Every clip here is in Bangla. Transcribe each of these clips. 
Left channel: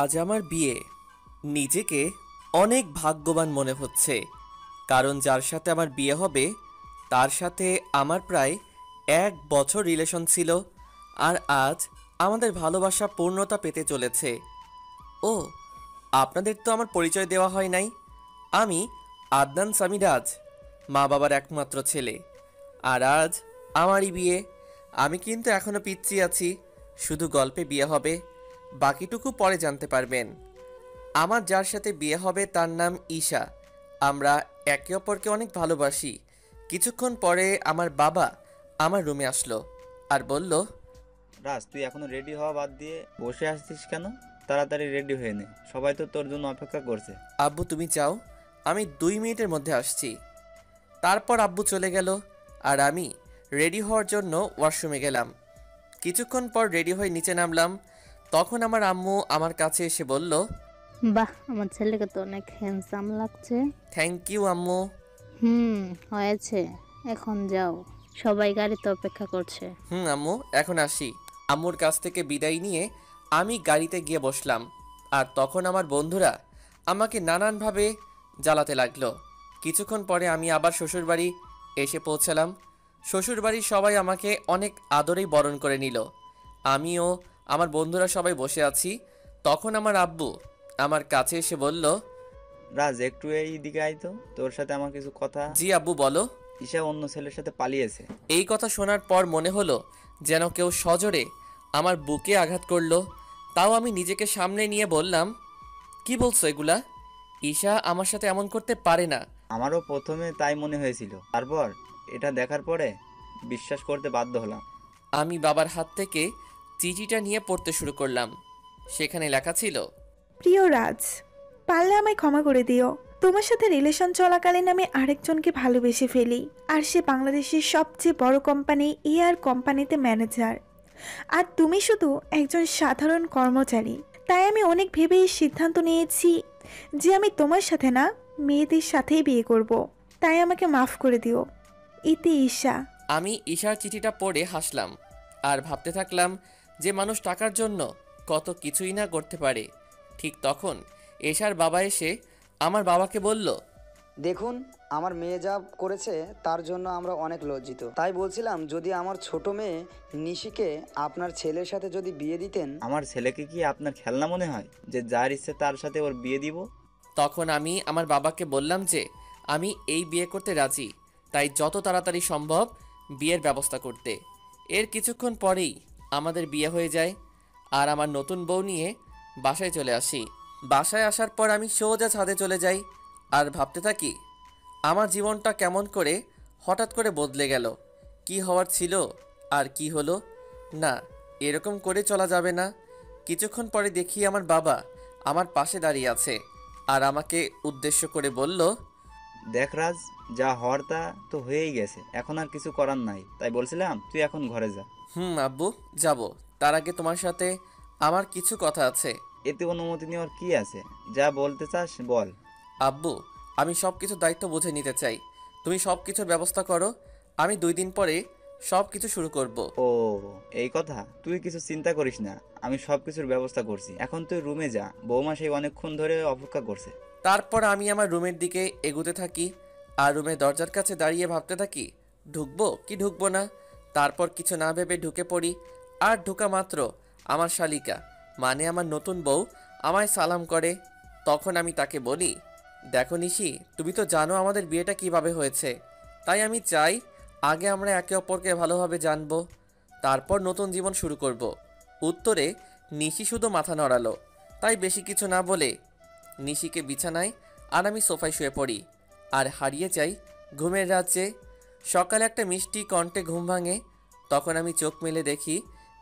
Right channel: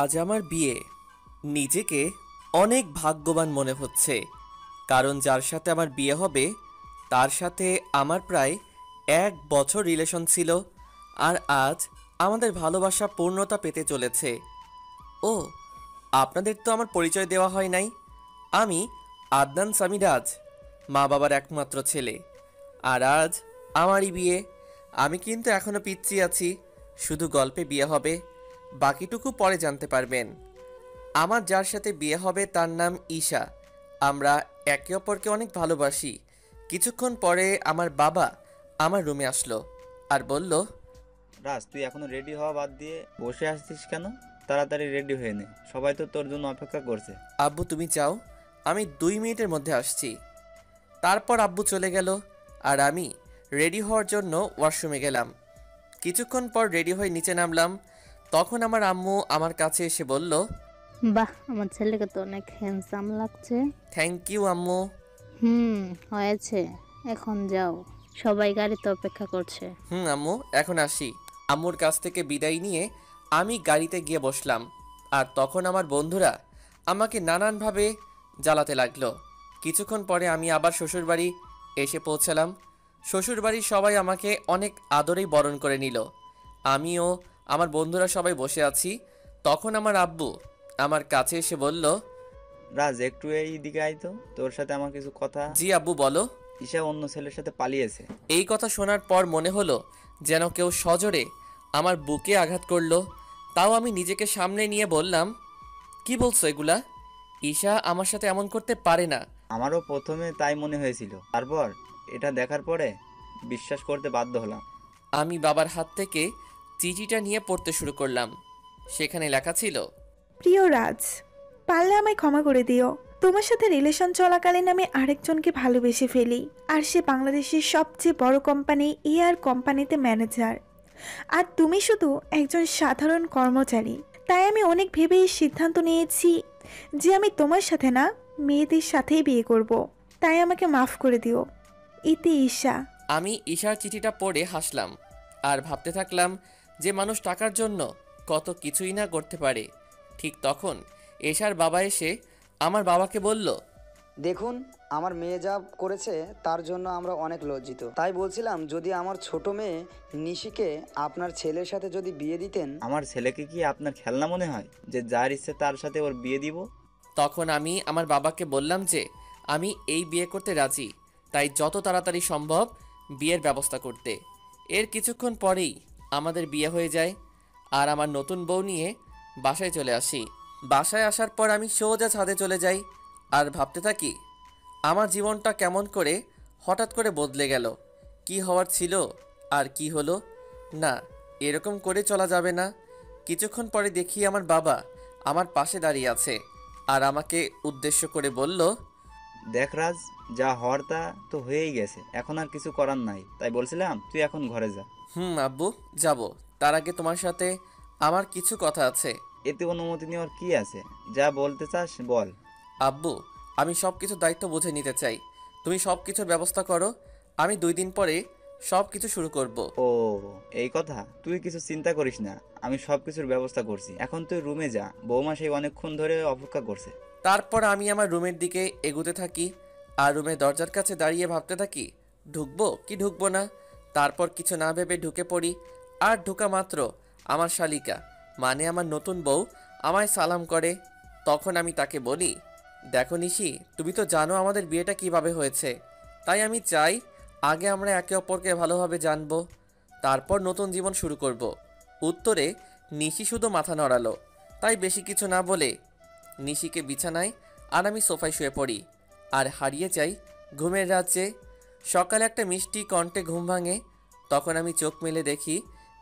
আজ আমার বিয়ে। নিজেকে অনেক ভাগ্যবান মনে হচ্ছে, কারণ যার সাথে আমার বিয়ে হবে তার সাথে আমার প্রায় 1 বছর রিলেশন ছিল। আর আজ আমাদের ভালোবাসা পূর্ণতা পেতে চলেছে। ও, আপনাদের তো আমার পরিচয় দেওয়া হয় নাই। আমি আদনান সামিরাজ, মা বাবার একমাত্র ছেলে। আর আজ আমারই বিয়ে। আমি কিন্তু এখনো পিচ্ছি আছি, শুধু গল্পে বিয়ে হবে, বাকিটুকু পরে জানতে পারবেন। আমার যার সাথে বিয়ে হবে তার নাম ঈশা। আমরা একে অপরকে অনেক ভালোবাসি। কিছুক্ষণ পরে আমার বাবা আমার রুমে আসলো আর বলল, রাজ, তুই এখনো রেডি হওয়া বাদ দিয়ে বসে আসছিস কেন? তাড়াতাড়ি রেডি হয়ে নে, সবাই তো তোর জন্য অপেক্ষা করছে। আব্বু তুমি যাও, আমি 2 মিনিটের মধ্যে আসছি। তারপর আব্বু চলে গেল আর আমি রেডি হওয়ার জন্য ওয়াশরুমে গেলাম। কিছুক্ষণ পর রেডি হয়ে নিচে নামলাম। তখন আমার আম্মু আমার কাছে এসে বলল, বাহ, আমার ছেলেকে তো অনেক হ্যান্ডসাম লাগছে। থ্যাংক ইউ আম্মু। হুম, হয়েছে, এখন যাও, সবাই গাড়িতে অপেক্ষা করছে। আম্মু এখন আসি। আম্মুর কাছ থেকে বিদায় নিয়ে আমি গাড়িতে গিয়ে বসলাম। আর তখন আমার বন্ধুরা আমাকে নানানভাবে জ্বালাতে লাগলো। কিছুক্ষণ পরে আমি আবার শ্বশুরবাড়ি এসে পৌঁছালাম। শ্বশুরবাড়ির সবাই আমাকে অনেক আদরেই বরণ করে নিল। আমিও আমার বন্ধুরা সবাই বসে আছি। তখন আমার আব্বু আমার কাছে এসে বলল, রাজ, একটু এই দিকে আয় তো, তোর সাথে আমার কিছু কথা। জি আব্বু বলো। ঈশা অন্য ছেলের সাথে পালিয়েছে। এই কথা শোনার পর মনে হলো যেন কেউ সজোরে আমার বুকে আঘাত করলো। তাও আমি নিজেকে সামনে নিয়ে বললাম, কি বলছো এগুলা? ঈশা আমার সাথে এমন করতে পারে না। আমারও প্রথমে তাই মনে হয়েছিল, তারপর এটা দেখার পরে বিশ্বাস করতে বাধ্য হলাম। আমি বাবার হাত থেকে চিঠিটা নিয়ে পড়তে শুরু করলাম। সেখানে লেখা ছিল, প্রিয় রাজ, পারলে আমায় ক্ষমা করে দিও। তোমার সাথে রিলেশন চলাকালীন আমি আরেকজনকে ভালোবেসে ফেলি, আর সে বাংলাদেশের সবচেয়ে বড় কোম্পানি এয়ার কোম্পানিতে ম্যানেজার, আর তুমি শুধু একজন সাধারণ কর্মচারী। তাই আমি অনেক ভেবে এই সিদ্ধান্ত নিয়েছি যে আমি তোমার সাথে না, মেয়েদের সাথেই বিয়ে করব। তাই আমাকে মাফ করে দিও। ইতি ঈশা। আমি ঈশার চিঠিটা পড়ে হাসলাম আর ভাবতে থাকলাম যে মানুষ টাকার জন্য কত কিছুই না করতে পারে। ঠিক তখন ঈশার বাবা এসে আমার বাবাকে বলল, দেখুন, আমার মেয়ে যা করেছে তার জন্য আমরা অনেক লজ্জিত। তাই বলছিলাম, যদি আমার ছোট মেয়ে নিশিকে আপনার ছেলের সাথে যদি বিয়ে দিতেন। আমার ছেলেকে কি আপনার খেলনা মনে হয় যে যার ইচ্ছে তার সাথে ওর বিয়ে দিব? তখন আমি আমার বাবাকে বললাম যে আমি এই বিয়ে করতে রাজি, তাই যত তাড়াতাড়ি সম্ভব বিয়ের ব্যবস্থা করতে। এর কিছুক্ষণ পরেই আমাদের বিয়ে হয়ে যায় আর আমার নতুন বউ নিয়ে বাসায় চলে আসি। বাসায় আসার পর আমি সোজা ছাদে চলে যাই আর ভাবতে থাকি আমার জীবনটা কেমন করে হঠাৎ করে বদলে গেল। কি হওয়ার ছিল আর কি হলো। না, এরকম করে চলা যাবে না। কিছুক্ষণ পরে দেখি আমার বাবা আমার পাশে দাঁড়িয়ে আছে আর আমাকে উদ্দেশ্য করে বলল, দেখ রাজ, যা হওয়ার তা তো হয়েই গেছে, এখন আর কিছু করার নাই। তাই বলছিলাম তুই এখন ঘরে যা। আব্বু যাব। তার আগে তোমার সাথে আমার কিছু কথা আছে। এতে অনুমতি নেওয়ার কি আছে? যা বলতে চাস বল। আব্বু, আমি সব কিছুর দায়িত্ব বুঝে নিতে চাই। তুমি সব কিছুর ব্যবস্থা করো, আমি 2 দিন পরে সব কিছু শুরু করব। ও, এই কথা। তুই কিছু চিন্তা করিস না, আমি সব কিছুর ব্যবস্থা করছি। এখন তুই রুমে যা, বৌমা সেই অনেকক্ষণ ধরে অপেক্ষা করছে। তারপর আমি আমার রুমের দিকে এগুতে থাকি আর রুমের দরজার কাছে দাঁড়িয়ে ভাবতে থাকি ঢুকবো কি ঢুকবো না। তারপর কিছু না ভেবে ঢুকে পড়ি। আর ঢোকা মাত্র আমার শালিকা, মানে আমার নতুন বউ, আমায় সালাম করে। তখন আমি তাকে বলি, দেখো নিশি, তুমি তো জানো আমাদের বিয়েটা কিভাবে হয়েছে। তাই আমি চাই আগে আমরা একে অপরকে ভালোভাবে জানবো, তারপর নতুন জীবন শুরু করব। উত্তরে নিশি শুধু মাথা নড়ালো। তাই বেশি কিছু না বলে নিশিকে বিছানায় আর আমি সোফায় শুয়ে পড়ি আর হারিয়ে যাই ঘুমের রাজ্যে। সকালে একটা মিষ্টি কণ্ঠে ঘুম ভাঙে। তখন আমি চোখ মেলে দেখি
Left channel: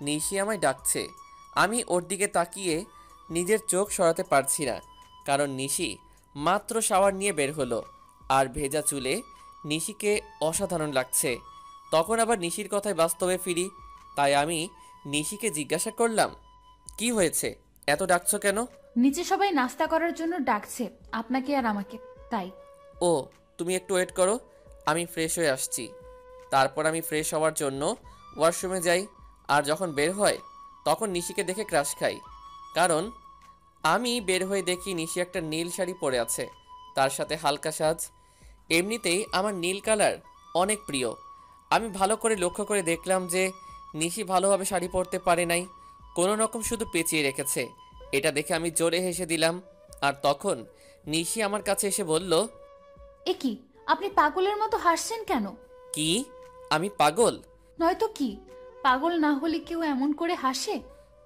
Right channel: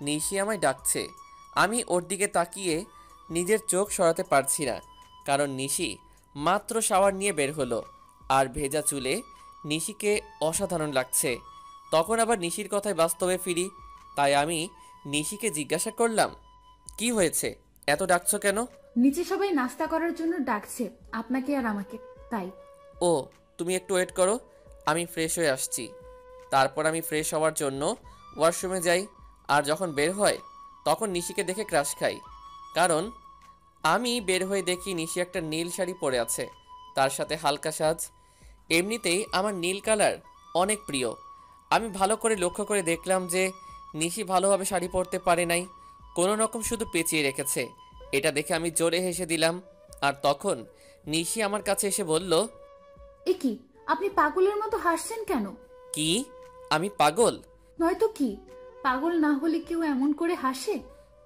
নিশি আমায় ডাকছে। আমি ওর দিকে তাকিয়ে নিজের চোখ সরাতে পারছি না, কারণ নিশি মাত্র শাওয়ার নিয়ে বের হলো আর ভেজা চুলে নিশিকে অসাধারণ লাগছে। তখন আবার নিশির কথায় বাস্তবে ফিরি। তাই আমি নিশিকে জিজ্ঞাসা করলাম, কি হয়েছে, এত ডাকছো কেন? নিচে সবাই নাস্তা করার জন্য ডাকছে, আপনাকে আর আমাকে, তাই। ও, তুমি একটু ওয়েট করো, আমি ফ্রেশ হয়ে আসছি। তারপর আমি ফ্রেশ হওয়ার জন্য ওয়াশরুমে যাই আর যখন বের হয় তখন নিশিকে দেখে ক্রাশ খাই, কারণ আমি বের হয়ে দেখি নিশি একটা নীল শাড়ি পরে আছে, তার সাথে হালকা সাজ। এমনিতেই আমার নীল কালার অনেক প্রিয়। আমি ভালো করে লক্ষ্য করে দেখলাম যে নিশি ভালোভাবে শাড়ি পরতে পারে নাই, কোনো রকম শুধু পেঁচিয়ে রেখেছে। এটা দেখে আমি জোরে হেসে দিলাম। আর তখন নিশি আমার কাছে এসে বলল, এ কি, আপনি পাগলের মতো হাসছেন কেন? কি আমি পাগল? নয়তো কি, পাগল না হলে কেউ এমন করে হাসে?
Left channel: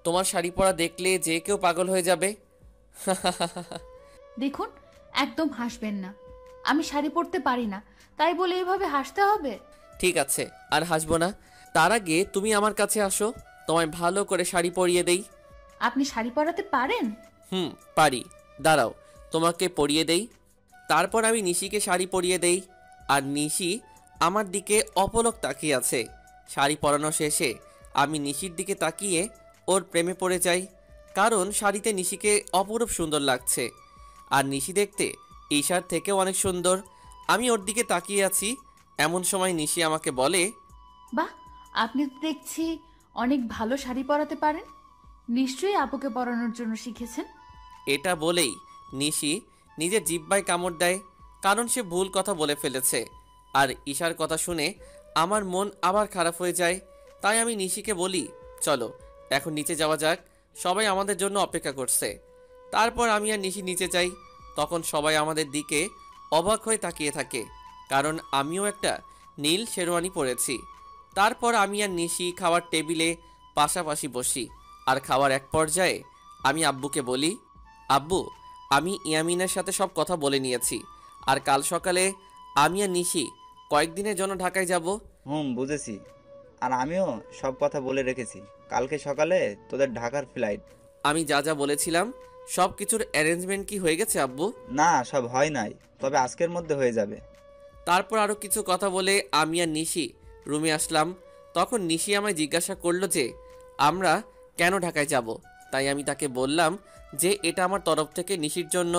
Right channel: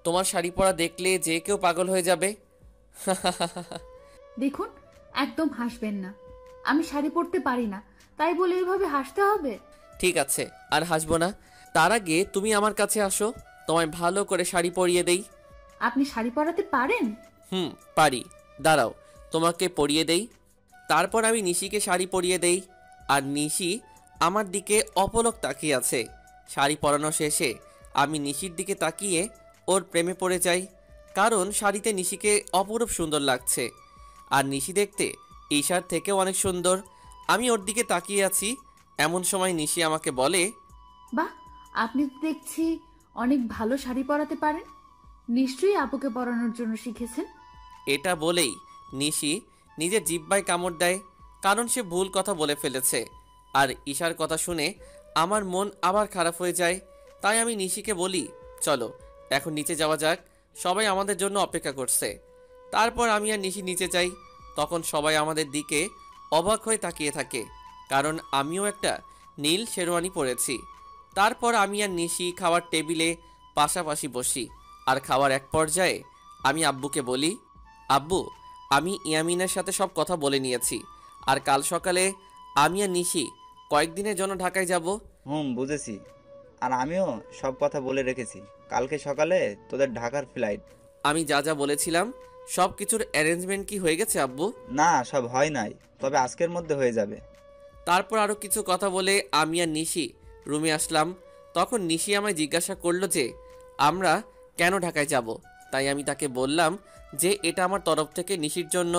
তোমার শাড়ি পরা দেখলে যে কেউ পাগল হয়ে যাবে। দেখুন, একদম হাসবেন না। আমি শাড়ি পরতে পারি না, তাই বলে এভাবে হাসতে হবে? ঠিক আছে, আর হাসবো না। তার আগে তুমি আমার কাছে আসো, তোমায় ভালো করে শাড়ি পরিয়ে দেই। আপনি শাড়ি পরাতে পারেন? পারি। দাঁড়াও, তোমাকে পরিয়ে দেই। তারপর আমি নিশিকে শাড়ি পরিয়ে দেই, আর নিশি আমার দিকে অপলক তাকিয়ে আছে। শাড়ি পরানো শেষে আমি নিশির দিকে তাকিয়ে ওর প্রেমে পড়ে যাই, কারণ শাড়িতে নিশিকে অপরূপ সুন্দর লাগছে। আর নিশি দেখতে ঈশার থেকেও অনেক সুন্দর। আমি ওর দিকে তাকিয়ে আছি, এমন সময় নিশি আমাকে বলে, বাহ, আপনি তো দেখছি অনেক ভালো শাড়ি পরাতে পারেন। নিশ্চয়ই আপুকে পরানোর জন্য শিখেছেন। এটা বলেই নিশি নিজের জিহ্বায় কামড় দেয়, কারণ সে ভুল কথা বলে ফেলেছে। আর ঈশার কথা শুনে আমার মন আবার খারাপ হয়ে যায়। তাই আমি নিশিকে বলি, চলো এখন নিচে যাওয়া যাক, সবাই আমাদের জন্য অপেক্ষা করছে। তারপর আমি আর নিশি নিচে যাই। তখন সবাই আমাদের দিকে অবাক হয়ে তাকিয়ে থাকে, কারণ আমিও একটা নীল শেরওয়ানি পরেছি। তারপর আমি আর নিশি খাওয়ার টেবিলে পাশাপাশি বসি। আর খাওয়ার এক পর্যায়ে আমি আব্বুকে বলি, আব্বু, আমি ইয়ামিনের সাথে সব কথা বলে নিয়েছি, আর কাল সকালে আমি আর নিশি কয়েকদিনের জন্য ঢাকায় যাব। বুঝেছি। আর আমিও সব কথা বলে রেখেছি, কালকে সকালে তোদের ঢাকার ফ্লাইট। আমি যা যা বলেছিলাম সব কিছুর অ্যারেঞ্জমেন্ট কি হয়ে গেছে আব্বু? না, সব হয় নাই, তবে আজকের মধ্যে হয়ে যাবে। তারপর আরও কিছু কথা বলে আমি আর নিশি রুমে আসলাম। তখন নিশি আমায় জিজ্ঞাসা করলো যে আমরা কেন ঢাকায় যাব। তাই আমি তাকে বললাম যে এটা আমার তরফ থেকে নিশির জন্য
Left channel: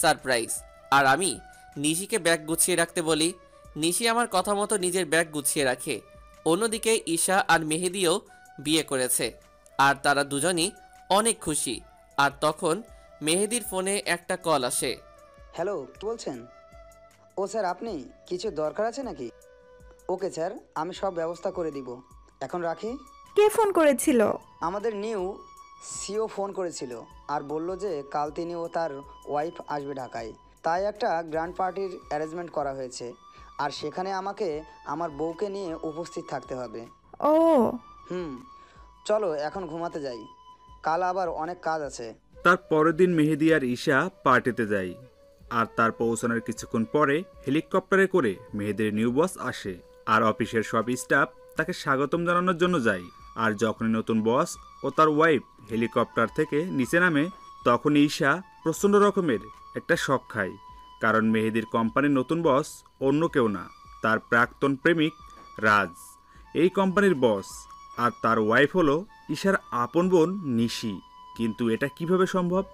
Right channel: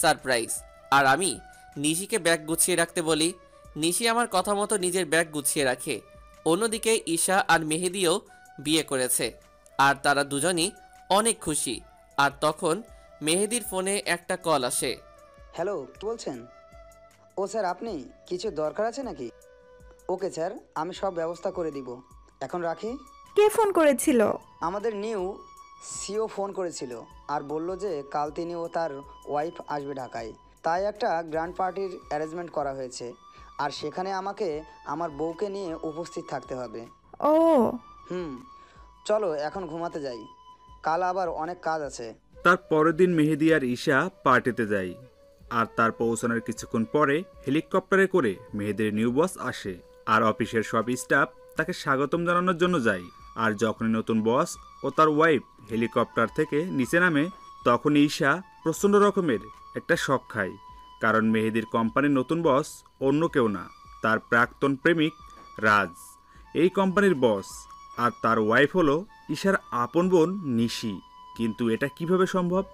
সারপ্রাইজ। আর আমি নিশিকে ব্যাগ গুছিয়ে রাখতে বলি। নিশি আমার কথা মতো নিজের ব্যাগ গুছিয়ে রাখে। অন্যদিকে ঈশা আর মেহেদিও বিয়ে করেছে, আর তারা দুজনই অনেক খুশি। আর তখন মেহেদির ফোনে একটা কল আসে। হ্যালো, কি বলছেন? ও স্যার, আপনি কিছু দরকার আছে নাকি? ওকে স্যার, আমি সব ব্যবস্থা করে দিব। এখন রাখি। কে ফোন করেছিল? আমাদের নিউ সিও ফোন করেছিল আর বলল যে কাল তিনি ও তার ওয়াইফ আসবে ঢাকায়, তাই একটা গ্র্যান্ড পার্টির অ্যারেঞ্জমেন্ট করা হয়েছে। আর সেখানে আমাকে আমার বউকে নিয়ে উপস্থিত থাকতে হবে। ও, চলো এখন ঘুমাতে যাই, কাল আবার অনেক কাজ আছে। তার পরের দিন মেহেদি আর ঈশা পার্টিতে যায়, আর তার পৌঁছানোর কিছুক্ষণ পরে হেলিকপ্টারে করে মেহেদির নিউ বস আসে, আর অফিসের সব স্টাফ তাকে স্বাগতম জানানোর জন্য যায়। আর যখনই নতুন বস ও তার ওয়াইফ হেলিকপ্টার থেকে নিচে নামে, তখন ঈশা প্রচণ্ড রকমের একটা শক খায়, কারণ মেহেদির কোম্পানির নতুন বস অন্য কেউ না, তার প্রাক্তন প্রেমিক রাজ এই কোম্পানির বস। আর তার ওয়াইফ হলো ঈশার আপন বোন নিশি। কিন্তু এটা কিভাবে সম্ভব?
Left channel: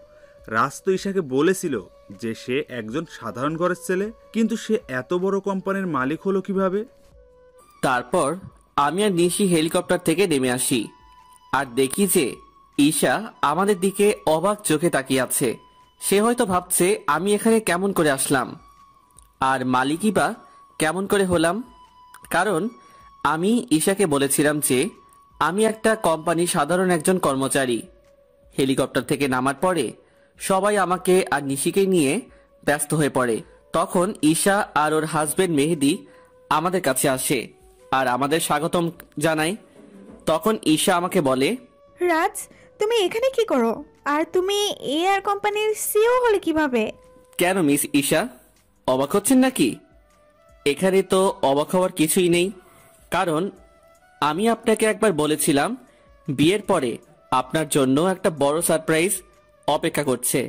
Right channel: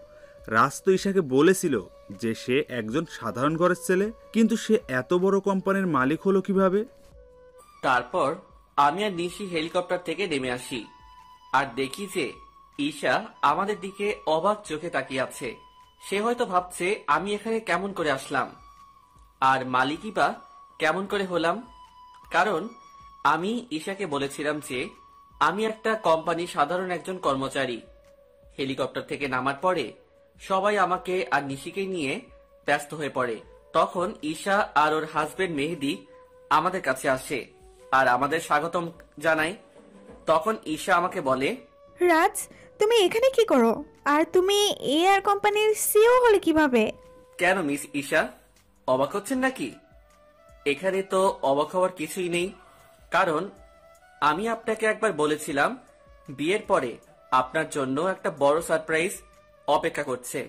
রাজ তো ঈশাকে বলেছিল যে সে একজন সাধারণ ঘরের ছেলে, কিন্তু সে এত বড় কোম্পানির মালিক হলো কিভাবে? তারপর আমি আর নিশি হেলিকপ্টার থেকে নেমে আসি, আর দেখি যে ঈশা আমাদের দিকে অবাক চোখে তাকিয়ে আছে। সে হয়তো ভাবছে আমি এখানে কেমন করে আসলাম, আর মালিকই বা কেমন করে হলাম। কারণ আমি ঈশাকে বলেছিলাম যে আমি একটা কোম্পানির সাধারণ একজন কর্মচারী। হেলিকপ্টার থেকে নামার পরে সবাই আমাকে আর নিশিকে নিয়ে ব্যস্ত হয়ে পড়ে। তখন ঈশা আর ওর হাজবেন্ড মেহেদি আমাদের কাছে আসে আর আমাদের স্বাগতম জানায়। তখন ঈশা আমাকে বলে, রাজ, তুমি এখানে কি করো? আর তুমি এআর কোম্পানির সিও হলে কিভাবে? কেন মিস ঈশা, অবাক হচ্ছেন নাকি? এখানে তো অবাক হওয়ার কিছুই নেই, কারণ আমি আপনাকে একবার বলেছিলাম বিয়ের পরে আপনার জন্য একটা বড় সারপ্রাইজ অপেক্ষা করছে।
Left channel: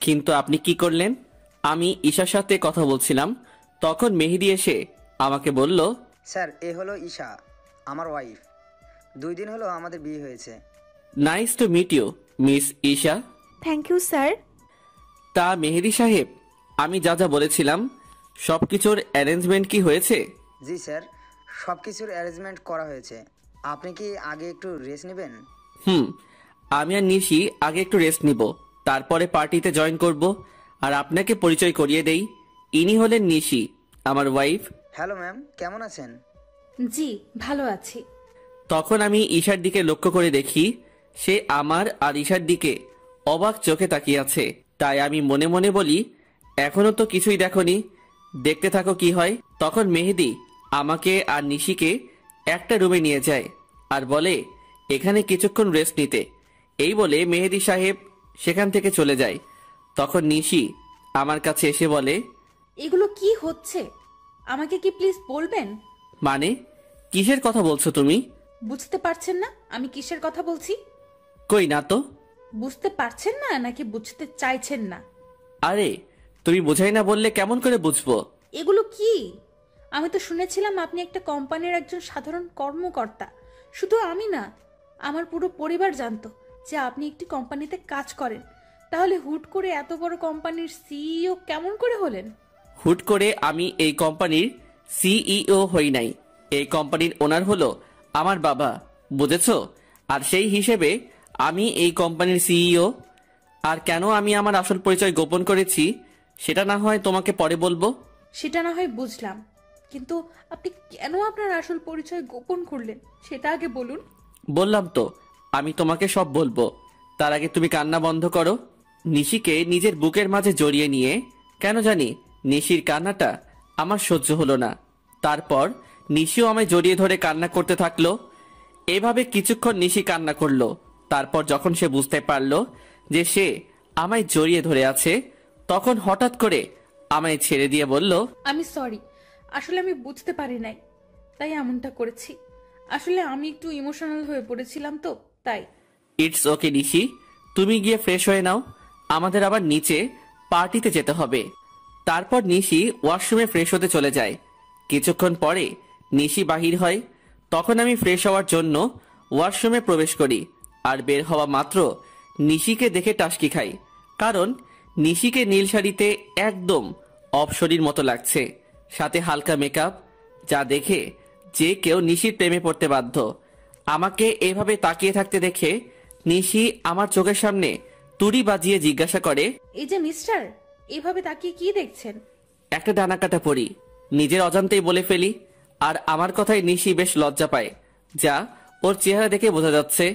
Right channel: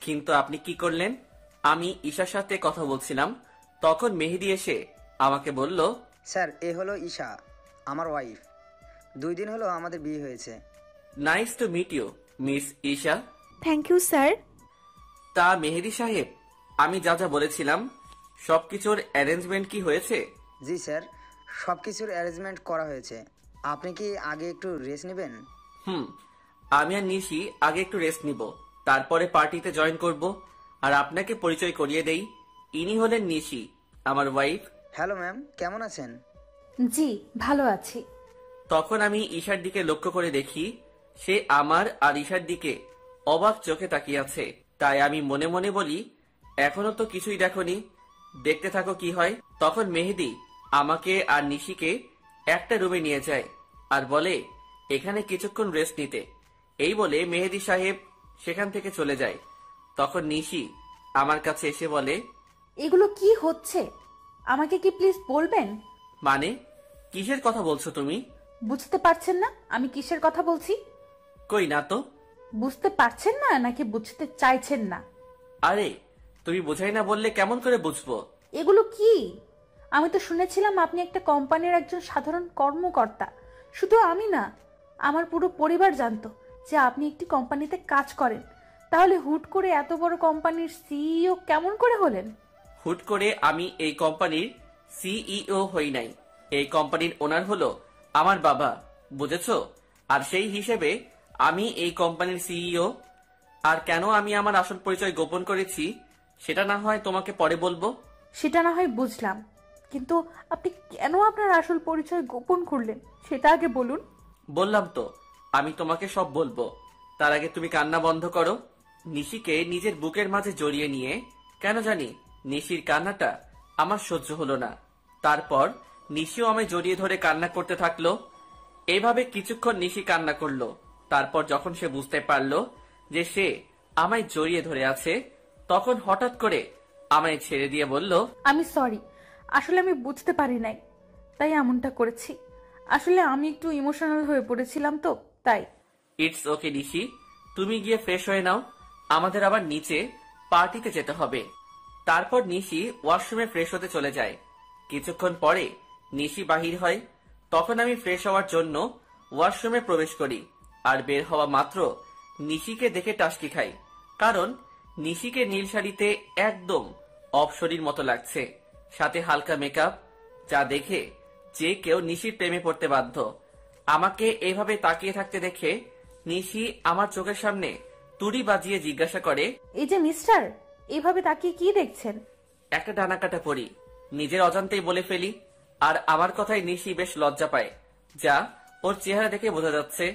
কিন্তু আপনি কি করলেন? আমি ঈশার সাথে কথা বলছিলাম, তখন মেহেদি এসে আমাকে বলল, স্যার, এ হলো ঈশা, আমার ওয়াইফ। 2 দিন হলো আমাদের বিয়ে হয়েছে। Nice to meet you miss Isha. Thank you sir. তা মেহেদি সাহেব, আমি যা যা বলেছিলাম সবকিছুর অ্যারেঞ্জমেন্ট কি হয়েছে? জি স্যার, সব কিছুর অ্যারেঞ্জমেন্ট করা হয়েছে। আপনি কি আগে একটু রেস্ট নেবেন? আমি আর নিশি আগে একটু রেস্ট নিব, তারপরে পার্টিতে জয়েন করব। আর আপনাকে পরিচয় করিয়ে দেই, ইনি হলেন নিশি, আমার ওয়াইফ। হ্যালো ম্যাম, কেমন আছেন? জি, ভালো আছি। তখন আমি ঈশার দিকে লক্ষ্য করে দেখি সে আমার আর ঈশার দিকে অবাক চোখে তাকিয়ে আছে। তাই আমি মনে মনে বলি, এখনো তো কিছুই দেখোনি, দেখতে থাকো কি হয়। তখন মেহেদি আমাকে আর নিশিকে একটা রুমে নিয়ে যায় আর বলে এখানে কিছুক্ষণ রেস্ট নিতে। এই বলে মেহেদি সাহেব সেখান থেকে চলে যায়। তখন নিশি আমার কাছে এসে বলে, এগুলো কি হচ্ছে আমাকে কি প্লিজ বলবেন? মানে কিসের কথা বলছো তুমি? বুঝতে পারছেন না আমি কিসের কথা বলছি? কই না তো। বুঝতে পারছেন না নাকি বুঝতে চাইছেন না? আরে তুমি বোঝাই না বললে কেমন করে বুঝবো? এগুলো কি? আমি তো শুনেছিলাম আপনি একটা কোম্পানির একজন সাধারণ কর্মকর্তা। শুধু আমি না, আমার পুরো পরিবার জানতো যে আপনি একটি কোম্পানিতে কাজ করেন। তাহলে হুট করে এত বড় কোম্পানির সিইও কেমন করে হলেন? হুট করে আমি এই কোম্পানির সিইও হই নাই। এই কোম্পানির ওনার হলো আমার বাবা, বুঝেছো? আর সেই হিসেবে আমি এই কোম্পানির সিইও। আর কেন আমি আমার আসল পরিচয় গোপন করেছি সেটা না হয় তোমাকে পরে বলবো। সেটা না হয় বুঝলাম, কিন্তু আপনি কেন আপনার আসল পরিচয় গোপন করলেন সেটা আগে বলুন। বললাম তো আমি তোমাকে সব বলবো, তার আগে তুমি কান্না বন্ধ করো। নিশিকে নিজের বুকের মাঝে জড়িয়ে নিয়ে, কেন জানি নিশির কান্নাটা আমার সহ্য হলো না। তারপর নিশিও আমায় জড়িয়ে ধরে কান্না করতে থাকলো। এভাবে কিছুক্ষণ নিশি কান্না করলো। তারপর যখন সে বুঝতে পারলো যে সে আমায় জড়িয়ে ধরে আছে, তখন হঠাৎ করে আমায় ছেড়ে দিয়ে বলল, আমি সরি, আসলে আমি বুঝতে পারি নাই, তাই এমনটা করেছি। আসলে আমি একটু ইমোশনাল হয়ে পড়েছিলাম তো তাই। ইটস ওকে নিশি, তুমি গিয়ে ফ্রেশ হয়ে নাও, আমাদের আবার নিচে পার্টিতে যেতে হবে। তারপর নিশি ওয়াশরুমে ফ্রেশ হতে চলে যায়। কিছুক্ষণ পরে নিশি বাহির হয়। তখন আমি ফ্রেশ হওয়ার জন্য ওয়াশরুমে প্রবেশ করি। আর বের হওয়া মাত্র নিশিকে দেখে টাসকি খাই, কারণ নিশিকে নীল শাড়িতে একদম অপসরীর মতো লাগছে, সাথে হালকা মেকআপ, যা দেখে যে কেউ নিশির প্রেমে পড়তে বাধ্য। আমাকে এভাবে তাকিয়ে থাকতে দেখে নিশি আমার চোখের সামনে তুড়ি বাজিয়ে জিজ্ঞাসা করে, এই যে মিস্টার, এভাবে তাকিয়ে কি দেখছেন? একটা ডানা কাটা পড়ি। নিজের অজান্তেই বলে ফেলি। আর আমার কথায় নিশি বেশ লজ্জা পায়, যা ওর চেহারা দেখে বোঝা যাচ্ছে,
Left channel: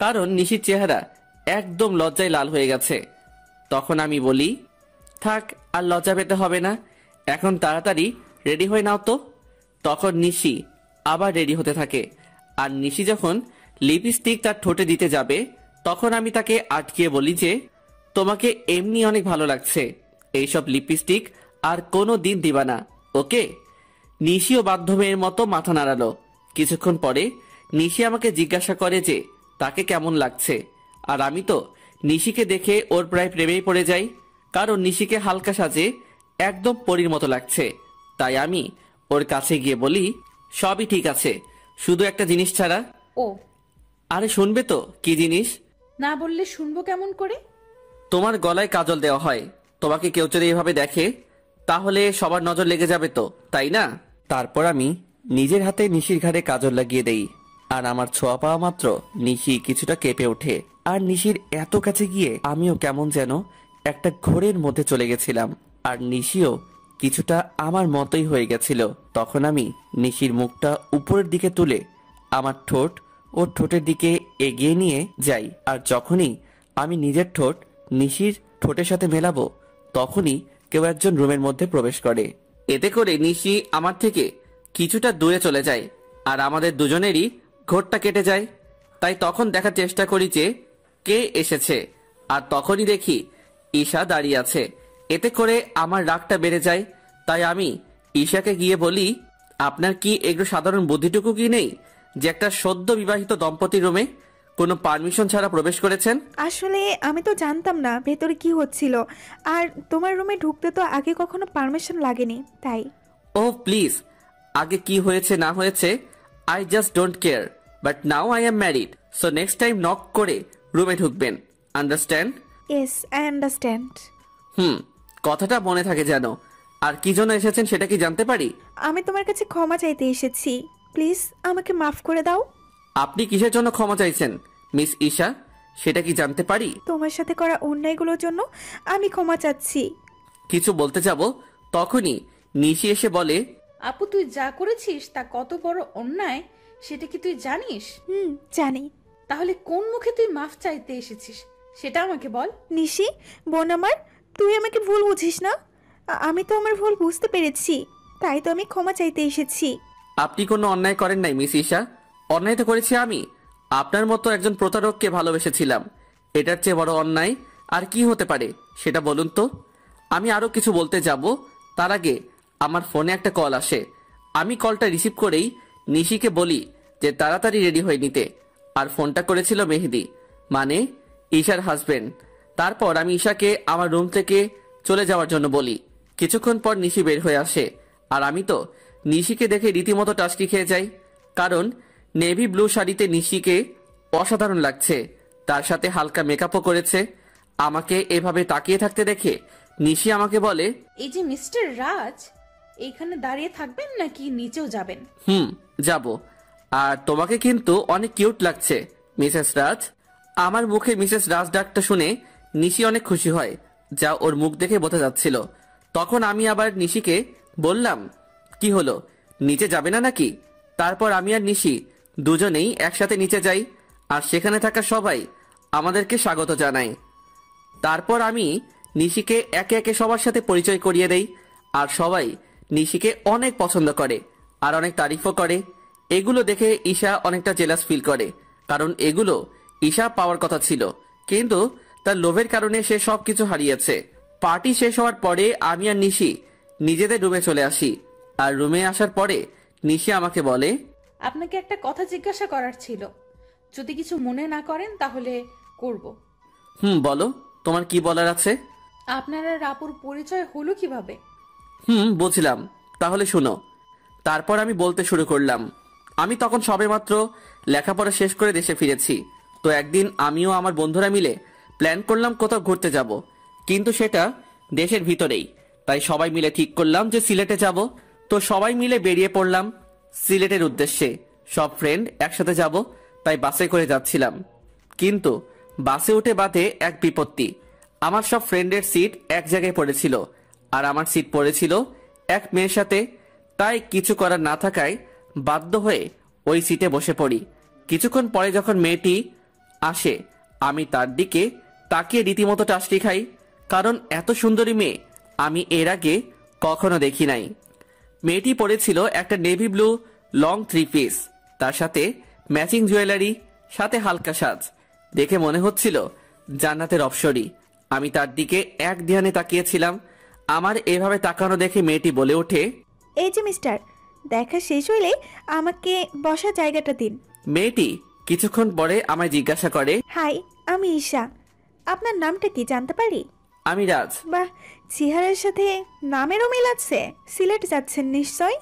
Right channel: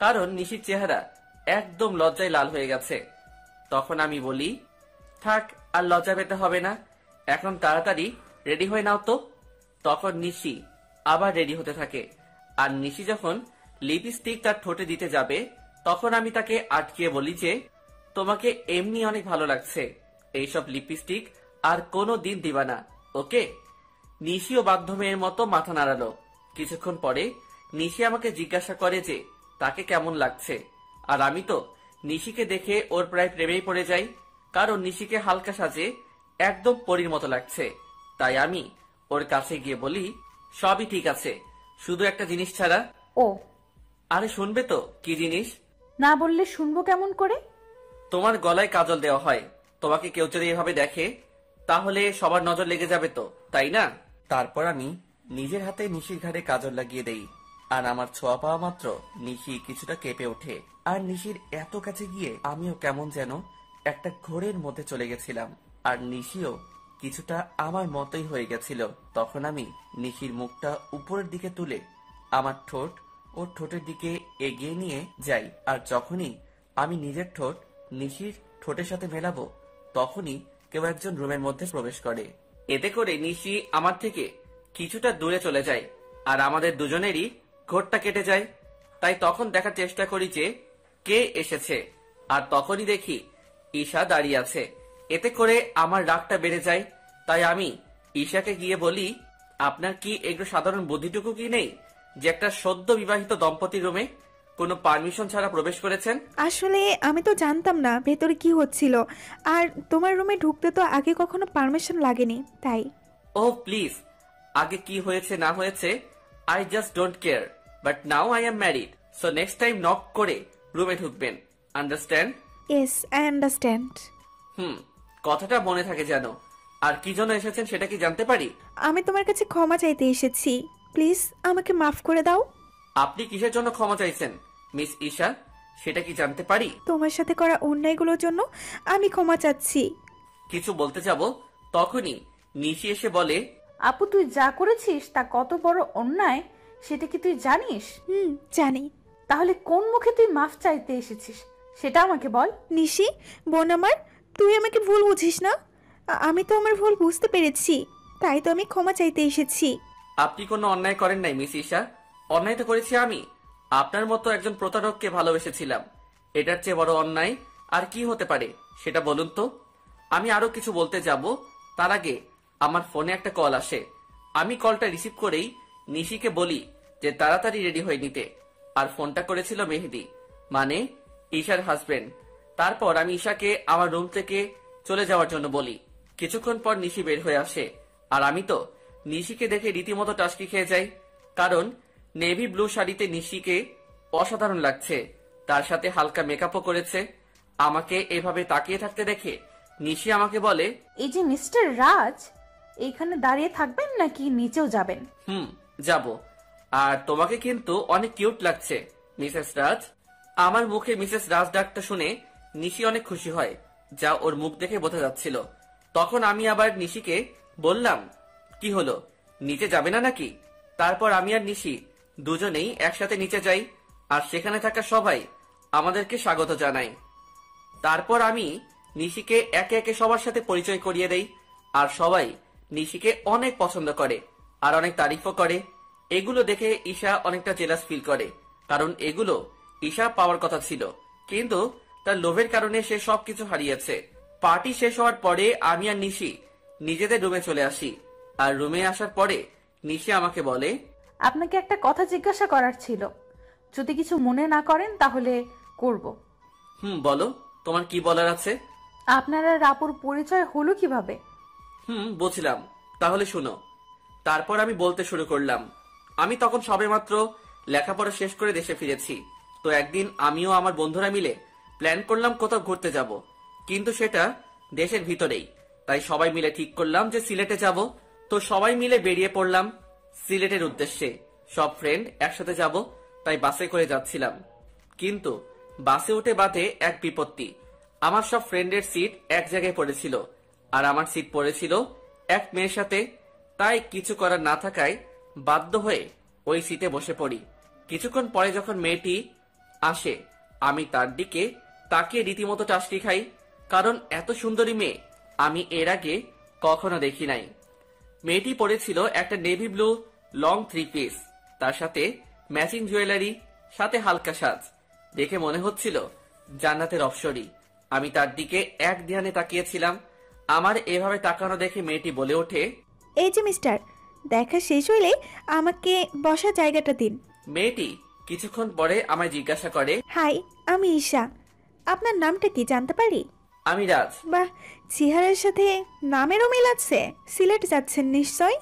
কারণ নিশির চেহারা একদম লজ্জায় লাল হয়ে গেছে। তখন আমি বলি, থাক আর লজ্জা পেতে হবে না, এখন তাড়াতাড়ি রেডি হয়ে নাও তো। তখন নিশি আবার রেডি হতে থাকে। আর নিশি যখন লিপস্টিক তার ঠোঁটে দিতে যাবে, তখন আমি তাকে আটকিয়ে বলি যে, তোমাকে এমনি অনেক ভালো লাগছে, এইসব লিপস্টিক আর কোনো দিন দিবা না, ওকে? নিশিও বাধ্য মেয়ের মতো মাথা নাড়ালো। কিছুক্ষণ পরে নিশি আমাকে জিজ্ঞাসা করে যে তাকে কেমন লাগছে। আর আমি তো নিশিকে দেখে ওর প্রায় প্রেমেই পড়ে যাই, কারণ নিশিকে হালকা সাজে একদম পরীর মতো লাগছে। তাই আমি ওর কাছে গিয়ে বলি, সবই ঠিক আছে, শুধু একটা জিনিস ছাড়া। ও, আরে শুনবে তো কি জিনিস? না বললে শুনবো কেমন করে? তোমার গলায় কাজল দেওয়া হয়। তোমাকে কেউ যদি এভাবে দেখে তাহলে সবার নজর লেগে যাবে তো, তাই না? তারপর আমি নিজের হাতে নিশির ঘাড়ে কাজল লাগিয়ে দেই। আর আমার ছোঁয়া পাওয়া মাত্র নিশি কিছুটা কেঁপে ওঠে। আর নিশির এত কাছে গিয়ে আমিও কেমন যেন একটা ঘোরের মধ্যে চলে গেছিলাম। আর নিশিও কিছুটা আমার মতোই হয়ে গেছিল। তখন আমি নিশির মুখটা উপরের দিকে তুলে আমার ঠোঁট ওর ঠোঁটের দিকে এগিয়ে নিয়ে যাই। আর যখনই আমি নিজের ঠোঁট নিশির ঠোঁটের সাথে মেলাবো, তখনই কেউ একজন রুমের মধ্যে প্রবেশ করে। এতে করে নিশি আমার থেকে কিছুটা দূরে চলে যায় আর আমাদের দুজনেরই ঘোরটা কেটে যায়। তাই তখন দেখার চেষ্টা করি যে কে এসেছে, আর তখনই দেখি ঈশা দাঁড়িয়ে আছে। এতে করে আমার রাগটা বেড়ে যায়। তাই আমি ঈশাকে গিয়ে বলি, আপনার কি একটু সাধারণ বুদ্ধিটুকু কি নেই যে একটা সদ্য বিবাহিত দম্পতি রুমে কোনো পারমিশন ছাড়া প্রবেশ করেছেন? আসলে আমি তো জানতাম না ভেতরে কি হচ্ছিল, আর তোমার রুমে ঢুকতে তো আগে কখনো পারমিশন লাগেনি, তাই। ও প্লিজ, আগে কি হয়েছে না হয়েছে I just don't care, but now I am married, so next time knock করে রুমে ঢুকবেন, আন্ডারস্ট্যান্ড? Yes, I understand. কথাটা মনে থাকে যেন। আর কি জন্য এসেছেন সেটা কি জানতে পারি? আমি তোমার কাছে ক্ষমা চাইতে এসেছি, প্লিজ আমাকে মাফ করে দাও। আপনি কিসের জন্য ক্ষমা চাইছেন মিস ঈশা? সেটা কি জানতে পারি? তোমার সাথে করা অন্যায়গুলোর জন্য আমি ক্ষমা চাচ্ছি। কিছু বলতে যাব তখনই নিশি এসে বলে, আপু তুই যা করেছিস তা কত বড় অন্যায় সেটা কি তুই জানিস? জানি। তাহলে কোন মুখে তুই মাফ চাইতে এসেছিস সেটা আমাকে বল। নিশি, বোন আমার, তুই আমাকে ভুল বুঝিস না। আমি তো আমার ভুল বুঝতে পেরেছি, তাই তো আমি ক্ষমা চাইতে এসেছি। আপনি কোনো অন্যায় করেন নাই মিস ঈশা। অন্যায় তো করেছি আমি। আপনার মতো একজন প্রতারককে ভালোবেসেছিলাম। এটার চেয়ে বড় অন্যায় আর কি হতে পারে সেটা বলুন তো। আমি আরো কিছু বলতে যাব তার আগে আমার ফোনে একটা কল আসে। আমি কলটা রিসিভ করেই নিশিকে বলি যে তাড়াতাড়ি রেডি হয়ে নিতে। আর ফোনটা করেছিল মেহেদি, মানে ঈশার হাজবেন্ড। তারপর আমি ঈশাকে আমার রুম থেকে চলে যাওয়ার জন্য বলি। কিছুক্ষণ পর নিশি বের হয়ে আসে, আর আমি তো নিশিকে দেখে রীতিমতো টাস্কি খেয়ে যাই। কারণ নেভি ব্লু শাড়িতে নিশিকে অসাধারণ লাগছে, তার সাথে হালকা মেকআপও করেছে। আমাকে এভাবে তাকিয়ে থাকতে দেখে নিশি আমাকে বলে, এই যে মিস্টার রাজ, এইখানে দাঁড়িয়ে থাকবেন নাকি নিচেও যাবেন? যাব। আর তোমাকে কিন্তু অনেক কিউট লাগছে মিসেস রাজ। আমার মুখে মিসেস রাজ ডাকটা শুনে নিশি অনেক খুশি হয়, যা ওর মুখ দেখে বোঝা যাচ্ছিল। তখন আমি আবার নিশিকে বললাম, কি হলো, নিচে যাবে না নাকি? তারপর আমি আর নিশি দুজনেই একসাথে নিচে যাই, আর সেখানে থাকা সবাই আমাদেরকে স্বাগত জানায়। তারপর আমি নিশিকে একে একে সবার সাথে পরিচয় করিয়ে দেই, আর সবাই নিশিকে অনেক পছন্দ করে আর অনেক তারিফও করে। এগুলো দেখে ঈশা অনেকটা জেলাস ফিল করে, কারণ এগুলো ঈশা পাওয়ার কথা ছিল, কিন্তু তার লোভের কারণে সে সবকিছু হারিয়েছে। পার্টি শেষ হওয়ার পরে আমি আর নিশি নিজেদের রুমে চলে আসি। আর রুমে আসার পরে নিশি আমাকে বলে, আপনাকে একটা কথা জিজ্ঞাসা করার ছিল, যদি কিছু মনে না করেন তাহলে করব। বলো, তোমার কি বলার আছে? আপনার আর রাপুর পরিচয় হলো কিভাবে? বুঝলাম, তাহলে শুনো। তারপর আমি বলতে শুরু করলাম। আমি তখন সবেমাত্র লেখাপড়া শেষ করে দেশে ফিরেছি। তো একদিন আমিও আমার বন্ধুরা মিলে প্ল্যান করলাম কোথাও ঘুরতে যাব, কিন্তু সেটা দেশের ভিতরেই। তাই সবাই মিলে ঠিক করলাম যে সিলেটে যাব। তো সবাই মিলে বেরিয়ে পড়লাম সিলেটের উদ্দেশ্যে। সব ফ্রেন্ড একসাথে যাব, তাই বাসে করে যাচ্ছিলাম। কিন্তু বাসে উঠে বাদে এক বিপত্তি। আমার সব ফ্রেন্ডের সিট এক জায়গায় পড়েছিল, আর আমার সিট পড়েছিল এক মেয়ের সাথে। তাই কিছু করার না থাকায় বাধ্য হয়ে ওই সিটে বসে পড়ি। কিছুক্ষণ পরে যখন মেয়েটি আসে, আমি তার দিকে তাকিয়ে রীতিমতো টাস্টি খাই, কারণ এত সুন্দরী মেয়ে আমি এর আগে কখনো দেখি নাই। মেয়েটি পরেছিল একটা নেভি ব্লু লং 3 পিস, তার সাথে ম্যাচিং জুয়েলারি, সাথে হালকা সাজ। দেখে মনে হচ্ছিল জান্নাতের অপসরী। আমি তার দিকে এক ধ্যানে তাকিয়েছিলাম। আমার এভাবে তাকানো দেখে মেয়েটি বলে ওঠে, এই যে মিস্টার, দেখা শেষ হইলে আমাকে বসার জায়গাটা দিন। মেয়েটি কিছুক্ষণ পরে আমায় জিজ্ঞাসা করে, হাই, আমি ঈশা। আপনার নামটা কি জানতে পারি? আমি রাজ। বাহ, চেহারার সাথে নামেরও মিল আছে। সিলেট যাচ্ছেন নিশ্চয়?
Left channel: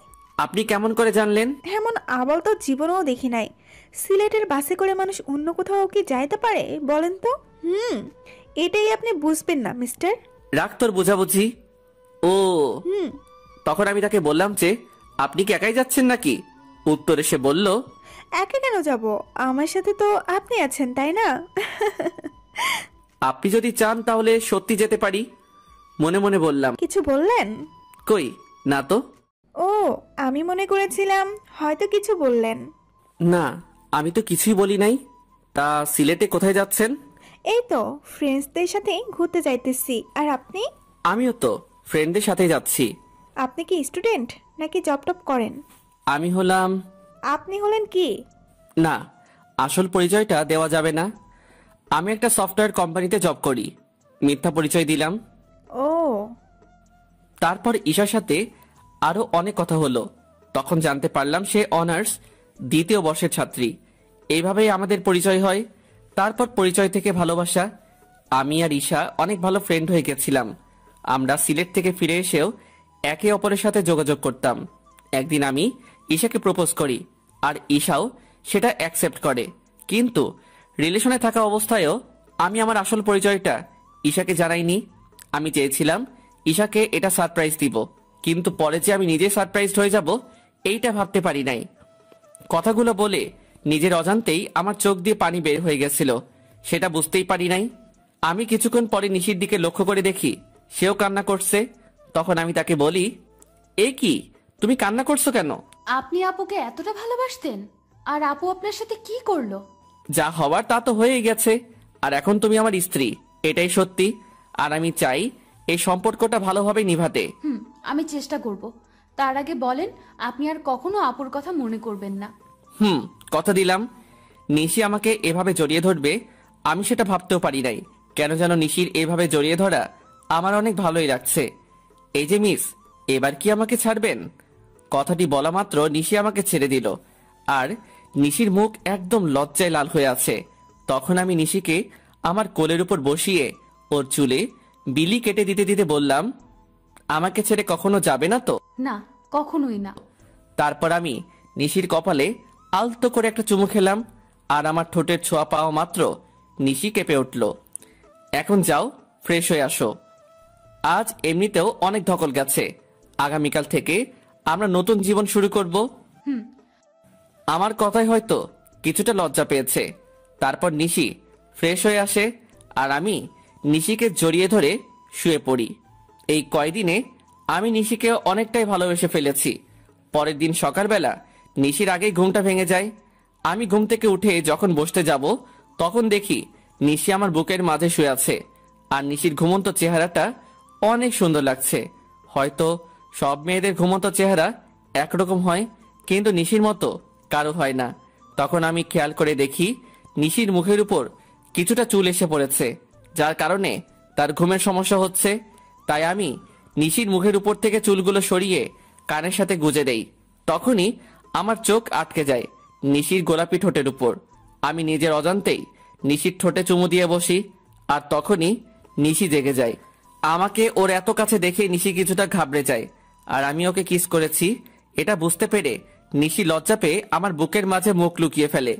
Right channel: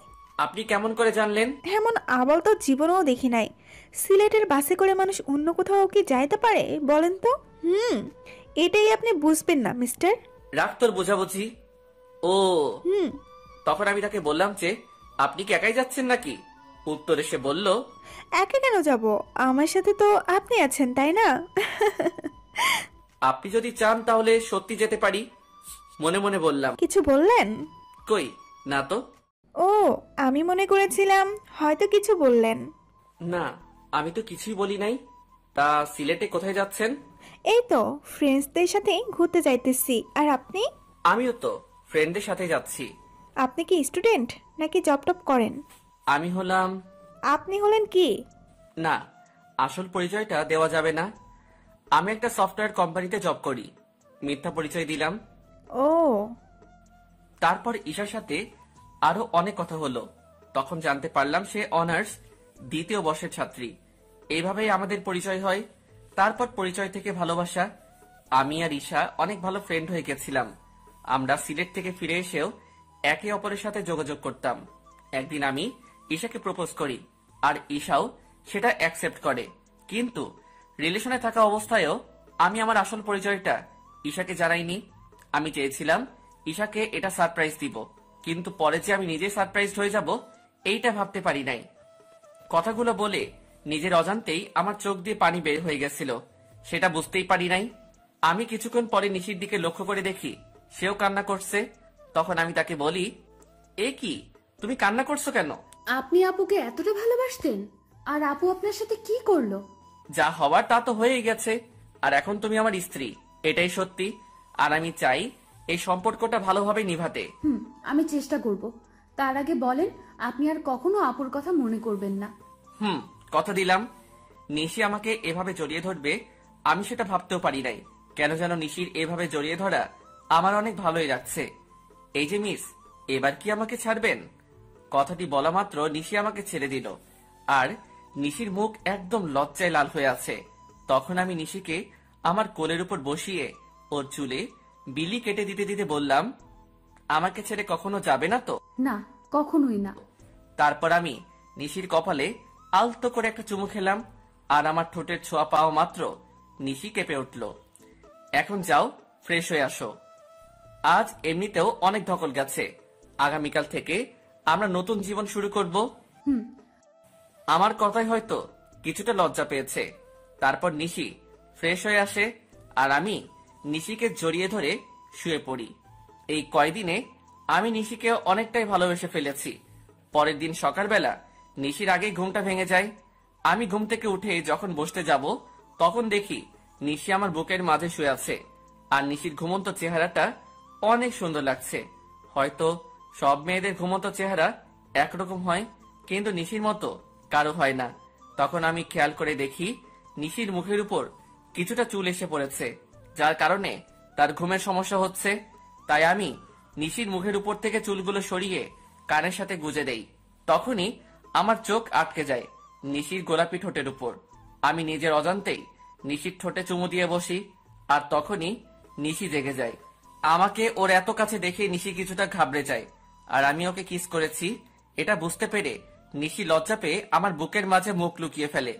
আপনি কেমন করে জানলেন? এমন আবল তো জীবনেও দেখি নাই। সিলেটের বাসে করে মানুষ অন্য কোথাও কি যাইতে পারে বলেন তো? এটাই আপনি বুঝবেন না মিস্টার। রাগ তোর বুঝাবুঝি। ও তখন আমি তাকে বললাম যে, আপনি কি একাই যাচ্ছেন নাকি? উত্তরে সে বলল, একা কেন যাব, আমার সাথে তো আপনি আছেন, তাই না? আপনি যদি চান তাহলে সত্যি যেতে পারি। মনে মনে বললাম। কিছু বললেন? কই না তো। ও, আমি মনে করেছিলাম হয়তো কিছু বললেন। না, আমি তো কিছুই বলি নাই। তা সিলেটে কোথায় যাচ্ছেন? এই তো ফ্রেন্ডসদের সাথে ঘুরতে যাইতেছি। আর আপনি? আমিও তো ফ্রেন্ডদের সাথে যাচ্ছি। আপনি কি স্টুডেন্ট নাকি জব টপ করেন? আমি হলাম। আপনি হলেন কি? না, আসল পরিচয়টা দেওয়া যাবে না। আমি একটা সফটওয়্যার কোম্পানিতে জব করি। মিথ্যা পরিচয় দিলাম। ও, তারপর ঈশার সাথে আরো অনেক কথা হলো। তখন জানতে পারলাম সে অনার্স 2য় বর্ষের ছাত্রী। এইভাবেই আমাদের পরিচয় হয়। তারপর পরিচয় থেকে ভালোবাসা। আমি আর ঈশা অনেক ভালো ফ্রেন্ড হয়ে গেছিলাম। আমরা সিলেট থেকে ফিরে এসেও একে অপরের সাথে যোগাযোগ করতাম। একদিন আমি ঈশাকে প্রপোজ করি, আর ঈশাও সেটা অ্যাকসেপ্ট করে। কিন্তু রিলেশনে থাকা অবস্থায়ও আমি আমার আসল পরিচয়টা ঈশাকে জানাইনি। আমি চেয়েছিলাম ঈশাকে এটা সারপ্রাইজ দিব, কিন্তু পরে যে আমি নিজে সারপ্রাইজড হয়ে যাব এইটা ভাবতে পারি নাই। কথাগুলো বলে নিজের অজান্তেই আমার চোখ দিয়ে পানি বের হয়ে গেছিল। সেটা বুঝতেই পারি নাই। আমি কিছুক্ষণ পরে নিশির দিকে লক্ষ্য করে দেখি সেও কান্না করছে। তখন আমি তাকে বলি, এ কি, তুমি কান্না করছো কেন? আপনি আপুকে এতটা ভালোবাসতেন, আর আপু আপনার সাথে কি করলো? যা হওয়ার তা তো হয়েই গেছে, আর এখন তুমি আমার স্ত্রী, এটাই সত্যি। আর আমি চাই এই সম্পর্কটা ভালোভাবে নিভাতে। আমি চেষ্টা করব। তার আগে বলেন, আপনি আর কখনো আপুর কথা মনে করবেন না। কথা দিলাম। নিশি আমাকে এভাবে জড়িয়ে ধরবে আমি সেটা ভাবতেও পারি নাই। কেন যেন নিশির এভাবে জড়িয়ে ধরা আমার অনেক ভালোই লাগছে। এই যে মিস, এবার কি আমাকে ছাড়বেন? কথাটি বলা মাত্র নিশি আমাকে ছেড়ে দিল, আর নিশির মুখ একদম লজ্জায় লাল হয়ে আছে। তখন আমি নিশিকে আমার কোলের উপর বসিয়ে ওর চুলে বিলি কেটে দিতে দিতে বললাম, আমাকে ছেড়ে কখনো যাবে না তো? না, কখনোই না। তারপর আমি নিশির কপালে আলতো করে একটা চুমু খেলাম, আর আমার ঠোঁটের ছোঁয়া পাওয়া মাত্র নিশি কেঁপে উঠল। এখন যাও, ফ্রেশ হয়ে আসো। আজ এমনিতেও অনেক ধকল গেছে, আগামীকাল থেকে আমরা নতুন জীবন শুরু করব। আমার কথাই হয়তো কিছুটা লজ্জা পেয়েছে। তারপর নিশি ফ্রেশ হয়ে আসে, আর আমি নিশিকে জড়িয়ে ধরে শুয়ে পড়ি। এই কয়দিনে আমি নিশিকে অনেকটাই ভালোবেসে ফেলেছি। পরের দিন সকালবেলা নিশির আগে ঘুমটা ভেঙে যায়। আমি ঘুম থেকে উঠে যখন বসতে যাব, তখন দেখি নিশি আমার বুকের মাঝে শুয়ে আছে, আর নিশির ঘুমন্ত চেহারাটা অনেক সুন্দর লাগছে। হয়তো সব মেয়েদের ঘুমন্ত চেহারা একরকম হয়, কিন্তু নিশির মতো কারো হয় না। তখন আমি খেয়াল করে দেখি নিশির মুখের উপর কিছুটা চুল এসে পড়েছে, যার কারণে তার ঘুমের সমস্যা হচ্ছে। তাই আমি নিশির মুখের উপর থেকে চুলগুলো সরিয়ে কানের সাথে গুজে দেই। তখনই আমার চোখ আটকে যায় নিশির গোলাপি ঠোঁটের উপর। আমি নিজের অজান্তেই নিশির ঠোঁটে চুমু দিয়ে বসি, আর তখনই নিশি জেগে যায়। আমাকে ওর এত কাছে দেখে নিশি কিছুটা ঘাবড়ে যায়, আর আমি ওকে কিস করেছি এটা বুঝতে পেরে নিশি লজ্জা পেয়ে আমার বুকের মাঝে মুখ লুকিয়ে ফেলে।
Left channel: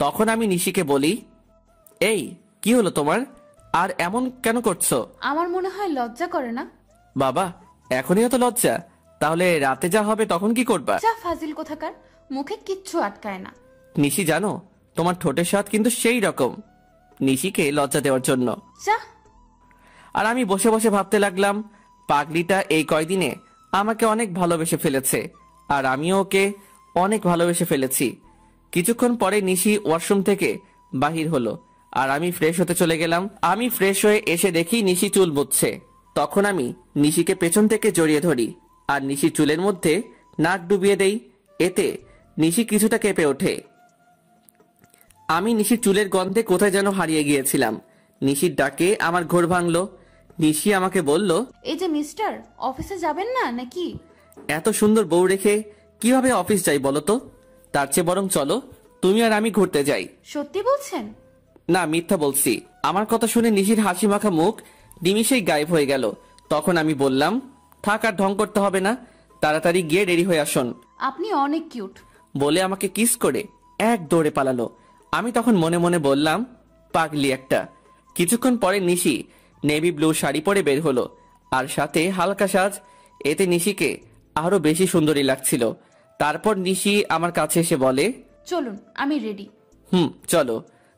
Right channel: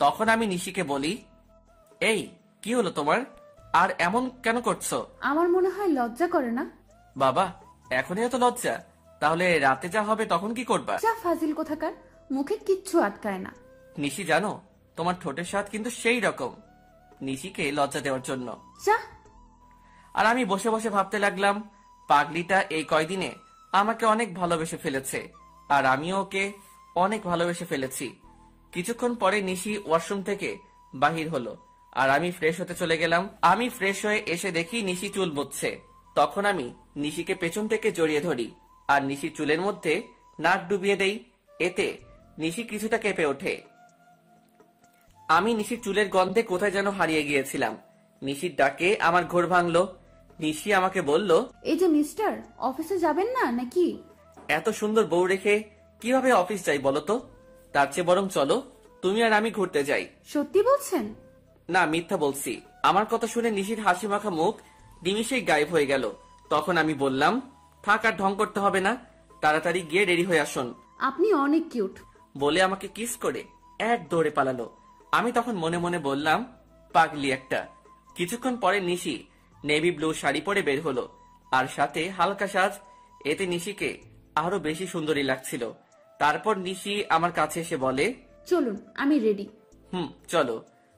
তখন আমি নিশিকে বলি, এই কি হলো তোমার, আর এমন কেন করছো? আমার মনে হয় লজ্জা করে না। বাবা, এখনই এত লজ্জা? তাহলে রাতে যা হবে তখন কি করবা? যা ফাজিল কোথাকার, মুখে কিচ্ছু আটকায় না। নিশি জানো, তোমার ঠোঁটের স্বাদ কিন্তু সেই রকম। নিশিকে লজ্জা দেওয়ার জন্য। যা। আর আমি বসে বসে ভাবতে লাগলাম, পাগলিটা এই কয়দিনে আমাকে অনেক ভালোবেসে ফেলেছে, আর আমিও ওকে অনেক ভালোবেসে ফেলেছি। কিছুক্ষণ পরে নিশি ওয়াশরুম থেকে বাহির হলো, আর আমি ফ্রেশ হতে চলে গেলাম। আমি ফ্রেশ হয়ে এসে দেখি নিশি চুল বুঝছে। তখন আমি নিশিকে পেছন থেকে জড়িয়ে ধরি, আর নিশি চুলের মধ্যে নাক ডুবিয়ে দেই। এতে নিশি কিছুটা কেঁপে ওঠে। আমি নিশির চুলের গন্ধে কোথায় যেন হারিয়ে গিয়েছিলাম। নিশির ডাকে আমার ঘোর ভাঙলো। নিশি আমাকে বলল, এই যে মিস্টার, অফিসে যাবেন না নাকি? এত সুন্দর বউ রেখে কিভাবে অফিস যাই বলো তো? তার চেয়ে বরং চলো তুমি আর আমি ঘুরতে যাই। সত্যি বলছেন? না, মিথ্যা বলছি। আমার কথা শুনে নিশির হাসি মাখা মুখ নিমিষেই গায়েব হয়ে গেল। তখন আমি বললাম, থাক, আর ঢং করতে হবে না, তাড়াতাড়ি গিয়ে রেডি হয়ে আসুন। আপনি অনেক কিউট বলে আমাকে কিস করে এক দৌড়ে পালালো। আমি তখন মনে মনে বললাম, পাগলি একটা। কিছুক্ষণ পরে নিশি নেভি ব্লু শাড়ি পরে বের হলো, আর সাথে হালকা সাজ। এতে নিশিকে আরো বেশি সুন্দরী লাগছিল। তারপর নিশি আমার কাছে এসে বলে, চলুন, আমি রেডি। চলো।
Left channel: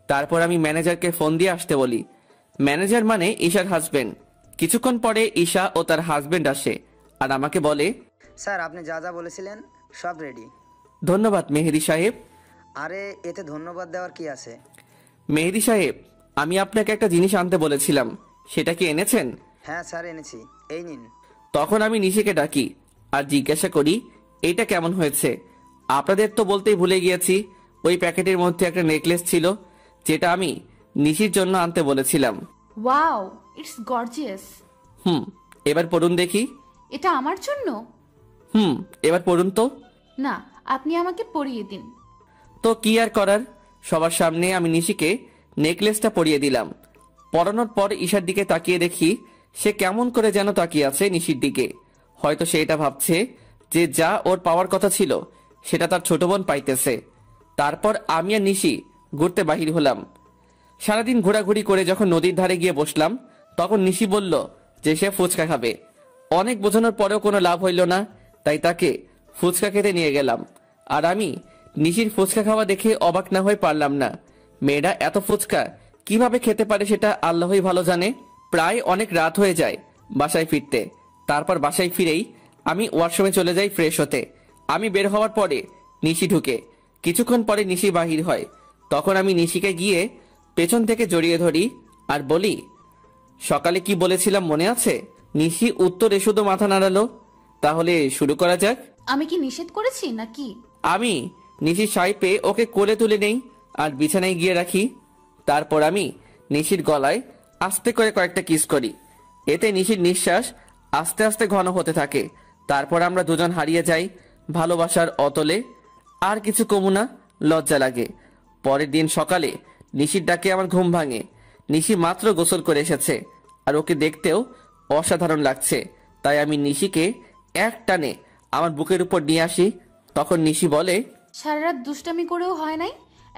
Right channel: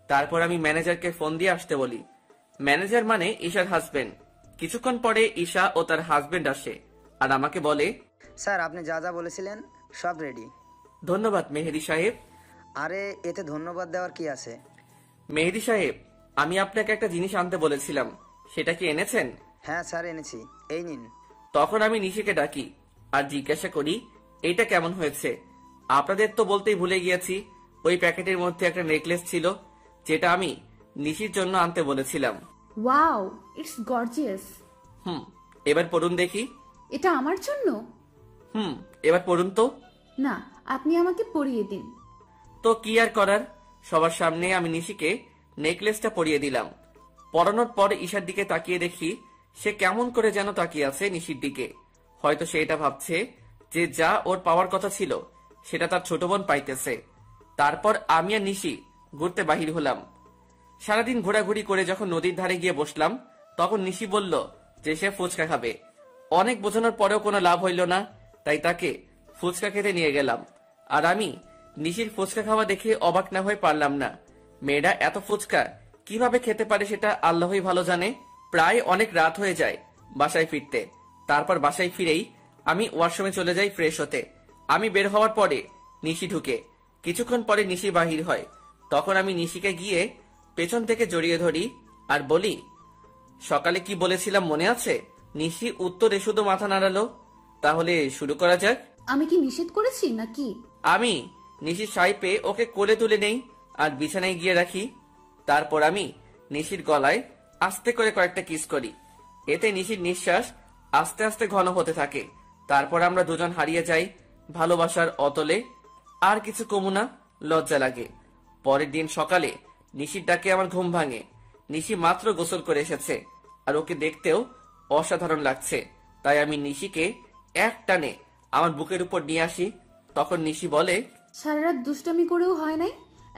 তারপর আমি ম্যানেজারকে ফোন দিয়ে আসতে বলি। ম্যানেজার মানে ঈশার হাজবেন্ড। কিছুক্ষণ পরে ঈশা ও তার হাজবেন্ড আসে, আর আমাকে বলে, স্যার, আপনি যা যা বলেছিলেন সব রেডি। ধন্যবাদ মেহেদি সাহেব। আরে, এতে ধন্যবাদ দেওয়ার কি আছে? মেহেদি সাহেব, আমি আপনাকে একটা জিনিস আনতে বলেছিলাম, সেটা কি এনেছেন? হ্যাঁ স্যার, এনেছি, এই নিন। তখন আমি নিশিকে ডাকি আর জিজ্ঞাসা করি, এটা কেমন হয়েছে? আপনাদের তো বলতেই ভুলে গিয়েছি, ওই প্যাকেটের মধ্যে একটা নেকলেস ছিল, যেটা আমি নিশির জন্য আনতে বলেছিলাম। Wow, it's gorgeous. এবার পড়ুন দেখি। এটা আমার জন্য? এবার পড়ুন তো। না, আপনি আমাকে পরিয়ে দিন। তো কি আর করার, সবার সামনে আমি নিশিকে নেকলেসটা পরিয়ে দিলাম। পরানোর পর ঈশার দিকে তাকিয়ে দেখি সে কেমন করে যেন তাকিয়ে আছে নিশির দিকে। হয়তো সে এটা ভাবছে যে যা ওর পাওয়ার কথা ছিল সেটা তার ছোট বোন পাইতেছে। তারপর আমি আর নিশি ঘুরতে বাহির হলাম। সারাদিন ঘোরাঘুরি করে যখন নদীর ধারে গিয়ে বসলাম, তখন নিশি বলল যে সে ফুচকা খাবে। অনেক বোঝানোর পরেও কোনো লাভ হইল না, তাই তাকে ফুচকা খেতে নিয়ে গেলাম। আর আমি নিশির ফুচকা খাওয়া দেখে অবাক না হয়ে পারলাম না। মেয়েরা এত ফুচকা কিভাবে খেতে পারে সেটা আল্লাহই ভালো জানে। প্রায় অনেক রাত হয়ে যায় বাসায় ফিরতে। তারপর বাসায় ফিরেই আমি ওয়াশরুমে চলে যাই ফ্রেশ হতে। আমি বের হওয়ার পরে নিশি ঢুকে। কিছুক্ষণ পরে নিশি বাহির হয়। তখন আমি নিশিকে গিয়ে পেছন থেকে জড়িয়ে ধরি আর বলি, সকালে কি বলেছিলাম মনে আছে? নিশি উত্তরে শুধু মাথা নাড়ালো। তাহলে শুরু করা যাক। আমি কি নিষেধ করেছি নাকি? আমি নিশির শাড়ি পেয়ে ওকে কোলে তুলে নেই আর বিছানায় গিয়ে রাখি। তারপর আমি নিশির গলায় আস্তে করে কয়েকটা কিস করি। এতে নিশির নিঃশ্বাস আস্তে আস্তে ঘন হতে থাকে। তারপর আমরা দুজন হারিয়ে যাই ভালোবাসার অতলে। আর কিছু কমু না, লজ্জা লাগে। পরের দিন সকালে নিশির ডাকে আমার ঘুম ভাঙে। নিশি মাত্র গোসল করে এসেছে আর ওকে দেখতেও অসাধারণ লাগছে। তাই আমি নিশিকে এক টানে আমার বুকের উপর নিয়ে আসি। তখন নিশি বলে, সারা রাত দুষ্টামি করেও হয় নাই,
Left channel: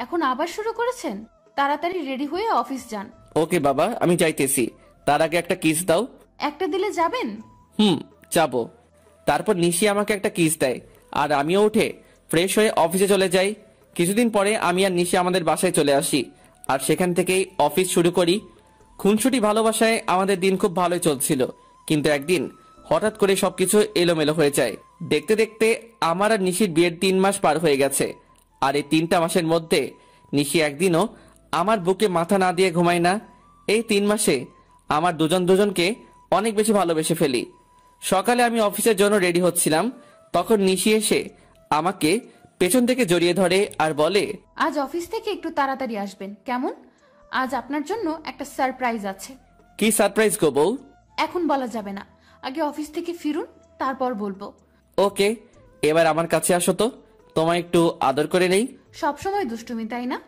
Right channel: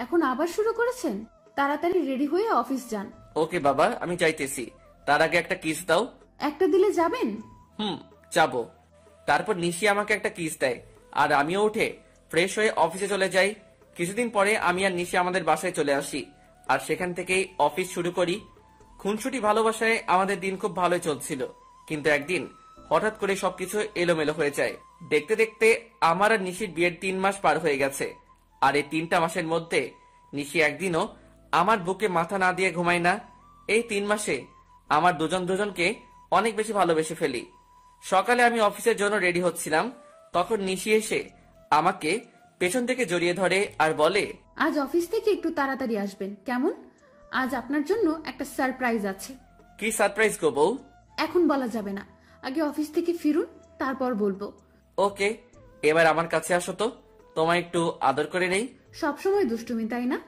এখন আবার শুরু করেছেন? তাড়াতাড়ি রেডি হয়ে অফিস যান। ওকে বাবা, আমি যাইতেছি। তার আগে একটা কিস দাও। একটা দিলে যাবেন? যাবো। তারপর নিশি আমাকে একটা কিস দেয় আর আমিও উঠে ফ্রেশ হয়ে অফিসে চলে যাই। কিছুদিন পরে আমি আর নিশি আমাদের বাসায় চলে আসি আর সেখান থেকেই অফিস শুরু করি। খুনসুটি ভালোবাসায় আমাদের দিন খুব ভালোই চলছিল, কিন্তু একদিন হঠাৎ করে সবকিছু এলোমেলো হয়ে যায়। দেখতে দেখতে আমার আর নিশির বিয়ের 3 মাস পার হয়ে গেছে। আর এই 3টা মাসের মধ্যে নিশি একদিনও আমার বুকে মাথা না দিয়ে ঘুমায় না। এই 3 মাসে আমার দুজনকে অনেক বেশি ভালোবেসে ফেলি। সকালে আমি অফিসের জন্য রেডি হচ্ছিলাম, তখন নিশি এসে আমাকে পেছন থেকে জড়িয়ে ধরে আর বলে, আজ অফিস থেকে একটু তাড়াতাড়ি আসবেন কেমন? আজ আপনার জন্য একটা সারপ্রাইজ আছে। কি সারপ্রাইজ গো বউ? এখন বলা যাবে না, আগে অফিস থেকে ফিরুন, তারপর বলবো। ওকে, এবার আমার কাছে আসো তো, তোমায় একটু আদর করে নেই। সবসময় দুষ্টুমি, তাই না?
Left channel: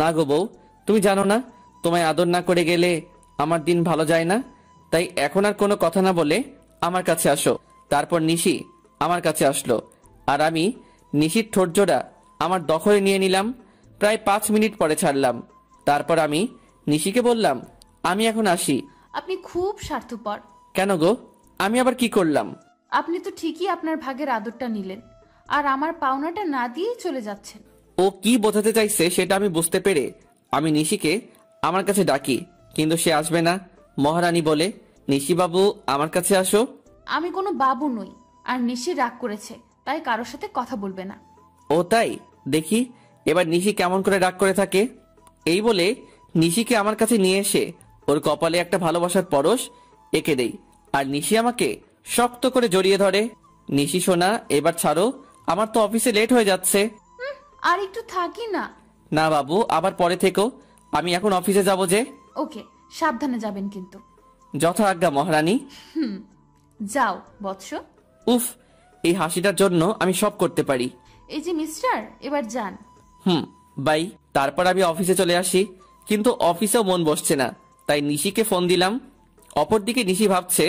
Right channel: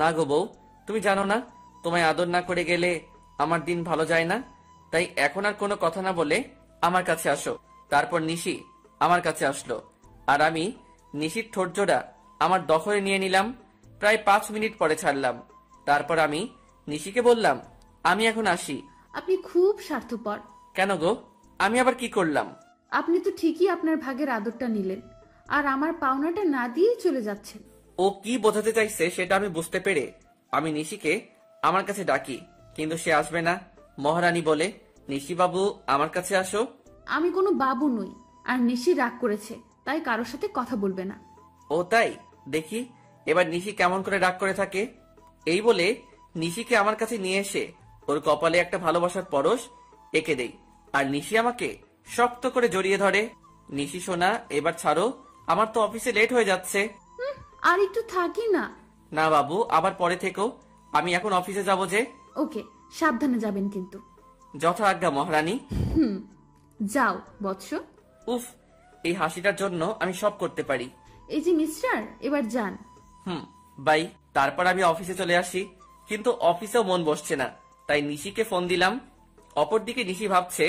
না গো বউ, তুমি জানো না, তোমায় আদর না করে গেলে আমার দিন ভালো যায় না। তাই এখন আর কোনো কথা না বলে আমার কাছে আসো। তারপর নিশি আমার কাছে আসলো আর আমি নিশির ঠোঁট জোড়া আমার দখলে নিয়ে নিলাম। প্রায় 5 মিনিট পরে ছাড়লাম। তারপর আমি নিশিকে বললাম, আমি এখন আসি। আপনি খুব স্বার্থপর। কেন গো, আমি আবার কি করলাম? আপনি তো ঠিকই আপনার ভাগের আদরটা নিলেন আর আমার পাওনাটা না দিয়েই চলে যাচ্ছেন। ও কি বোঝাতে চাইছে সেটা আমি বুঝতে পেরে আমি নিশিকে আমার কাছে ডাকি, কিন্তু সে আসবে না মহারানী বলে। নিশি বাবু, আমার কাছে আসো। আমি কোনো বাবু নই, আর নিশি রাগ করেছে, তাই কারোর সাথে কথা বলবে না। ও তাই? দেখি এবার নিশি কেমন করে রাগ করে থাকে। এই বলে নিশিকে আমার কাছে নিয়ে এসে ওর কপালে একটা ভালোবাসার পরশ এঁকে দেই আর নিশি আমাকে শক্ত করে জড়িয়ে ধরে। নিশি সোনা, এবার ছাড়ো, আমার তো অফিসে লেট হয়ে যাচ্ছে। আর একটু থাকি না। না বাবু, আবার পরে থেকো, আমি এখন অফিসে যাব যে। ওকে, সাবধানে যাবেন কিন্তু। যথা আজ্ঞা মহারানী। যাও বৎস। উফ, এই হাসিটার জন্য আমি সব করতে পারি। এই যে মিস্টার, এবার যান। বাই। তারপর আমি অফিসে চলে আসি, কিন্তু অফিসেও মন বসছে না, তাই নিশিকে ফোন দিলাম। অপরদিকে নিশি ভাবছে,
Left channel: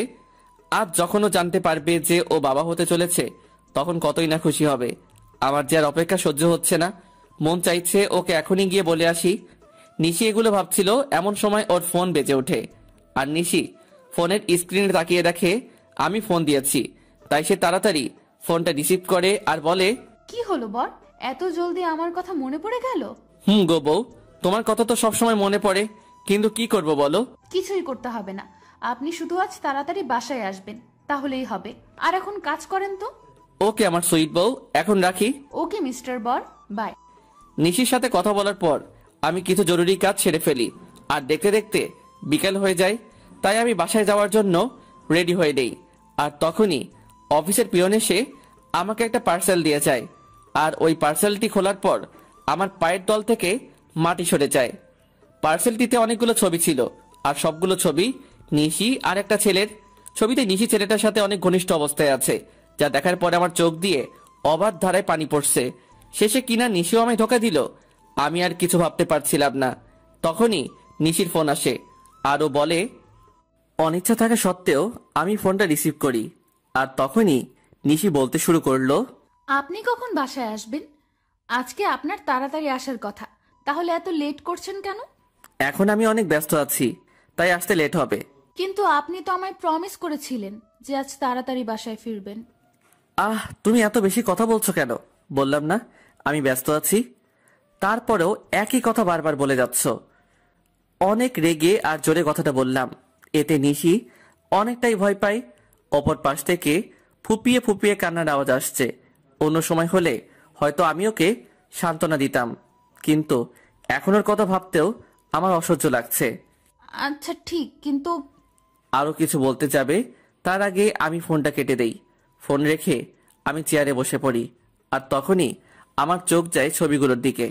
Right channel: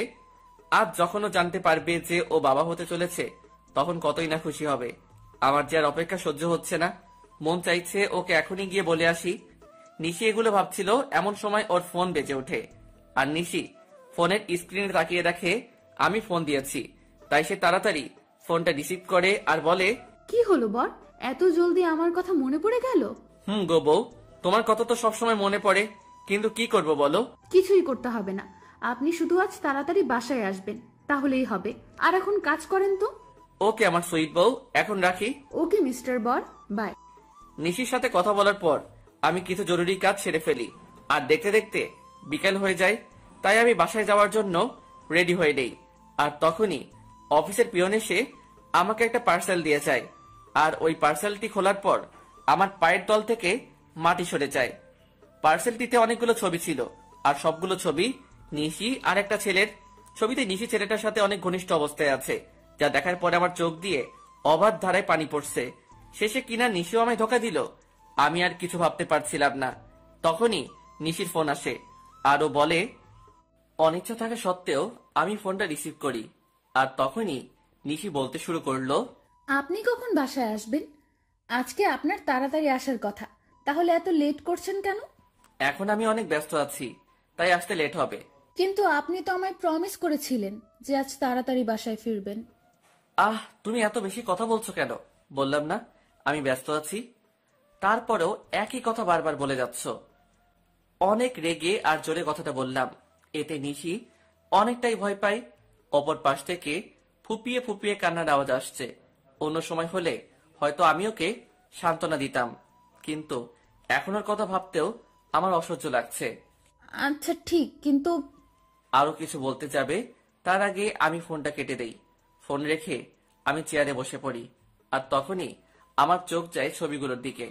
আজ যখন ও জানতে পারবে যে ও বাবা হতে চলেছে, তখন কতই না খুশি হবে। আমার যে আর অপেক্ষা সহ্য হচ্ছে না, মন চাইছে ওকে এখনই গিয়ে বলে আসি। নিশি এগুলো ভাবছিল, এমন সময় ওর ফোন বেজে ওঠে আর নিশি ফোনের স্ক্রিনে তাকিয়ে দেখে আমি ফোন দিয়েছি। তাই সে তাড়াতাড়ি ফোনটা রিসিভ করে আর বলে, কি হলো বর, এত জলদি আমার কথা মনে পড়ে গেল? গো বউ, তোমার কথা তো সবসময় মনে পড়ে, কিন্তু কি করব বলো? কিছুই করতে হবে না, আপনি শুধু আজ তাড়াতাড়ি বাসায় আসবেন, তাহলেই হবে। আর এখন কাজ করেন তো। ওকে আমার সুইট বউ, এখন রাখি। ওকে মিস্টার বর, বাই। নিশির সাথে কথা বলার পর আমি কিছু জরুরি কাজ সেরে ফেলি আর দেখতে দেখতে বিকেল হয়ে যায়। তাই আমি বাসায় যাওয়ার জন্য রেডি হয়ে নেই। আর তখনই অফিসের পিয়ন এসে আমাকে একটা পার্সেল দিয়ে যায় আর ওই পার্সেলটি খোলার পর আমার পায়ের তল থেকে মাটি সরে যায়। পার্সেলটিতে অনেকগুলো ছবি ছিল আর সবগুলো ছবি নিশি আর একটা ছেলের। ছবিতে নিশি ছেলেটার সাথে অনেক ঘনিষ্ঠ অবস্থায় আছে, যা দেখার পরে আমার চোখ দিয়ে অবাধ ধারায় পানি পড়ছে। শেষে কিনা নিশিও আমায় ধোকা দিল। আমি আর কিছু ভাবতে পারছিলাম না। তখনই নিশির ফোন আসে আর ও বলে, অনিচ্ছা থাকা সত্ত্বেও আমি ফোনটা রিসিভ করি। আর তখনই নিশি বলতে শুরু করলো, আপনি কখন বাসায় আসবেন? আজকে আপনার তাড়াতাড়ি আসার কথা, তাহলে এত লেট করছেন কেন? এখন আমি অনেক ব্যস্ত আছি, তাই আসতে লেট হবে। কিন্তু আপনি তো আমায় প্রমিস করেছিলেন যে আজ তাড়াতাড়ি বাসায় ফিরবেন। তুমি এত বেশি কথা বলছো কেন? বললাম না আমি ব্যস্ত আছি, তারপরেও একই কথা বারবার বলে যাচ্ছ। অনেক রেগে আর জোরে কথাটা বললাম। এতে নিশি অনেকটাই ভয় পায়। অপর পাশ থেকে ফুপিয়ে ফুপিয়ে কান্নার আওয়াজ আসছে। অন্য সময় হলে হয়তো আমি ওকে সান্ত্বনা দিতাম, কিন্তু এখন ওর কথা ভাবতেও আমার অসহ্য লাগছে। আচ্ছা ঠিক, কিন্তু আরো কিছু বলতে যাবে তার আগে আমি ফোনটা কেটে দেই। ফোন রেখে আমি চেয়ারে বসে পড়ি, আর তখনই আমার চোখ যায় ছবিগুলোর দিকে।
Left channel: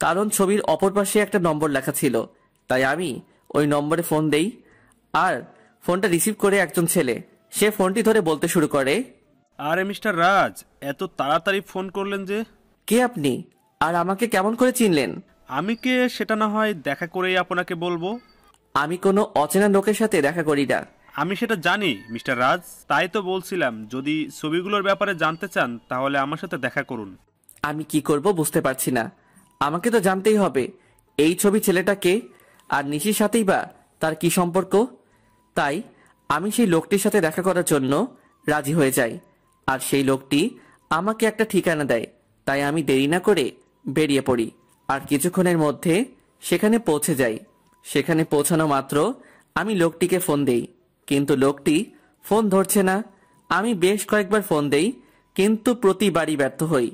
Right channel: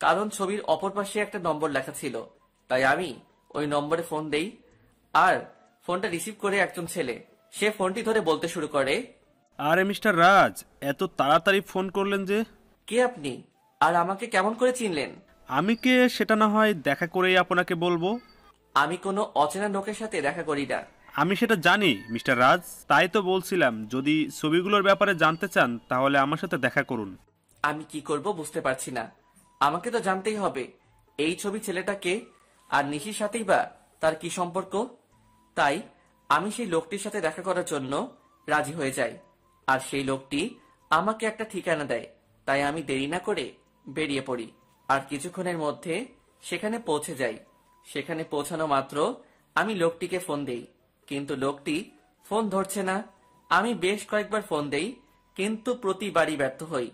কারণ ছবির অপর পাশে একটা নম্বর লেখা ছিল, তাই আমি ওই নম্বরে ফোন দেই। আর ফোনটা রিসিভ করে একজন ছেলে, সে ফোনটি ধরে বলতে শুরু করে, আরে মিস্টার রাজ, এত তাড়াতাড়ি ফোন করলেন যে? কে আপনি, আর আমাকে কেমন করে চিনলেন? আমি কে সেটা না হয় দেখা করেই আপনাকে বলবো। আমি কোনো অচেনা লোকের সাথে দেখা করি না। আমি সেটা জানি মিস্টার রাজ, তাই তো বলছিলাম যদি ছবিগুলোর ব্যাপারে জানতে চান তাহলে আমার সাথে দেখা করুন। আমি কি করব বুঝতে পারছি না। আমাকে তো জানতেই হবে এই ছবি ছেলেটাকে, আর নিশির সাথেই বা তার কি সম্পর্ক। তাই আমি সেই লোকটির সাথে দেখা করার জন্য রাজি হয়ে যাই, আর সেই লোকটি আমাকে একটা ঠিকানা দেয়। তাই আমি দেরি না করে বেরিয়ে পড়ি, আর কিছুক্ষণের মধ্যে সেখানে পৌঁছে যাই। সেখানে পৌঁছানো মাত্র আমি লোকটিকে ফোন দেই, কিন্তু লোকটি ফোন ধরছে না। আমি বেশ কয়েকবার ফোন দেই, কিন্তু প্রতিবারই ব্যর্থ হই।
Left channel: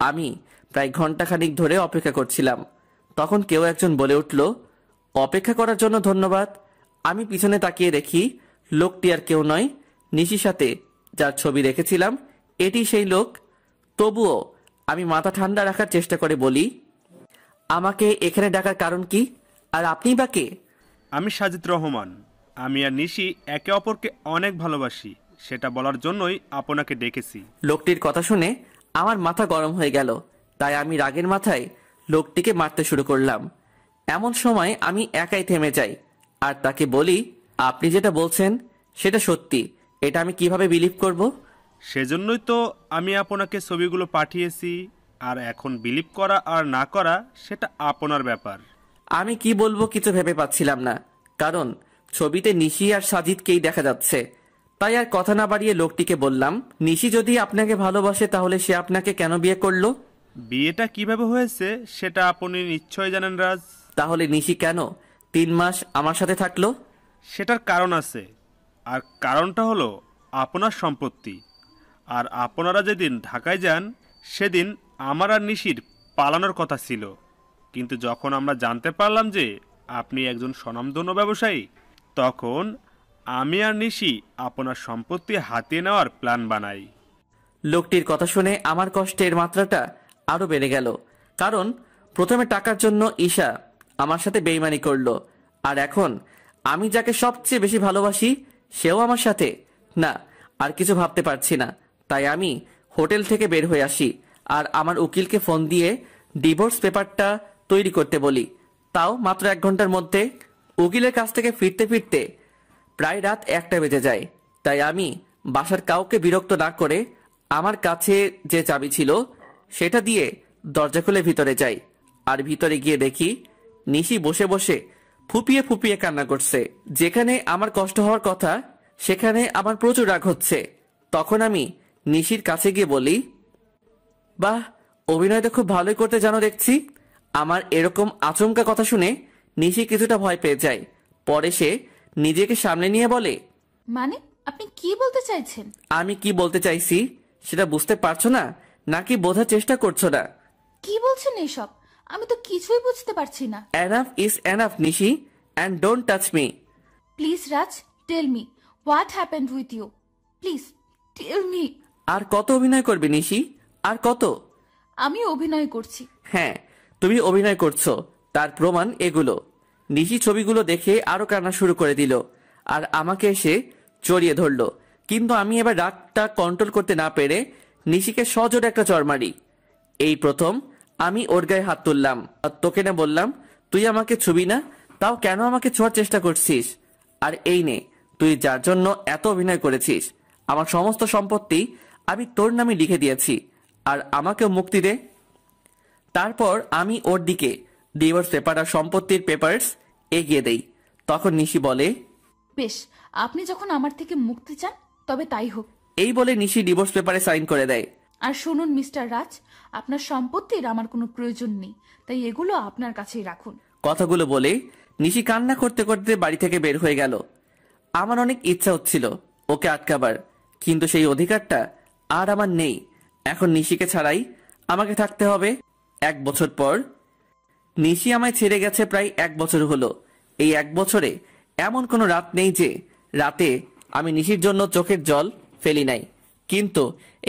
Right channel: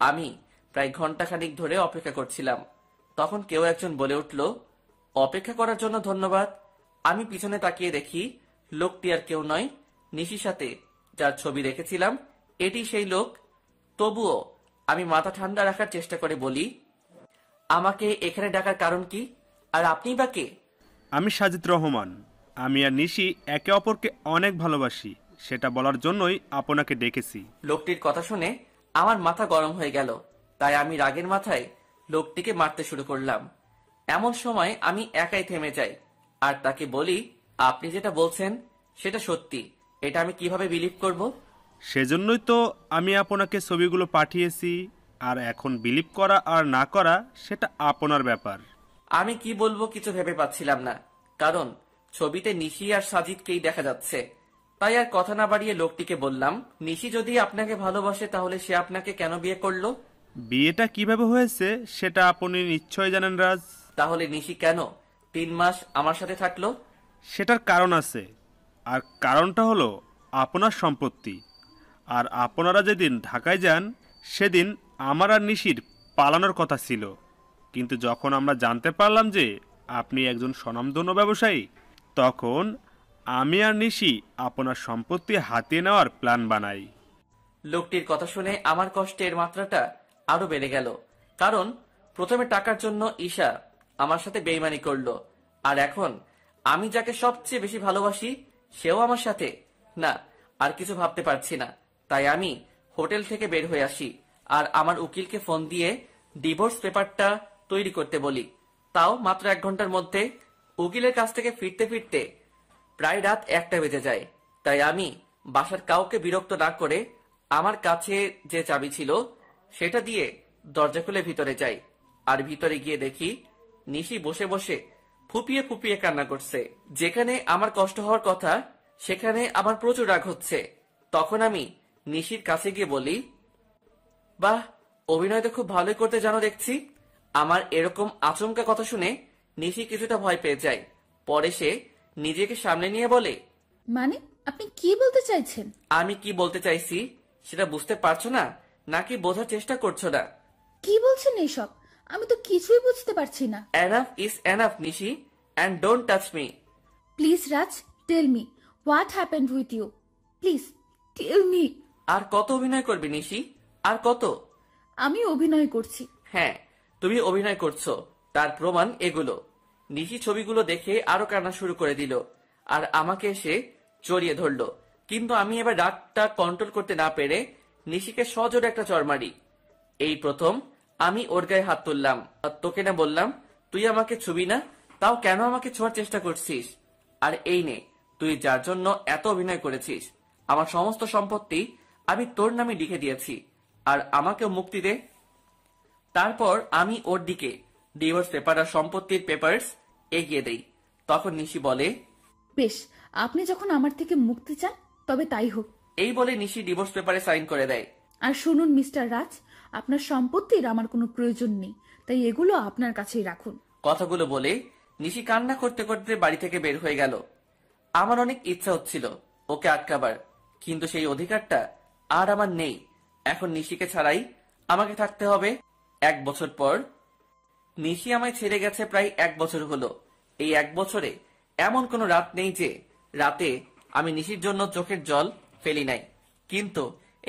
আমি প্রায় ঘন্টাখানিক ধরে অপেক্ষা করছিলাম। তখন কেউ একজন বলে উঠল, অপেক্ষা করার জন্য ধন্যবাদ। আমি পিছনে তাকিয়ে দেখি লোকটি আর কেউ নয়, নিশির সাথে যার ছবি রেখেছিলাম এটি সেই লোক। তবুও আমি মাথা ঠান্ডা রাখার চেষ্টা করে বলি, আমাকে এখানে ডাকার কারণ কি, আর আপনি বা কে? আমি সাজিদ রহমান। আমি আর নিশি একে অপরকে অনেক ভালোবাসি, সেটা বলার জন্যই আপনাকে ডেকেছি। লোকটির কথা শুনে আমার মাথা গরম হয়ে গেল, তাই আমি রাগের মাথায় লোকটিকে মারতে শুরু করলাম। এমন সময় আমি একাই থেমে যাই, আর তাকে বলি, আপনি যেটা বলছেন সেটা সত্যি, এটা আমি কিভাবে বিলিভ করব? সেজন্যই তো আমি আপনাকে ছবিগুলো পাঠিয়েছি, আর এখন বিলিভ করা আর না করা সেটা আপনার ব্যাপার। আমি কি বলবো কিছু ভেবে পাচ্ছিলাম না, কারণ ছবিতে নিশি আর সাজিদকেই দেখা যাচ্ছে। তাই আর কথা না বাড়িয়ে লোকটিকে বললাম, নিশি যদি আপনাকে ভালোবাসে তাহলে সে আপনাকে কেন বিয়ে করলো? বিয়েটা কিভাবে হয়েছে সেটা আপনি নিশ্চয় জানেন রাজ। তাহলে নিশি কেন 3 মাস আমার সাথে থাকলো? সেটার কারণ আছে, আর কারণটা হলো আপনার সম্পত্তি। আর আপনারা যেদিন ঢাকায় যান সেদিন আমার আর নিশির পালানোর কথা ছিল, কিন্তু যখন আমরা জানতে পারলাম যে আপনি একজন স্বনামধন্য ব্যবসায়ী, তখন আমি আর নিশি আপনার সম্পত্তি হাতিয়ে নেওয়ার প্ল্যান বানাই। লোকটির কথা শুনে আমার কষ্টের মাত্রাটা আরো বেড়ে গেল, কারণ প্রথমে টাকার জন্য ঈশা আমার সাথে বেইমানি করলো, আর এখন আমি যাকে সবচেয়ে বেশি ভালোবাসি সেও আমার সাথে। না, আর কিছু ভাবতে পারছি না। তাই আমি হোটেল থেকে বের হয়ে আসি, আর আমার উকিলকে ফোন দিয়ে ডিভোর্স পেপারটা তৈরি করতে বলি। তাও মাত্র 1 ঘন্টার মধ্যে। উকিলের কাছ থেকে ফিরতে ফিরতে প্রায় রাত 1টা বেজে যায়। তাই আমি বাসার কাউকে বিরক্ত না করে আমার কাছে যে চাবি ছিল সেটা দিয়ে দরজা খুলে ভিতরে যাই, আর ভিতরে গিয়ে দেখি নিশি বসে বসে ফুপিয়ে ফুপিয়ে কান্না করছে। যেখানে আমার কষ্ট হওয়ার কথা সেখানে আমার প্রচুর রাগ হচ্ছে। তখন আমি নিশির কাছে গিয়ে বলি, বাহ, অভিনয় তো খুব ভালোই করতে জানো দেখছি। আমার এরকম আচমকা কথা শুনে নিশি কিছুটা ভয় পেয়ে যায়। পরে সে নিজেকে সামনে নিয়ে বলে, মানে আপনি কি বলতে চাইছেন? আমি কি বলতে চাইছি সেটা বুঝতে পারছো না, নাকি বোঝার চেষ্টা করছো না? কি বলছেন এইসব? আমি তো কিছুই বুঝতে পারছি না। Enough is enough Nishi, and don't touch me. Please Raj, tell me what happened with you. Please tell me. আর কত অভিনয় করবে নিশি, আর কত? আমি অভিনয় করছি। হ্যাঁ, তুমি অভিনয় করছো, তার প্রমাণ এগুলো। নিশি ছবিগুলো দেখে আরো কান্না শুরু করে দিল, আর আমাকে এসে জড়িয়ে ধরলো। কিন্তু আমি এবার রাগটা কন্ট্রোল করতে না পেরে নিশিকে সজোরে একটা চড় মারি। এই প্রথম আমি ওর গায়ে হাত তুললাম, আর তোকে না বললাম তুই আমাকে ছুবি না, তাও কেন আমাকে ছোঁয়ার চেষ্টা করছিস? আর এই নে, তুই যার জন্য এত অভিনয় করেছিস, আমার সমস্ত সম্পত্তি আমি তোর নামে লিখে দিয়েছি, আর আমাকেও মুক্তি দে। তারপর আমি ওর দিকে ডিভোর্স পেপার আর সম্পত্তির পেপারস এগিয়ে দেই। তখন নিশি বলে, বেশ, আপনি যখন আমার থেকে মুক্তি চান তবে তাই হোক। এই বলে নিশি ডিভোর্স পেপারে সাইন করে দেয়। আর শুনুন মিস্টার রাজ, আপনার সম্পত্তির আমার কোনো প্রয়োজন নেই, তাই এগুলো আপনার কাছেই রাখুন। কথাগুলো বলে নিশি কান্না করতে করতে বাড়ি থেকে বের হয়ে গেল। আমার অনেক ইচ্ছা হচ্ছিল ওকে আটকাবার, কিন্তু সেই অধিকারটা আর আমার নেই। এখন নিশিকে ছাড়াই আমাকে থাকতে হবে। 1 বছর পর নিশি আমায় ছেড়ে গেছে, প্রায় 1 বছর হলো। এই 1 বছরে এমন কোনো রাত নেই যে রাতে আমি নিশির জন্য চোখের জল ফেলি নাই। কিন্তু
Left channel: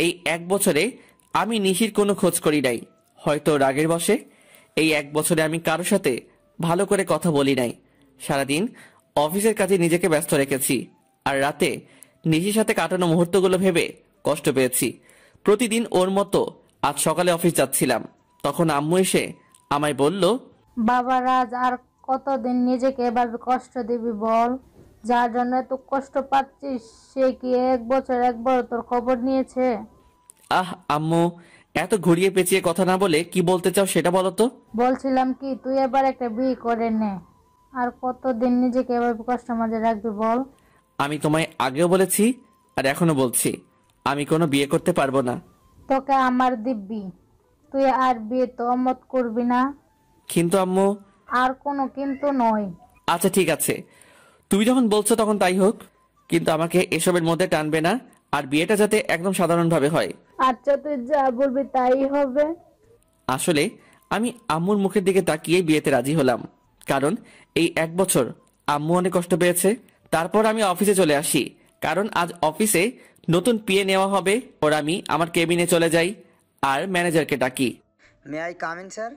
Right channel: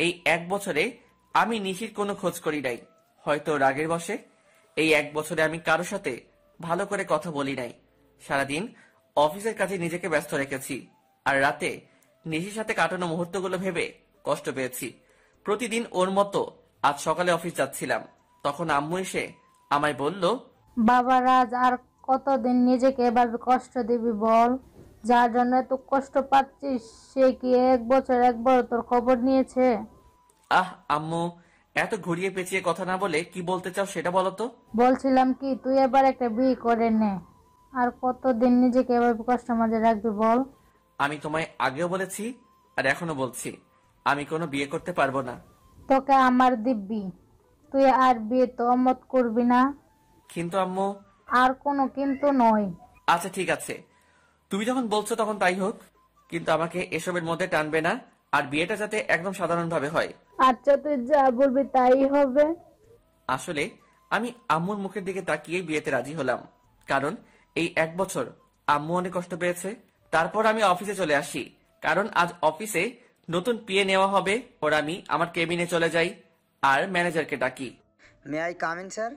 এই 1 বছরে আমি নিশির কোনো খোঁজ করি নাই, হয়তো রাগের বশে। এই 1 বছরে আমি কারোর সাথে ভালো করে কথা বলি নাই। সারাদিন অফিসের কাজে নিজেকে ব্যস্ত রেখেছি, আর রাতে নিশির সাথে কাটানো মুহূর্তগুলো ভেবে কষ্ট পেয়েছি। প্রতিদিন ওর মতো আজ সকালে অফিস যাচ্ছিলাম, তখন আম্মু এসে আমায় বলল, বাবা রাজ, আর কতদিন নিজেকে এভাবে কষ্ট দিবি বল? যার জন্য এত কষ্ট পাচ্ছিস সে কি 1 বছর একবার তোর খবর নিয়েছে? আহ আম্মু, এত ঘুরিয়ে পেঁচিয়ে কথা না বলে কি বলতে চাও সেটা বলো তো। বলছিলাম কি, তুই এবার একটা বিয়ে করে নে। আর কতদিন নিজেকে এভাবে কষ্ট মাঝে রাখবি বল? আমি তোমায় আগেও বলেছি আর এখনো বলছি, আমি কোনো বিয়ে করতে পারবো না। তোকে আমার দিব্যি, তুই আর বিয়ে তো অমত করবি না। কিন্তু আম্মু। আর কোনো কিন্তু নয়। আচ্ছা ঠিক আছে, তুমি যখন বলছো তখন তাই হোক, কিন্তু আমাকে এসবের মধ্যে টানবে না, আর বিয়েটা যাতে একদম সাধারণভাবে হয়। আচ্ছা, তুই যা বলবি তাই হবে। আসলে আমি আম্মুর মুখের দিকে তাকিয়ে বিয়েতে রাজি হলাম, কারণ এই 1 বছর আম্মু অনেক কষ্ট পেয়েছে। তারপর আমি অফিসে চলে আসি, কারণ আজ অফিসে নতুন পিএ নেওয়া হবে। ওর আমি আমার কেবিনে চলে যাই আর ম্যানেজারকে ডাকি। May I come in sir?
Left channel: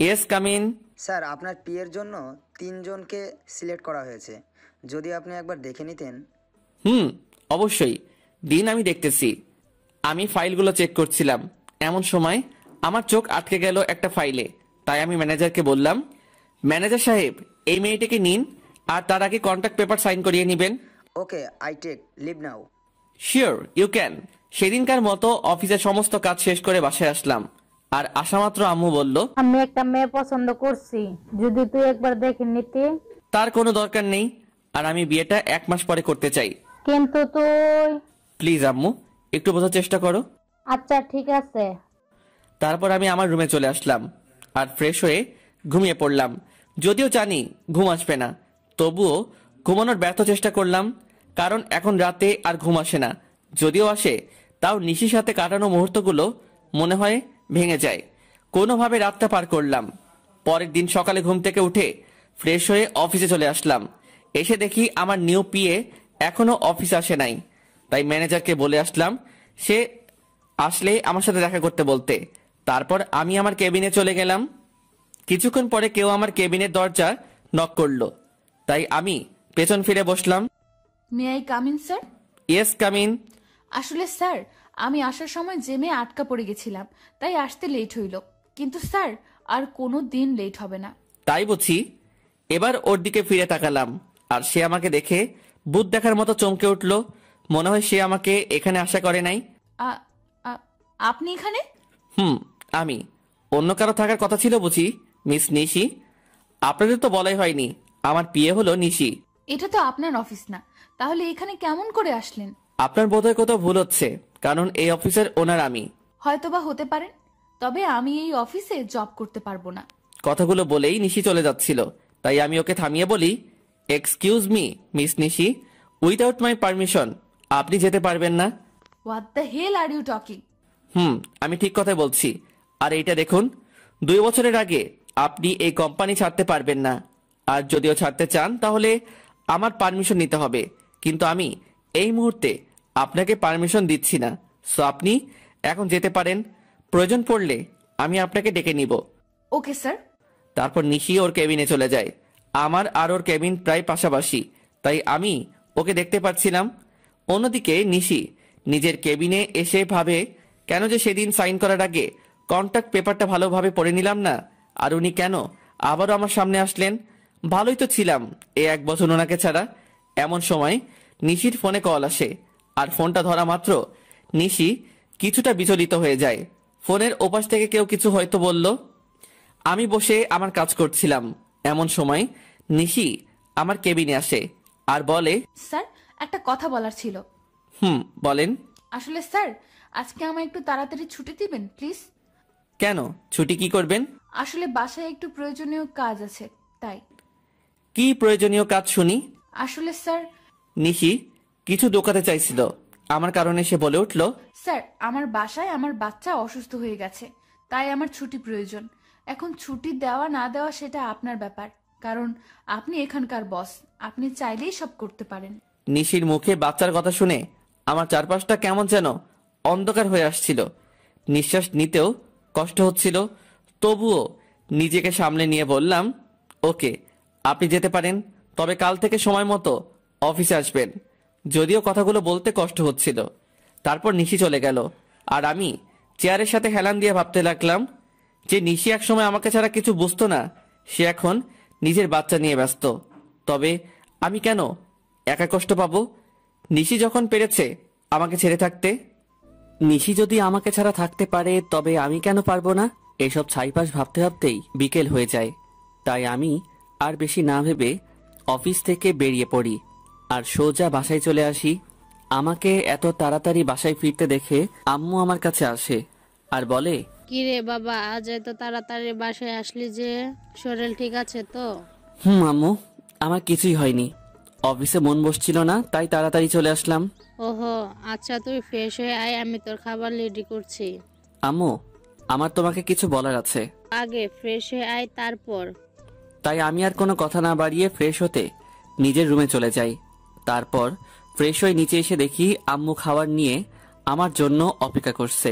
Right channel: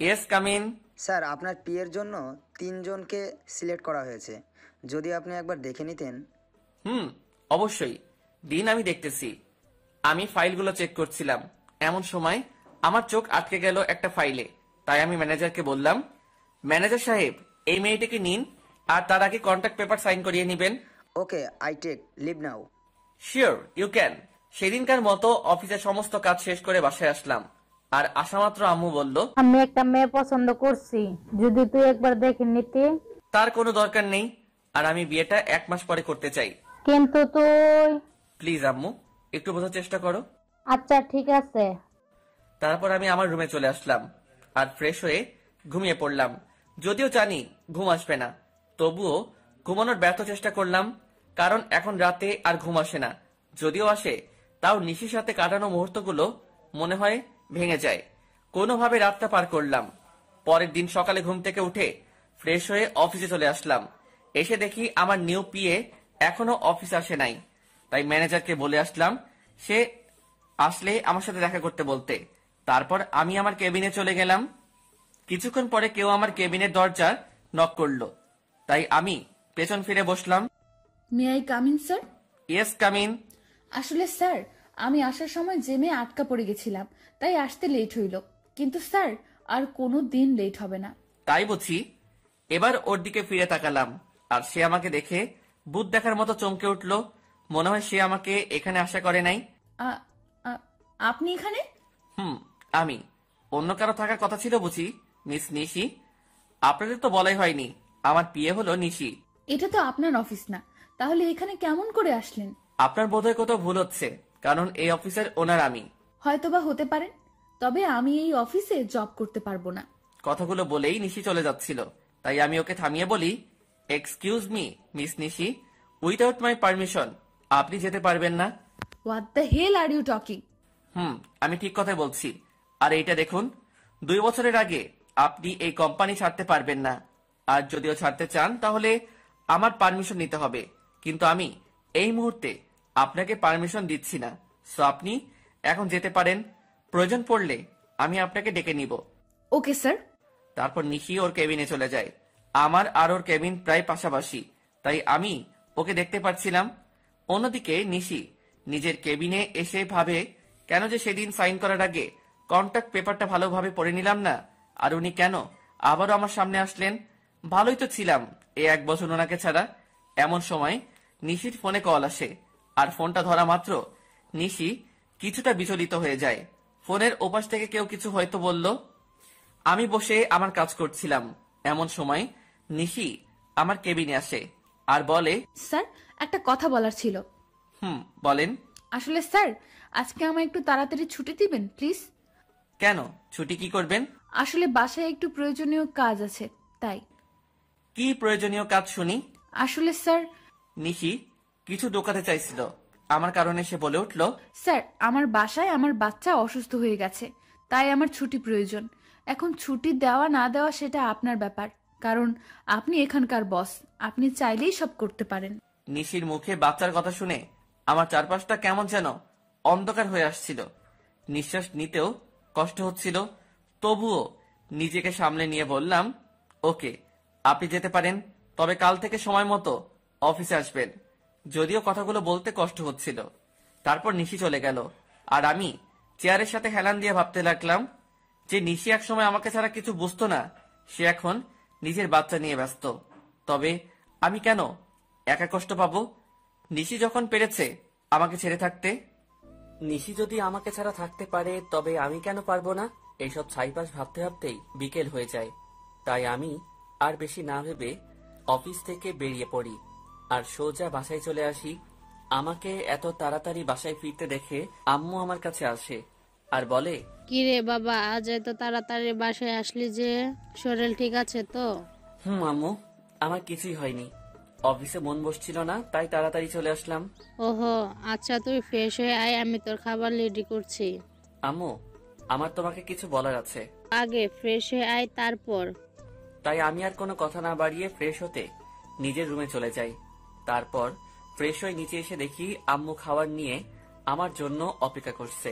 Yes, come in. Sir, আপনার পিএর জন্য 3 জনকে সিলেক্ট করা হয়েছে, যদি আপনি একবার দেখে নিতেন। অবশ্যই দিন, আমি দেখতেছি। আমি ফাইলগুলো চেক করছিলাম, এমন সময় আমার চোখ আটকে গেল একটা ফাইলে। তাই আমি ম্যানেজারকে বললাম, ম্যানেজার সাহেব, এই মেয়েটাকে নিন, আর তার আগে কন্ট্রাক্ট পেপার সাইন করিয়ে নেবেন। Okay, I take leave now. Sure, you can. সেদিনকার মতো অফিসের সমস্ত কাজ শেষ করে বাসায় আসলাম, আর আসামাত্র আম্মু বলল, আমি একটা মেয়ে পছন্দ করছি, যদি তুই একবার দেখে নিতি। তার কোনো দরকার নেই, আর আমি বিয়েটা 1 মাস পরে করতে চাই। কিন্তু তুই। প্লিজ আম্মু, একটু বোঝার চেষ্টা করো। আচ্ছা ঠিক আছে। তারপর আমি আমার রুমে চলে আসলাম আর ফ্রেশ হয়ে ঘুমিয়ে পড়লাম। যদিও জানি ঘুম আসবে না, তবুও ঘুমানোর ব্যর্থ চেষ্টা করলাম, কারণ এখন রাতে আর ঘুম আসে না। যদিও আসে, তাও নিশির সাথে কাটানো মুহূর্তগুলো মনে হয় ভেঙে যায়। কোনোভাবে রাতটা পার করলাম। পরের দিন সকালে ঘুম থেকে উঠে ফ্রেশ হয়ে অফিসে চলে আসলাম। এসে দেখি আমার নিউ পিএ এখনো অফিস আসে নাই। তাই ম্যানেজারকে বলে আসলাম সে আসলে আমার সাথে দেখা করতে বলতে। তারপর আমি আমার কেবিনে চলে গেলাম। কিছুক্ষণ পরে কেউ আমার কেবিনের দরজা নক করলো, তাই আমি পেছন ফিরে বসলাম। May I come in sir? Yes, come in. আসলে স্যার, আমি আসার সময় জেমে আটকা পড়ে গেছিলাম, তাই আসতে লেট হইল। কিন্তু স্যার, আর কোনো দিন লেট হবে না। তাই বুঝি। এবার ওর দিকে ফিরে তাকালাম, আর সে আমাকে দেখে ভূত দেখার মতো চমকে উঠল। মনে হয় সে আমাকে এখানে আশা করে নাই। আ- আ- আপনি এখানে? আমি। অন্য কারো থাকার কথা ছিল বুঝি, মিস নিশি? আপনাদের তো বলাই হয়নি আমার পিএ হলো নিশি। এটা তো আপনার অফিস না, তাহলে এখানে কেমন করে আসলেন? আপনার বোধহয় কোথাও ভুল হচ্ছে, কারণ এই অফিসের ওনার আমি। হয়তোবা হতে পারেন, তবে আমি এই অফিসে জব করতে পারবো না। কথাগুলো বলেই নিশি চলে যাচ্ছিল, তাই আমি ওকে থামিয়ে বলি, excuse me miss Nishi, without my permission আপনি যেতে পারবেন না। What the hell are you talking? আমি ঠিক কথাই বলছি। আর এইটা দেখুন, 2 বছরের আগে আপনি এই কোম্পানি ছাড়তে পারবেন না, আর যদিও ছাড়তে চান তাহলে আমার পারমিশন নিতে হবে। কিন্তু আমি এই মুহূর্তে আপনাকে পারমিশন দিচ্ছি না, সো আপনি এখন যেতে পারেন। প্রয়োজন পড়লে আমি আপনাকে ডেকে নিব। Okay sir. তারপর নিশি ওর কেবিনে চলে যায়। আমার আর ওর কেবিন প্রায় পাশাপাশি, তাই আমি ওকে দেখতে পাচ্ছিলাম। অন্যদিকে নিশি নিজের কেবিনে এসে ভাবে, কেন যে সেদিন সাইন করার আগে কন্ট্রাক্ট পেপারটা ভালোভাবে পড়ে নিলাম না, আর উনি কেন আবারও আমার সামনে আসলেন। ভালোই তো ছিলাম এই 1 বছর ওনাকে ছাড়া। এমন সময় নিশির ফোনে কল আসে, আর ফোনটা ধরা মাত্র নিশি কিছুটা বিচলিত হয়ে যায়। ফোনের ওপাশ থেকে কেউ কিছু হয়তো বলল। আমি বসে আমার কাজ করছিলাম, এমন সময় নিশি আমার কেবিনে আসে আর বলে, স্যার, একটা কথা বলার ছিল। বলেন। আসলে স্যার, আজকে আমায় একটু তাড়াতাড়ি ছুটি দিবেন প্লিজ। কেন, ছুটি কি করবেন? আসলে বাসায় একটু প্রয়োজনীয় কাজ আছে, তাই। কি প্রয়োজনীয় কাজ শুনি? আসলে স্যার, নিশি কিছু দোকাতে চাইছিল, আমার কারণে সে বলে উঠল, স্যার আমার বাসায় আমার বাচ্চা অসুস্থ হয়ে গেছে, তাই আমার ছুটি প্রয়োজন। এখন ছুটি দেওয়া না দেওয়া সেটা আপনার ব্যাপার, কারণ আপনি এখানকার বস, আপনি চাইলেই সব করতে পারেন। নিশির মুখে বাচ্চার কথা শুনে আমার চারপাশটা কেমন যেন অন্ধকার হয়ে আসছিল। নিঃশ্বাস নিতেও কষ্ট হচ্ছিল। তবুও নিজেকে সামলে নিয়ে বললাম, ওকে, আপনি যেতে পারেন, তবে কাল থেকে সময় মতো অফিসে আসবেন। যদিও কথাগুলো বলতে কষ্ট হচ্ছিল। তারপর নিশি চলে গেল, আর আমি চেয়ারের সাথে হেলান দিয়ে ভাবতে লাগলাম যে নিশি একসময় আমাকে ছাড়া কিছু বুঝতো না, সে এখন নিজের বাচ্চা নিয়ে ব্যস্ত। তবে আমি কেন একা কষ্ট পাবো? নিশি যখন পেরেছে আমাকে ছেড়ে থাকতে, নিশি যদি আমাকে ছাড়া থাকতে পারে, তবে আমি কেন পারবো না? এসব ছাইপাশ ভাবতে ভাবতেই বিকেল হয়ে যায়। তাই আমি আর বেশি না ভেবে অফিস থেকে বেরিয়ে পড়ি আর সোজা বাসায় চলে আসি। আমাকে এত তাড়াতাড়ি বাসায় ফিরতে দেখে আম্মু আমার কাছে আসে আর বলে, কিরে বাবা, আজ এত তাড়াতাড়ি বাসায় আসলি যে? শরীর ঠিক আছে তো? আম্মু, আমার কিছুই হয়নি, অফিসে মন বসছিল না, তাই তাড়াতাড়ি চলে আসলাম। ওহো আচ্ছা, তুই ফ্রেশ হয়ে আয়, আমি তোর খাবার রেডি করছি। আম্মু, আমার তোমাকে কিছু বলার আছে। আগে ফ্রেশ হয়ে আয়, তারপর। তাই আমি আর কোনো কথা না বাড়িয়ে ফ্রেশ হতে নিজের রুমে চলে যাই। তারপর ফ্রেশ হয়ে নিচে এসে দেখি আম্মু খাবার নিয়ে আমার জন্য অপেক্ষা করছে।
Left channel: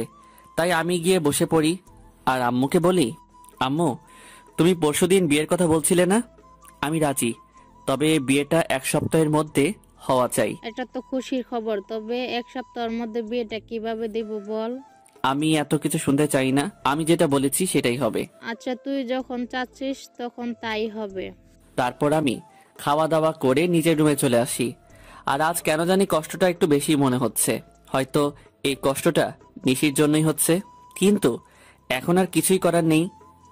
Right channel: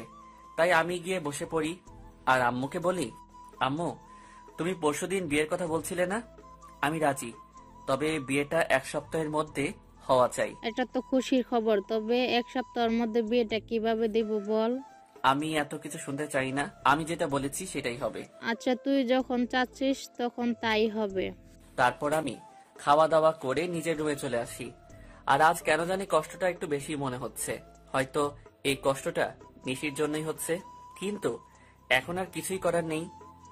তাই আমি গিয়ে বসে পড়ি আর আম্মুকে বলি, আম্মু, তুমি পরশুদিন বিয়ের কথা বলছিলে না? আমি রাজি, তবে বিয়েটা 1 সপ্তাহের মধ্যে হওয়া চাই। এটা তো খুশির খবর, তবে 1 সপ্তাহের মধ্যে বিয়েটা কিভাবে দিব বল? আমি এত কিছু শুনতে চাই না, আমি যেটা বলেছি সেটাই হবে। আচ্ছা, তুই যখন চাচ্ছিস তখন তাই হবে। তারপর আমি খাওয়া দাওয়া করে নিজের রুমে চলে আসি। আর আজ কেন জানি কষ্টটা একটু বেশি মনে হচ্ছে। হয়তো এই কষ্টটা নিশির জন্যই হচ্ছে, কিন্তু এখন আর কিছুই করার নেই,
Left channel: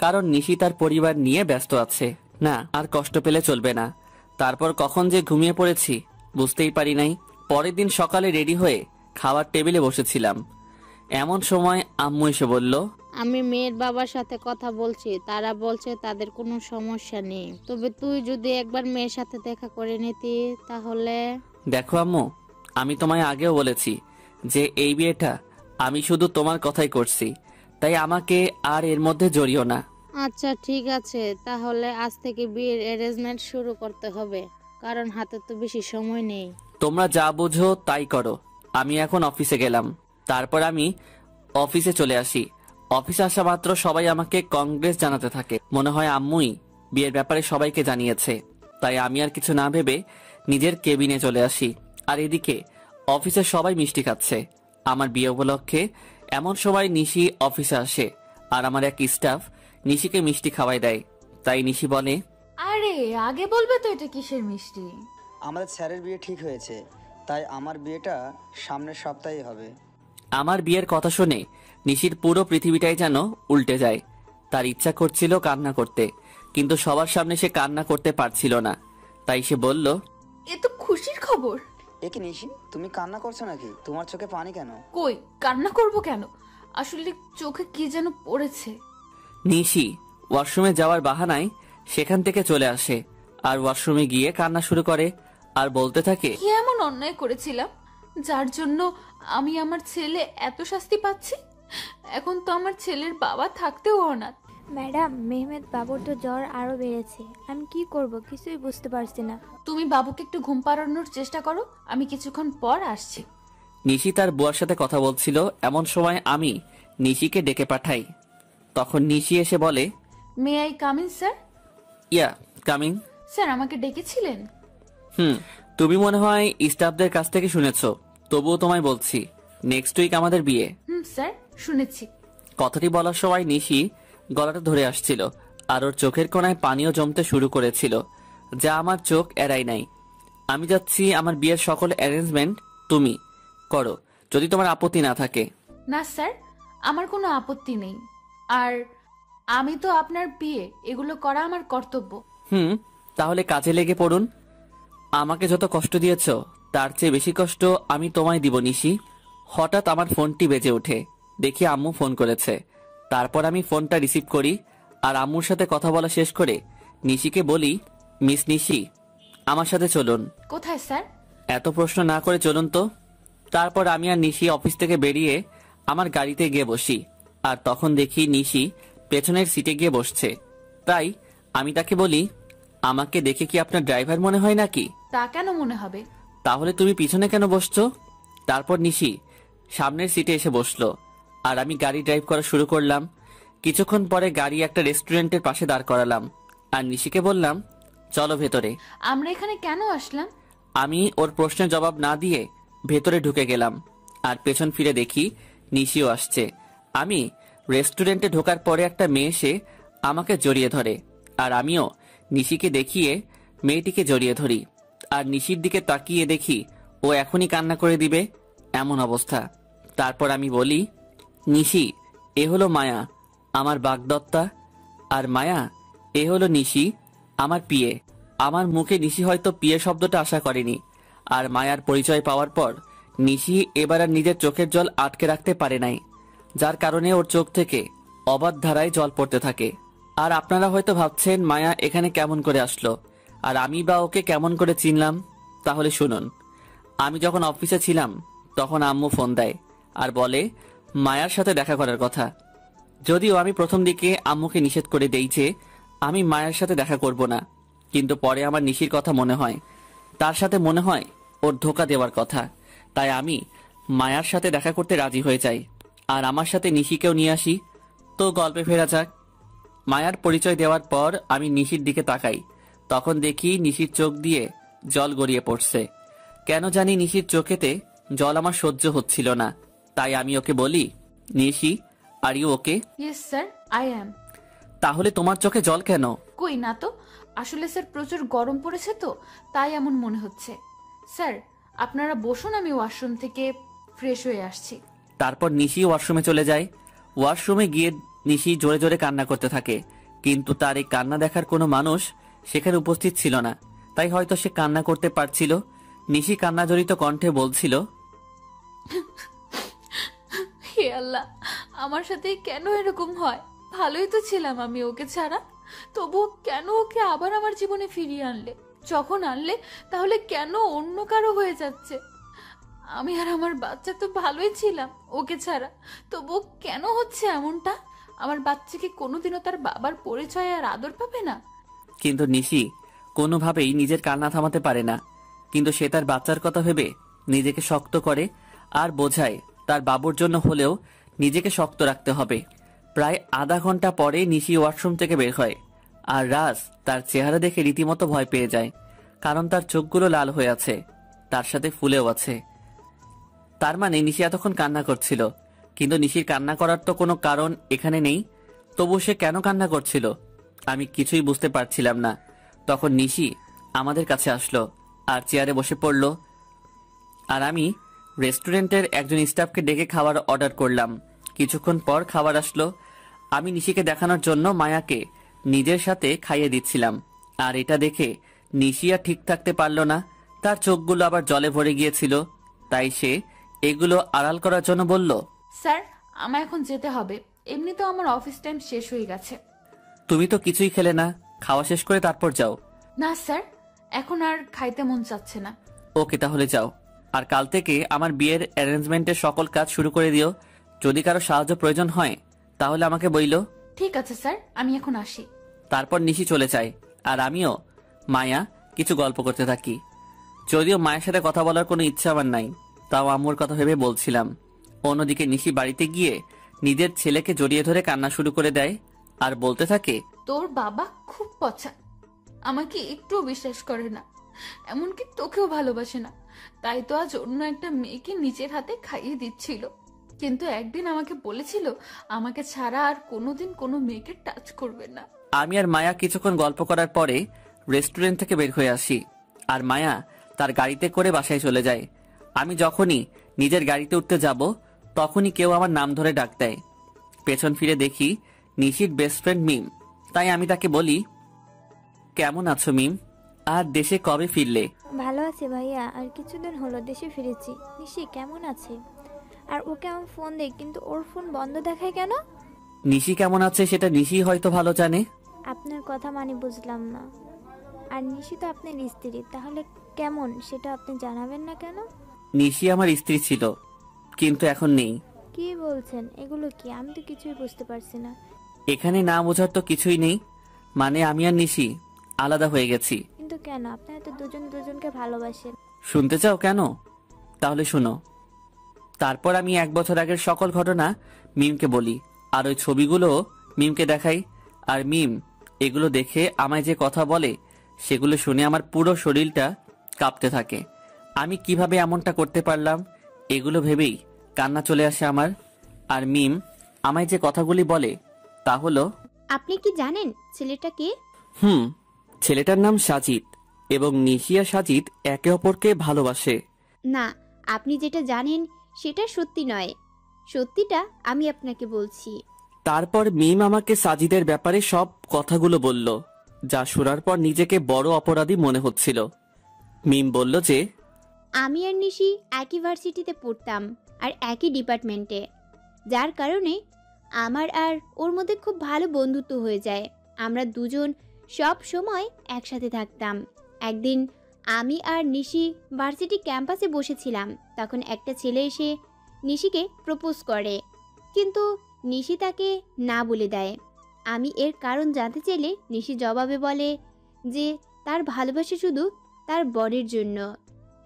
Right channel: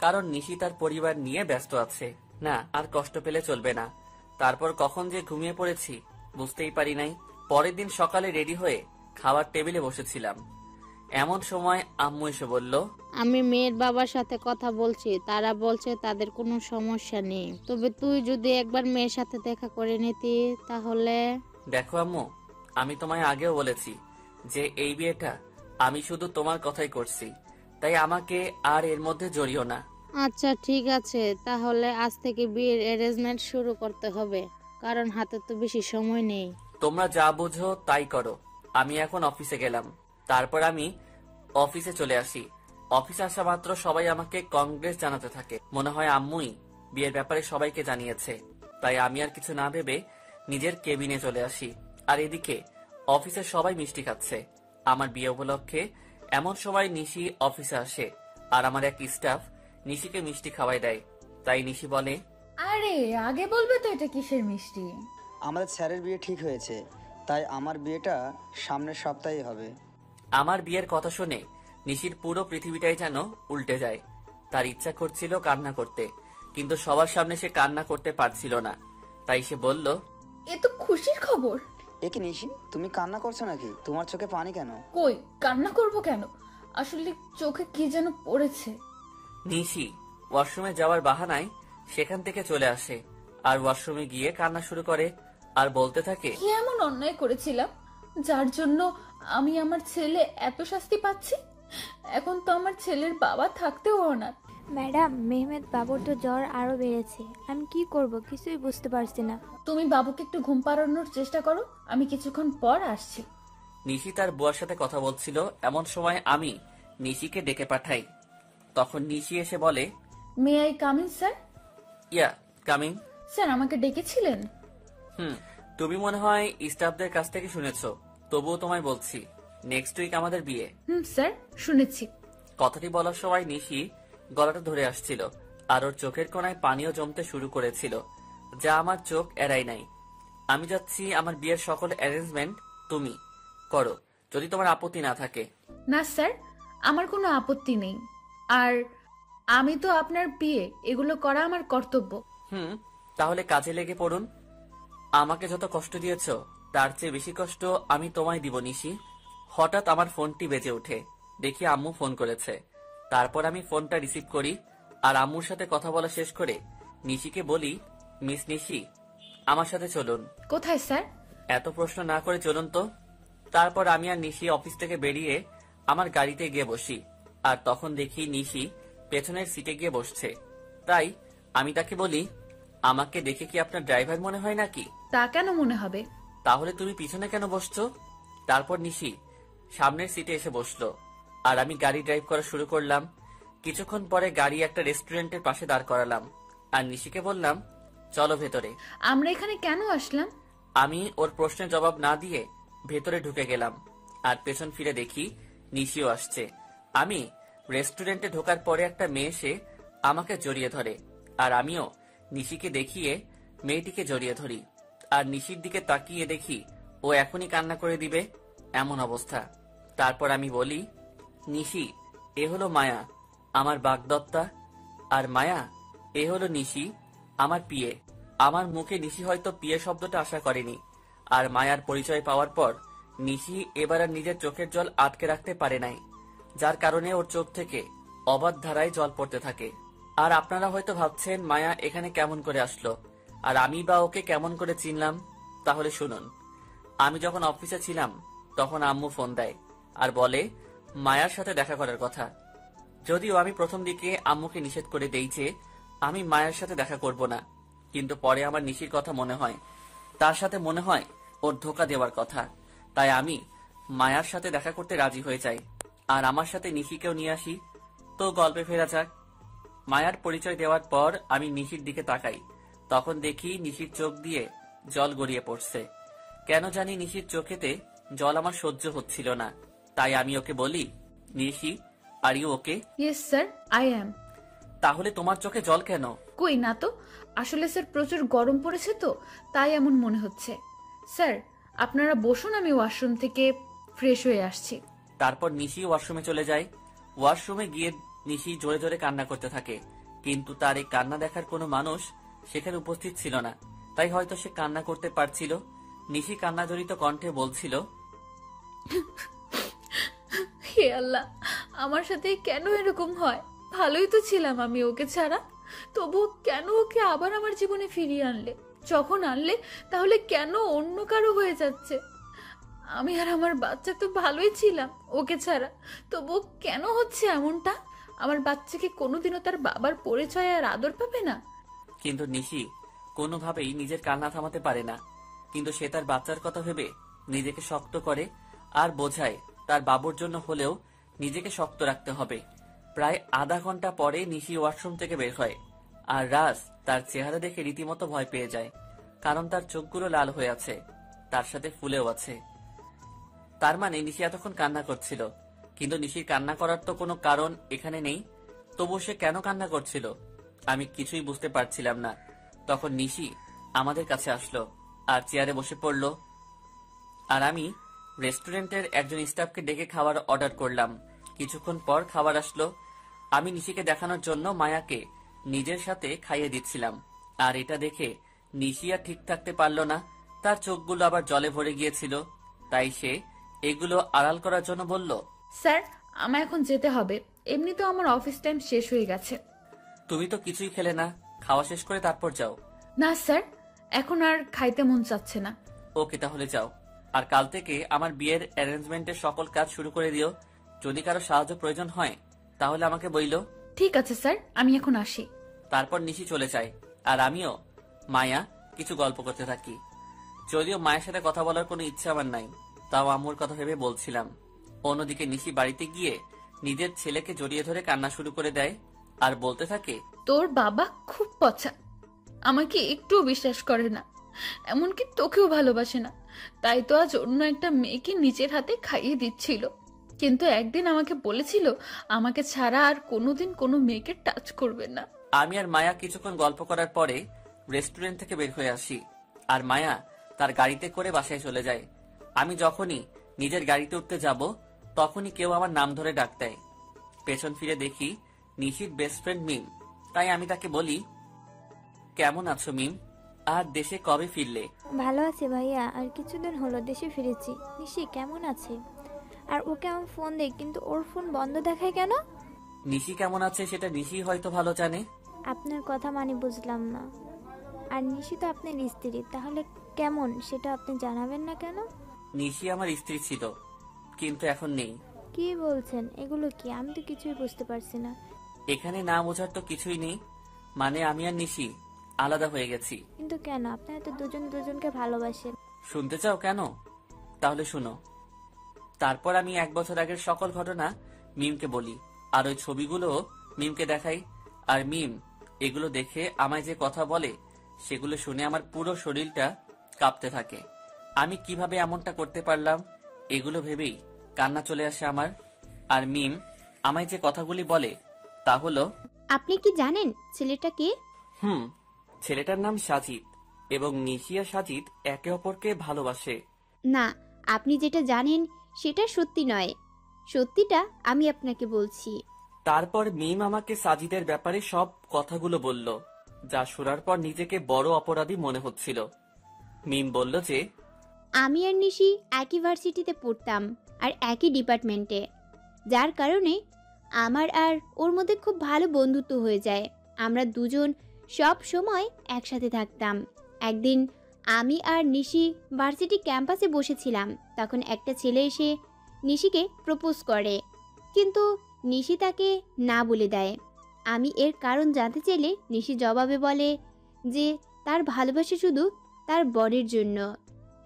কারণ নিশি তার পরিবার নিয়ে ব্যস্ত আছে। না, আর কষ্ট পেলে চলবে না। তারপর কখন যে ঘুমিয়ে পড়েছি বুঝতেই পারি নাই। পরের দিন সকালে রেডি হয়ে খাবার টেবিলে বসেছিলাম, এমন সময় আম্মু এসে বলল, আমি মেয়ের বাবার সাথে কথা বলছি, তারা বলছে তাদের কোনো সমস্যা নেই, তবে তুই যদি একবার মেয়ের সাথে দেখা করে নিতি তাহলে। দেখো আম্মু, আমি তোমায় আগেও বলেছি যে এই বিয়েটা আমি শুধু তোমার কথাই করছি, তাই আমাকে আর এর মধ্যে জড়িও না। আচ্ছা ঠিক আছে, তাহলে আজ থেকে বিয়ের অ্যারেঞ্জমেন্ট শুরু করতে হবে, কারণ হাতে তো বেশি সময় নেই। তোমরা যা বুঝো তাই করো। আমি এখন অফিসে গেলাম। তারপর আমি অফিসে চলে আসি। অফিসে আসা মাত্র সবাই আমাকে কংগ্রেস জানাতে থাকে। মনে হয় আম্মুই বিয়ের ব্যাপারে সবাইকে জানিয়েছে। তাই আমি আর কিছু না ভেবে নিজের কেবিনে চলে আসি। আর এদিকে অফিসে সবাই মিষ্টি খাচ্ছে আমার বিয়ে উপলক্ষে। এমন সময় নিশি অফিসে আসে আর আমার এক স্টাফ নিশিকে মিষ্টি খাওয়াই দেয়। তাই নিশি বলে, আরে আগে বলবে তো এটা কিসের মিষ্টি? আমাদের স্যারের বিয়ে ঠিক হয়েছে, তাই আমার বিয়েটা সামনের সপ্তাহেই হবে। আমার বিয়ের কথা শুনে নিশির পুরো পৃথিবীটাই যেন উল্টে যায়। তার ইচ্ছা করছিল কান্না করতে, কিন্তু সবার সামনে সে কান্না করতে পারছিল না। তাই সে বলল, এ তো খুশির খবর। এ কি নিশি, তুমি কান্না করছো নাকি? তোমার চোখে পানি কেন? কই, কান্না করব কেন? আসলে চোখে কি যেন পড়েছে। নিশি ওয়াশরুমে যাওয়ার বাহানায় সেখান থেকে চলে আসে আর ওয়াশরুমে গিয়ে কান্না শুরু করে আর বলতে থাকে, কি এমন অন্যায় করেছিলাম যার জন্য আমি আমার ছেলে এত শাস্তি পাচ্ছি? এখন তো আমার ছেলের বাবা থাকতেও অনাথ। ম্যাডাম, মেহমেদ বাবুর তো জ্বর আরো বেড়েছে, আমি কি করব কিছুই বুঝতে পারছি না। তুমি বাবুকে একটু ঘুম পাড়ানোর চেষ্টা করো, আমি কিছুক্ষণ পর আসছি। নিশি তার বুয়ার সাথে কথা বলছিল। এমন সময় আমি নিশিকে ডেকে পাঠাই। তখন নিশি এসে বলে, may I come in sir? Yeah, coming. Sir আমাকে ডেকেছিলেন? তুমি মনে হয় স্টাফদের কাছ থেকে শুনেছো, তবুও তোমায় বলছি, নেক্সট উইক আমাদের বিয়ে। স্যার শুনেছি। কথাটি বলার সময় নিশি গলাটা ধরে আসছিল আর ওর চোখের কোণায় পানিও জমতে শুরু করেছিল, যা আমার চোখ এড়াই নাই। আমি যাচ্ছি, আমার বিয়ের সকল অ্যারেঞ্জমেন্ট তুমি করো, যদি তোমার আপত্তি না থাকে। না স্যার, আমার কোনো আপত্তি নেই, আর আমি তো আপনার বিয়ে, এগুলো করা আমার কর্তব্য। তাহলে কাজে লেগে পড়ুন। আমাকে যত কষ্ট দিয়েছ তার চেয়ে বেশি কষ্ট আমি তোমায় দিব নিশি। হঠাৎ আমার ফোনটি বেজে ওঠে, দেখি আম্মু ফোন করেছে। তারপর আমি ফোনটা রিসিভ করি আর আম্মুর সাথে কথা বলা শেষ করে নিশিকে বলি, মিস নিশি, আমার সাথে চলুন। কোথায় স্যার? এত প্রশ্ন না করে চলুন তো। তারপর আমি আর নিশি অফিস থেকে বেরিয়ে আমার গাড়িতে গিয়ে বসি। আর তখন দেখি নিশি পেছনের সিটে গিয়ে বসছে। তাই আমি তাকে বলি, আমাকে দেখে কি আপনার ড্রাইভার মনে হয় নাকি? তা কেন মনে হবে? তাহলে তুমি পিছনে কেন বসছো? তারপর নিশি সামনের সিটে এসে বসলো আর আমি গাড়ি ড্রাইভ করা শুরু করলাম। কিছুক্ষণ পরে গাড়ি একটা রেস্টুরেন্টের পাশে দাঁড় করালাম আর নিশিকে বললাম, চলো ভেতরে। আমরা এখানে কেন আসলাম? আমি ওর প্রশ্নের জবাব না দিয়ে ভেতরে ঢুকে গেলাম আর পেছন ফিরে দেখি নিশিও আসছে। আমি রেস্টুরেন্টে ঢোকার পরে একটা মেয়ে এসে আমাকে জড়িয়ে ধরে আর আমিও নিশিকে দেখিয়ে মেয়েটিকে জড়িয়ে ধরি। আর নিশির দিকে তাকিয়ে দেখি ও এখনই কান্না করে দিবে এমন অবস্থা। তারপর আমি বলি, নিশি, এ হলো মায়া, আমার বাগদত্তা। আর মায়া, এ হলো নিশি, আমার পিয়ে। আমার মুখে নিশি হয়তো পিয়ে শব্দটা আশা করেনি। আর মায়ার পরিচয় পাওয়ার পর নিশি এবার আর নিজের চোখের জল আটকে রাখতে পারে নাই, যার কারণে ওর চোখ থেকে অবাধ ধারায় জল পড়তে থাকে। আর আপনারা হয়তো ভাবছেন মায়া এখানে কেমন করে আসলো আর আমি বা ওকে কেমন করে চিনলাম। তাহলে শুনুন, আমি যখন অফিসে ছিলাম তখন আম্মু ফোন দেয় আর বলে মায়ার সাথে দেখা করার কথা। যদিও আমি প্রথম দিকে আম্মুকে নিষেধ করে দেই যে আমি মায়ের সাথে দেখা করব না, কিন্তু পরে আমার নিশির কথা মনে হয়, তার সাথে মনে হয় ওর ধোকা দেওয়ার কথা। তাই আমি মায়ার সাথে দেখা করতে রাজি হয়ে যাই আর আমার সাথে নিশিকেও নিয়ে আসি। তো গল্পে ফেরা যাক। মায়ার পরিচয় দেওয়ার পর আমি নিশির দিকে তাকাই, তখন দেখি নিশির চোখ দিয়ে জল গড়িয়ে পড়ছে। কেন জানি নিশির চোখেতে জল আমার সহ্য হচ্ছিল না। তাই আমি ওকে বলি, Nishi, are you okay? Yes sir, I am. তাহলে তোমার চোখে জল কেন? কই না তো, আসলে স্যার প্রচুর গরম পড়েছে তো, তাই এমন মনে হচ্ছে। স্যার আপনারা বসুন, আমি ওয়াশরুম থেকে ফ্রেশ হয়ে আসছি। তারপর নিশি ওয়াশরুমে চলে যায়। ওয়াশরুমে গিয়ে নিশি জোরে জোরে কান্না করতে থাকে, কিন্তু তার এই কান্না দেখার কোনো মানুষ সেখানে উপস্থিত ছিল না, তাই হয়তো সে কান্না করতে পারছিল। নিশি কান্নাজড়িত কণ্ঠে বলছিল, হে আল্লাহ, আমার সাথে কেন এরকম হয়? ভালোই তো ছিলাম আমি ওকে ছাড়া, তবু কেন ওকে আবার আমার জীবনে ফিরিয়ে আনলে? যখন আনলে তাহলে কেন অন্য কারো হয়ে যাচ্ছে? আমি আর আমার বাচ্চা তো ভালোই ছিলাম ওকে ছাড়া, তবু কেন হচ্ছে এমনটা? আমার বাচ্চা কি কোনোদিনও তার বাবার পরিচয় আর আদর পাবে না? কিন্তু নিশি কোনোভাবেই নিজের কান্না থামাতে পারে না। কিন্তু সে তার বাচ্চার কথা ভেবে নিজেকে শক্ত করে আর বোঝায় তার বাবুর জন্য হলেও নিজেকে শক্ত রাখতে হবে। প্রায় আধা ঘন্টা পরে নিশি ওয়াশরুম থেকে বের হয় আর রাজ তার চেহারা দেখে রীতিমতো ভয় পেয়ে যায়, কারণ তার চোখগুলো লাল হয়ে আছে, তার সাথে ফুলেও আছে। তার মানে নিশি এতক্ষণ কান্না করছিল, কিন্তু নিশির কান্না করার তো কোনো কারণ এখানে নেই। তবু সে কেন কান্না করছিল আমি কিছুই বুঝতে পারছিলাম না। তখন নিশি আমাদের কাছে আসলো আর চেয়ারে বসে পড়ল আর আমি রেস্টুরেন্টের একজন স্টাফকে ডেকে খাবার অর্ডার করলাম। কিছুক্ষণ পর খাবার আসলো। আমি নিশিকে দেখানোর জন্য মায়াকে নিজের সাথে খাইয়ে দিচ্ছিলাম, আর এটা দেখে নিশি আর ঠিক থাকতে পারল না, তার চোখগুলো আবার জলে ভরে গিয়েছিল। তাই সে এগুলো আড়াল করার জন্য বলল, স্যার আমার এখন যেতে হবে, এমনিতেও আমার অফিস টাইম শেষ হয়ে গেছে। তুমি তো কিছুই খেলে না, খাওয়া শেষ করে তারপর যাও। না স্যার, এখন আর খাইতে মন চাচ্ছে না। ওকে, তাহলে যাও। আর কাল থেকে আমার বিয়ের অ্যারেঞ্জমেন্টের সকল কাজ শুরু করে দিও। যদি কারো সাহায্য প্রয়োজন হয় তাহলে আমাকে বইলো। ঠিক আছে স্যার, আমি এখন আসি। তারপর নিশি চলে যায় আর আমিও মায়া কিছু গল্প করতে থাকি। যদিও মায়ের সাথে কথা বলার কোনো ইচ্ছা আমার নাই, তাও আম্মুর কথা ভেবে বলছিলাম। অন্যদিকে নিশি বাড়িতে গিয়ে নিজের ছেলেকে জড়িয়ে ধরে কান্না শুরু করে দেয় আর বলতে থাকে, তোর বাবা খুব পচা, আমাকে একটুও বিশ্বাস করে না, এমনকি তোকেও ভালোবাসে না। তাই তো আজ অন্য একটা মেয়েকে নিজের হাতে খাইয়ে দিচ্ছিল, কিন্তু একদিন আমাকে বলেছিল আমাকে ছাড়া আর কোনোদিন কোনো মেয়েকে টাচ করবে না। আমি আর মায়া কিছুক্ষণ গল্প করার পরে রেস্টুরেন্ট থেকে বের হয়ে আসি আর মায়া তার গাড়িতে করে বাসায় চলে যায়। আমি যখনই নিজের গাড়িতে উঠতে যাব তখনই কেউ আমার নাম ধরে ডাক দেয়। পেছন ফিরে দেখি নিশির বেস্ট ফ্রেন্ড মিম। তাই আমি তাকে বলি, কেমন আছো মিম, আর দেশে কবে ফিরলে? ভালো আছি ভাইয়া, আর কিছুদিন হলো দেশে ফিরেছি। নিশি কেমন আছে? আর ওকে আমি ফোন দেই, কিন্তু ওর ফোন বন্ধ দেখায় কেন? নিশি কেমন আছে সেটা নিশি হয়তো ভালো জানে। আপনার কথা মানে বুঝলাম না। আর নিশি তো আপনার স্ত্রী, তাহলে কেমন সেটা আপনি জানাবেন না কেন? নিশি আমার স্ত্রী ছিল, কিন্তু এখন নেই। কি বলছেন এগুলো? কি আমি তো কিছুই বুঝতে পারছি না। এখানে না বোঝার তো কিছুই নেই, মানে আমি আর নিশি আলাদা হয়ে গেছি। কিন্তু কেন? আপনারা তো দুজন দুজনকে ভালোবাসেন। শুনতে চাও কেন? তাহলে শুনো। তারপর আমি 1 বছর আগের সকল ঘটনা মিমকে বলি, আর ওই ছবিগুলো মিমকে দেখাই। আর মিম এগুলো দেখে আমায় যে কথা বলে সেগুলো শুনে আমার পুরো শরীরটা কাঁপতে থাকে। আমি কিভাবে এমনটা করতে পারলাম এগুলো ভেবেই কান্না চলে আসে আমার। আর মিম আমায় যে কথাগুলি বলে তা হলো, আপনি কি জানেন ছেলেটা কে? ছেলেটার নাম সাজিদ, এবং নিশি আর সাজিদ একে অপরকে ভালোবাসে। না, আপনি যেটা জানেন সেটা সত্যি নয়। সত্যিটা আমি আপনাকে বলছি। তারপর মিম আমাকে সাজিদের ব্যাপারে সব কথাগুলো বলল, যা শোনার পর নিজেকে বড় অপরাধী মনে হচ্ছিল। মিম বলল যে আমি আর নিশি একই ভার্সিটিতে পড়তাম আর একই ডিপার্টমেন্টে, যার কারণে আমার আর ওর মধ্যে খুব ভালো বন্ধুত্ব হয়ে যায়। আমরা দুজন সব সময় একসাথে থাকতাম। একদিন আমি আর নিশি ভার্সিটি ক্যাম্পাসে বসেছিলাম, তখন একটা ছেলে এসে নিশিকে প্রপোজ করে, কিন্তু নিশি তাকে না বলে দেয়। আমি এর কারণ জানতে চাইলে নিশি জবাবে বলে যে তার ভালোবাসা শুধু তার বরের জন্য।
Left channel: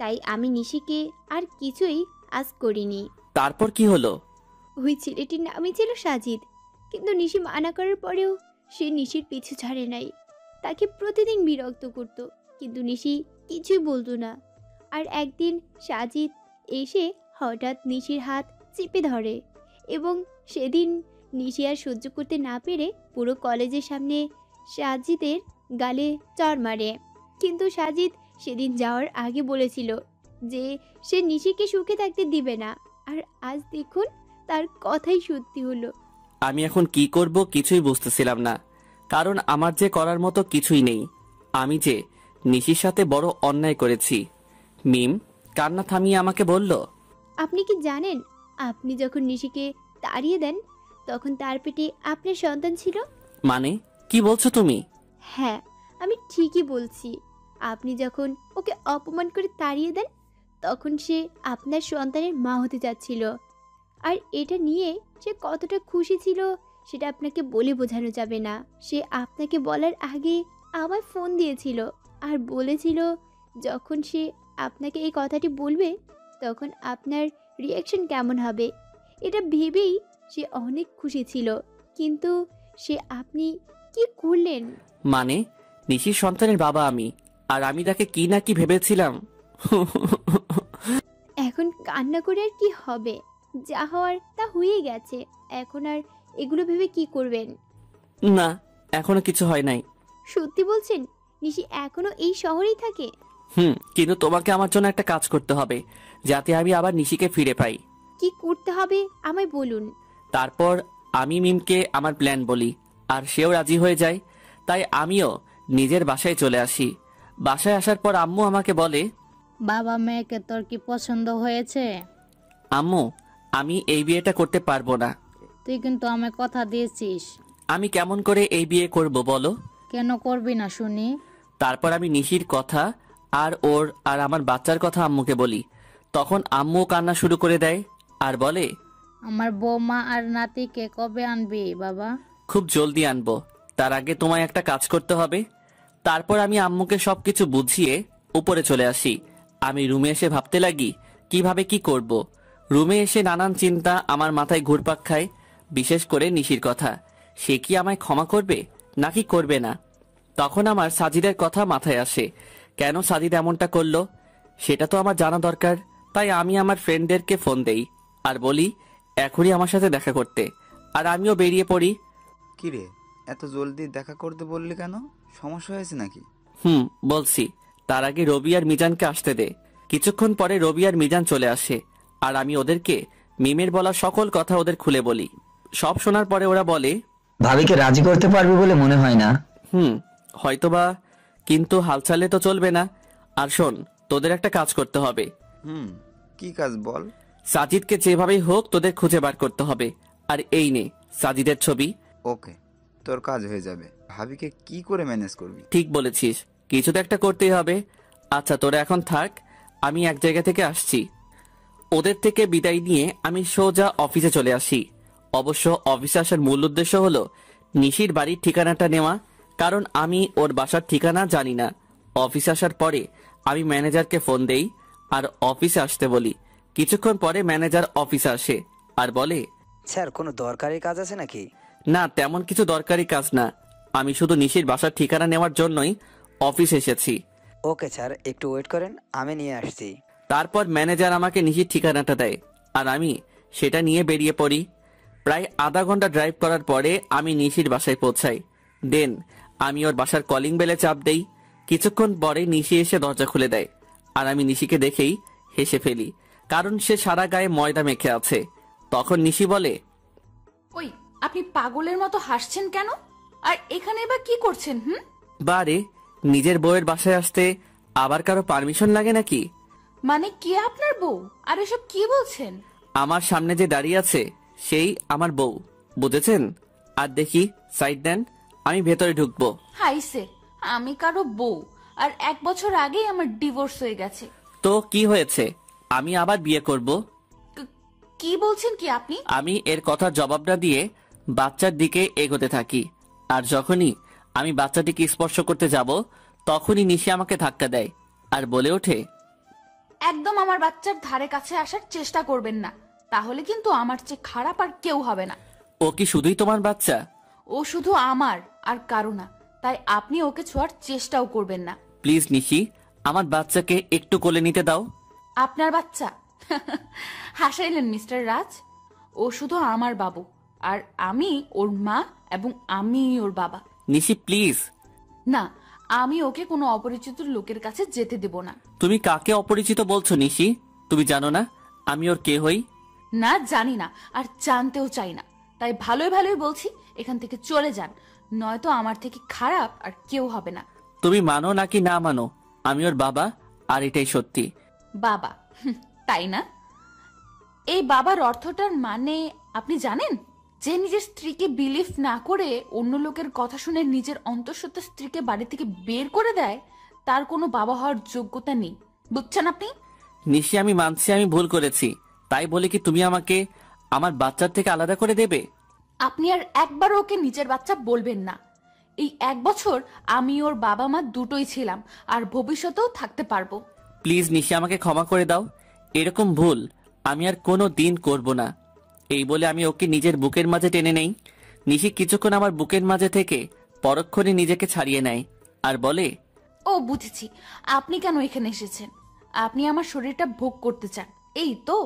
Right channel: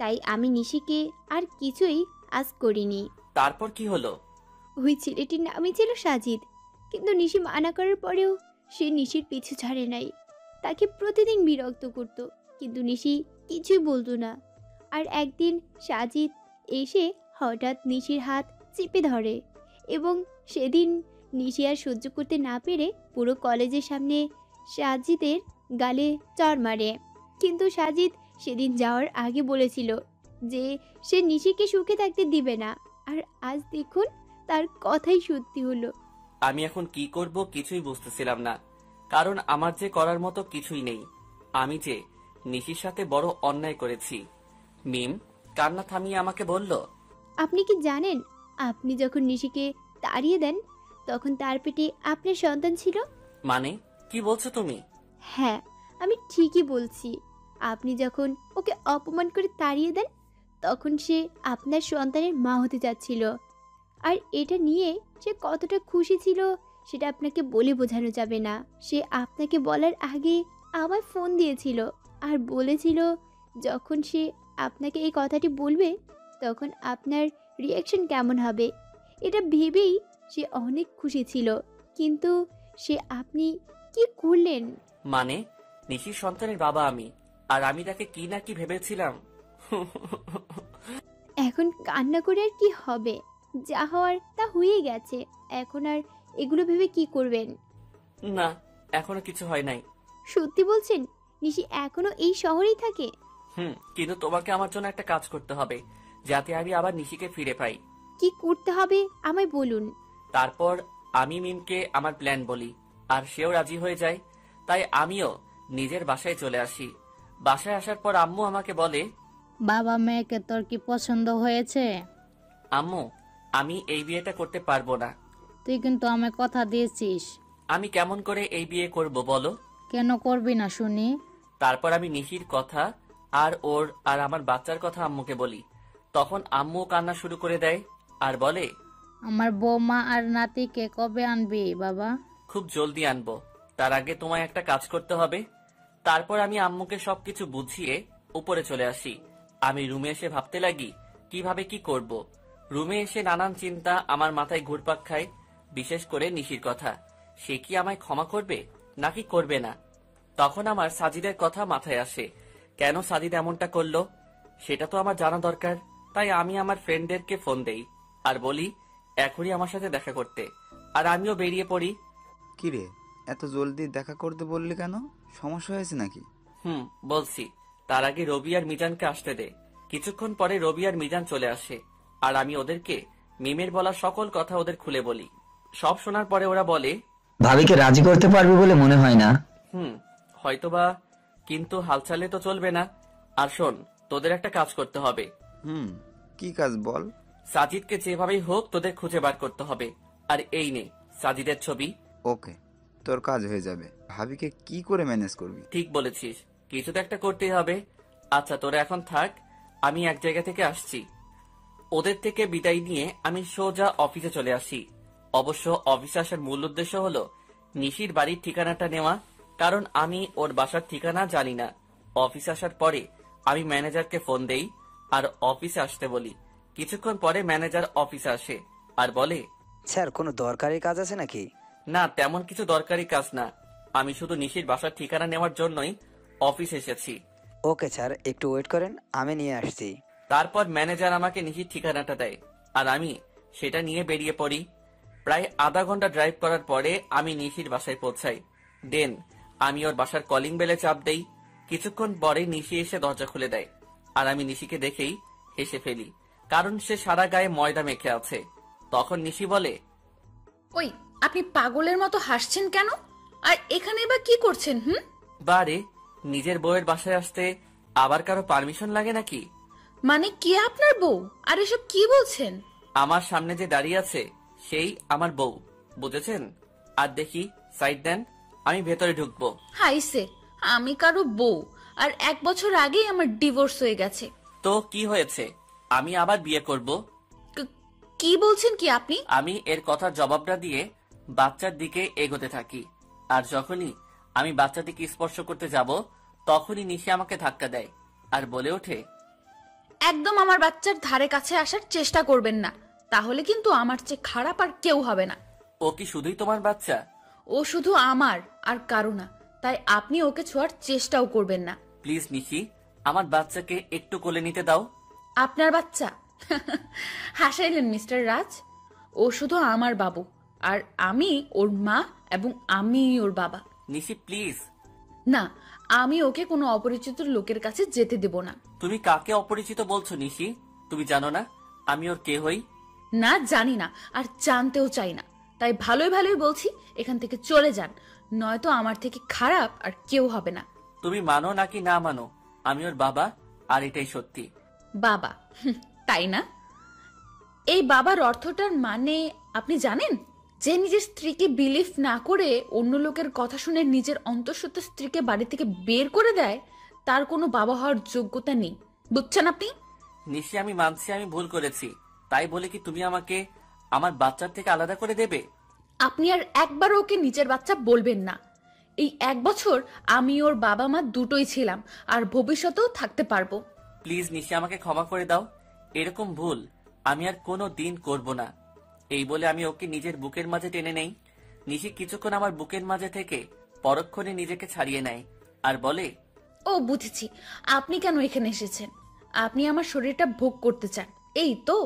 তাই আমি নিশিকে আর কিছুই আজ করিনি। তারপর কি হলো? ওই ছেলেটির নামই ছিল সাজিদ, কিন্তু নিশি মানা করার পরেও সে নিশির পিছু ছাড়ে নাই। তাকে প্রতিদিন বিরক্ত করত, কিন্তু নিশি কিছুই বলতো না। আর একদিন সাজিদ এসে হঠাৎ নিশির হাত চেপে ধরে, এবং সেদিন নিশি আর সহ্য করতে না পেরে পুরো কলেজের সামনে সাজিদের গালে চড় মারে। কিন্তু সাজিদ সেদিন যাওয়ার আগে বলেছিল যে সে নিশিকে সুখে থাকতে দিবে না, আর আজ দেখুন তার কথাই সত্যি হলো। আমি এখন কি করব কিছুই বুঝতেছিলাম না, কারণ আমার যে করার মতো কিছুই নেই। আমি যে নিশির সাথে বড় অন্যায় করেছি। মিম কান্না থামিয়ে আমাকে বলল, আপনি কি জানেন আপনি যখন নিশিকে তাড়িয়ে দেন তখন তার পেটে আপনার সন্তান ছিল? মানে কি বলছো তুমি? হ্যাঁ, আমি ঠিকই বলছি। আপনি যখন ওকে অপমান করে তাড়িয়ে দেন তখন সে আপনার সন্তানের মা হতে যাচ্ছিল। আর এটা নিয়ে সে কতটা খুশি ছিল সেটা আপনাকে বলে বোঝানো যাবে না। সে আপনাকে বলার আগে আমায় ফোন দিয়েছিল আর বলেছিল যখন সে আপনাকে এই কথাটি বলবে তখন আপনার রিয়াকশন কেমন হবে, এটা ভেবেই সে অনেক খুশি ছিল। কিন্তু সে আপনি কি করলেন? মানে নিশির সন্তানের বাবা আমি, আর আমি তাকে কি না কি ভেবেছিলাম। এখন কান্না করে আর কি হবে? যা হওয়ার তা হয়ে গেছে। এখন আর এগুলো ভেবে কি করবেন? না, এখনো কিছু হয় নাই। সত্যি বলছেন? নিশি এখনো এই শহরেই থাকে? কিন্তু তোমাকে আমার জন্য একটা কাজ করতে হবে, যাতে আমি আবার নিশিকে ফিরে পাই। কি করতে হবে আমায় বলুন। তারপর আমি মিমকে আমার প্ল্যান বলি, আর সেও রাজি হয়ে যায়। তাই আমিও নিজের বাসায় চলে আসি। বাসায় আসার পর আম্মু আমাকে বলে, বাবা মেয়েকে তোর কি পছন্দ হয়েছে? আম্মু আমি এই বিয়েটা করতে পারবো না। তুই কিন্তু আমায় কথা দিয়েছিস। আমি কেমন করে এই বিয়ে করব বলো? কেন করবি না শুনি? তারপর আমি নিশির কথা আর ওর আর আমার বাচ্চার কথা আম্মুকে বলি। তখন আম্মু কান্না শুরু করে দেয় আর বলে, আমার বৌমা আর নাতিকে কবে আনবি বাবা? খুব জলদি আনবো, তার আগে তোমায় একটা কাজ করতে হবে। তারপর আমি আম্মুকে সবকিছু বুঝিয়ে উপরে চলে আসি। আমি রুমে এসে ভাবতে লাগি কিভাবে কি করব। রুমে এসে নানান চিন্তা আমার মাথায় ঘুরপাক খায়, বিশেষ করে নিশির কথা। সে কি আমায় ক্ষমা করবে নাকি করবে না? তখন আমার সাজিদের কথা মাথায় আসে। কেন সাজিদ এমনটা করলো সেটা তো আমার জানা দরকার। তাই আমি আমার ফ্রেন্ডদেরকে ফোন দেই আর বলি এখনই আমার সাথে দেখা করতে, আর আমিও বেরিয়ে পড়ি। কিরে, এত জলদি দেখা করতে বললি কেন? সমস্যা হয়েছে নাকি? বলছি। তার আগে রবি আর মিজানকে আসতে দে। কিছুক্ষণ পরে রবি আর মিজান চলে আসে, আর আমি ওদেরকে মিমের বলা সকল কথা ওদের খুলে বলি। সব শোনার পরে ওরা বলে, ভাবিকে রাজি করতে পারবি বলে মনে হয় না। হয়তোবা, কিন্তু হাল ছাড়লে তো চলবে না। আর শোন, তোদের একটা কাজ করতে হবে। কি কাজ বল? সাজিদকে যেভাবেই হোক তোদের খুঁজে বার করতে হবে। আর এই নে সাজিদের ছবি। ওকে, তোর কাজ হয়ে যাবে। ভাবিকে কি করে ম্যানেজ করবি? ঠিক বলেছিস, কিছু তো একটা করতেই হবে। আচ্ছা তোরা এখন থাক, আমি এক জায়গা থেকে আসছি। ওদের থেকে বিদায় নিয়ে আমি সোজা অফিসে চলে আসি। অবশ্য অফিসে আসার মূল উদ্দেশ্য হলো নিশির বাড়ির ঠিকানাটা নেওয়া, কারণ আমি ওর বাসার ঠিকানা জানি না। অফিসে আসার পরে আমি ম্যানেজারকে ফোন দেই আর অফিসে আসতে বলি। কিছুক্ষণ পরে ম্যানেজার অফিসে আসে আর বলে, স্যার কোনো দরকারি কাজ আছে নাকি? না তেমন কিছু দরকারি কাজ না, আমি শুধু নিশির বাসার ঠিকানা নেওয়ার জন্যই অফিসে এসেছি। ওকে স্যার, একটু ওয়েট করেন, আমি নিয়ে আসছি। তারপর ম্যানেজার আমাকে নিশির ঠিকানাটা দেয় আর আমি সেটা নিয়ে বেরিয়ে পড়ি। প্রায় আধা ঘন্টা ড্রাইভ করার পরে আমি নিশির বাসায় পৌঁছাই। দেন আমি ওর বাসার কলিং বেলে চাপ দেই। কিছুক্ষণ পরে নিশি এসে দরজা খুলে দেয় আর আমি নিশিকে দেখেই হেসে ফেলি, কারণ সে সারা গায়ে ময়দা মেখে আছে। তখন নিশি বলে, ওই আপনি পাগলের মতো হাসছেন কেন? আর এখানে বা কি করছেন? বারে নিজের বউয়ের বাসায় আসতে আবার কারো পারমিশন লাগে নাকি? মানে কি আপনার বউ? আর এসব কি বলছেন? আমার সামনে যে দাঁড়িয়ে আছে সেই আমার বউ, বুঝেছেন? আর দেখি সাইড দেন, আমি ভেতরে ঢুকবো। হাইসে, আমি কারো বউ? আর 1 বছর আগেই আমার ডিভোর্স হয়ে গেছে। তো কি হয়েছে, আমি আবার বিয়ে করব। কি বলছেন কি আপনি? আমি এর কথার জবাব না দিয়ে বাচ্চার দিকে এগোতে থাকি। আর যখনই আমি বাচ্চাটিকে স্পর্শ করতে যাব তখনই নিশি আমাকে ধাক্কা দেয় আর বলে ওঠে, একদম আমার বাচ্চার ধারে কাছে আসার চেষ্টা করবেন না, তাহলে কিন্তু আমার চেয়ে খারাপ আর কেউ হবে না। ও কি শুধুই তোমার বাচ্চা? ও শুধু আমার আর কারো না, তাই আপনি ওকে ছোঁয়ার চেষ্টাও করবেন না। প্লিজ নিশি, আমার বাচ্চাকে একটু কোলে নিতে দাও। আপনার বাচ্চা? হাসাইলেন মিস্টার রাজ। ও শুধু আমার বাবু, আর আমি ওর মা এবং আমি ওর বাবা। নিশি প্লিজ। না, আমি ওকে কোনো অপরিচিত লোকের কাছে যেতে দেব না। তুমি কাকে অপরিচিত বলছো নিশি? তুমি জানো না আমি ওর কে হই? না, জানি না আর জানতেও চাই না। তাই ভালোই ভালোই বলছি, এখান থেকে চলে যান, নয়তো আমার থেকে খারাপ আর কেউ হবে না। তুমি মানো নাকি না মানো, আমি ওর বাবা, আর এটাই সত্যি। বাবা? তাই না? এই বাবার অর্থটার মানে আপনি জানেন? যে নিজের স্ত্রীকে বিলিভ না করে অন্য লোকের কথা শুনে নিজের অন্তঃসত্ত্বা স্ত্রীকে বাড়ি থেকে বের করে দেয়, তার কোনো বাবা হওয়ার যোগ্যতা নেই। বুঝছেন আপনি? নিশি আমি মানছি আমি ভুল করেছি, তাই বলে কি তুমি আমাকে আমার বাচ্চার থেকে আলাদা করে দেবে? আপনি আর একবারও ওকে নিজের বাচ্চা বলবেন না। এই 1 বছর আমি ওর বাবা মা দুটোই ছিলাম, আর ভবিষ্যতেও থাকতে পারবো। প্লিজ নিশি আমাকে ক্ষমা করে দাও, এরকম ভুল আমি আর কোনো দিন করব না। এই বলে আমি ওকে নিজের বুকের মাঝে টেনে নেই। নিশি কিছুক্ষণ আমার বুকের মাঝে থেকে পরক্ষণে নিজেকে ছাড়িয়ে নেয় আর বলে, ও বুঝেছি, আপনি কেন এখানে এসেছেন। আপনি আমার শরীরটা ভোগ করতে চান, এই তো?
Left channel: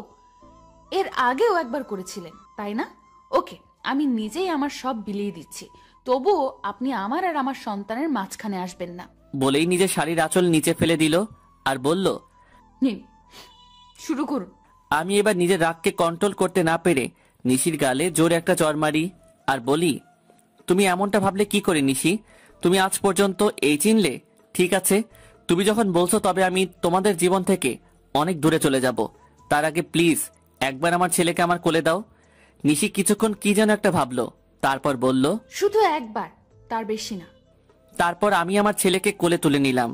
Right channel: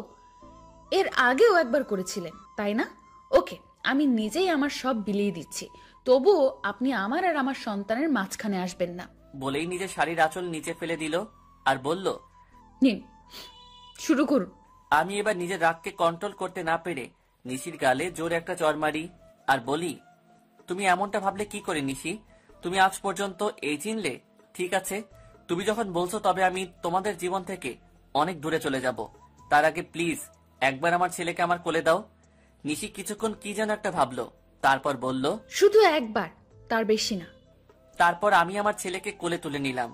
এর আগেও একবার করেছিলেন, তাই না? ওকে, আমি নিজেই আমার সব বিলিয়ে দিচ্ছি, তবুও আপনি আমার আর আমার সন্তানের মাঝখানে আসবেন না। বলেই নিজের শাড়ির আঁচল নিচে ফেলে দিল আর বলল, নিন, শুরু করুন। আমি এবার নিজের রাগকে কন্ট্রোল করতে না পেরে নিশির গালে জোরে একটা চড় মারি আর বলি, তুমি এমনটা ভাবলে কি করে নিশি? তুমি আজ পর্যন্ত এই চিনলে? ঠিক আছে, তুমি যখন বলছো তবে আমি তোমাদের জীবন থেকে অনেক দূরে চলে যাব। তার আগে প্লিজ একবার আমার ছেলেকে আমার কোলে দাও। নিশি কিছুক্ষণ কি যেন একটা ভাবলো, তারপর বলল, শুধু একবার, তার বেশি না। তারপর আমি আমার ছেলেকে কোলে তুলে নিলাম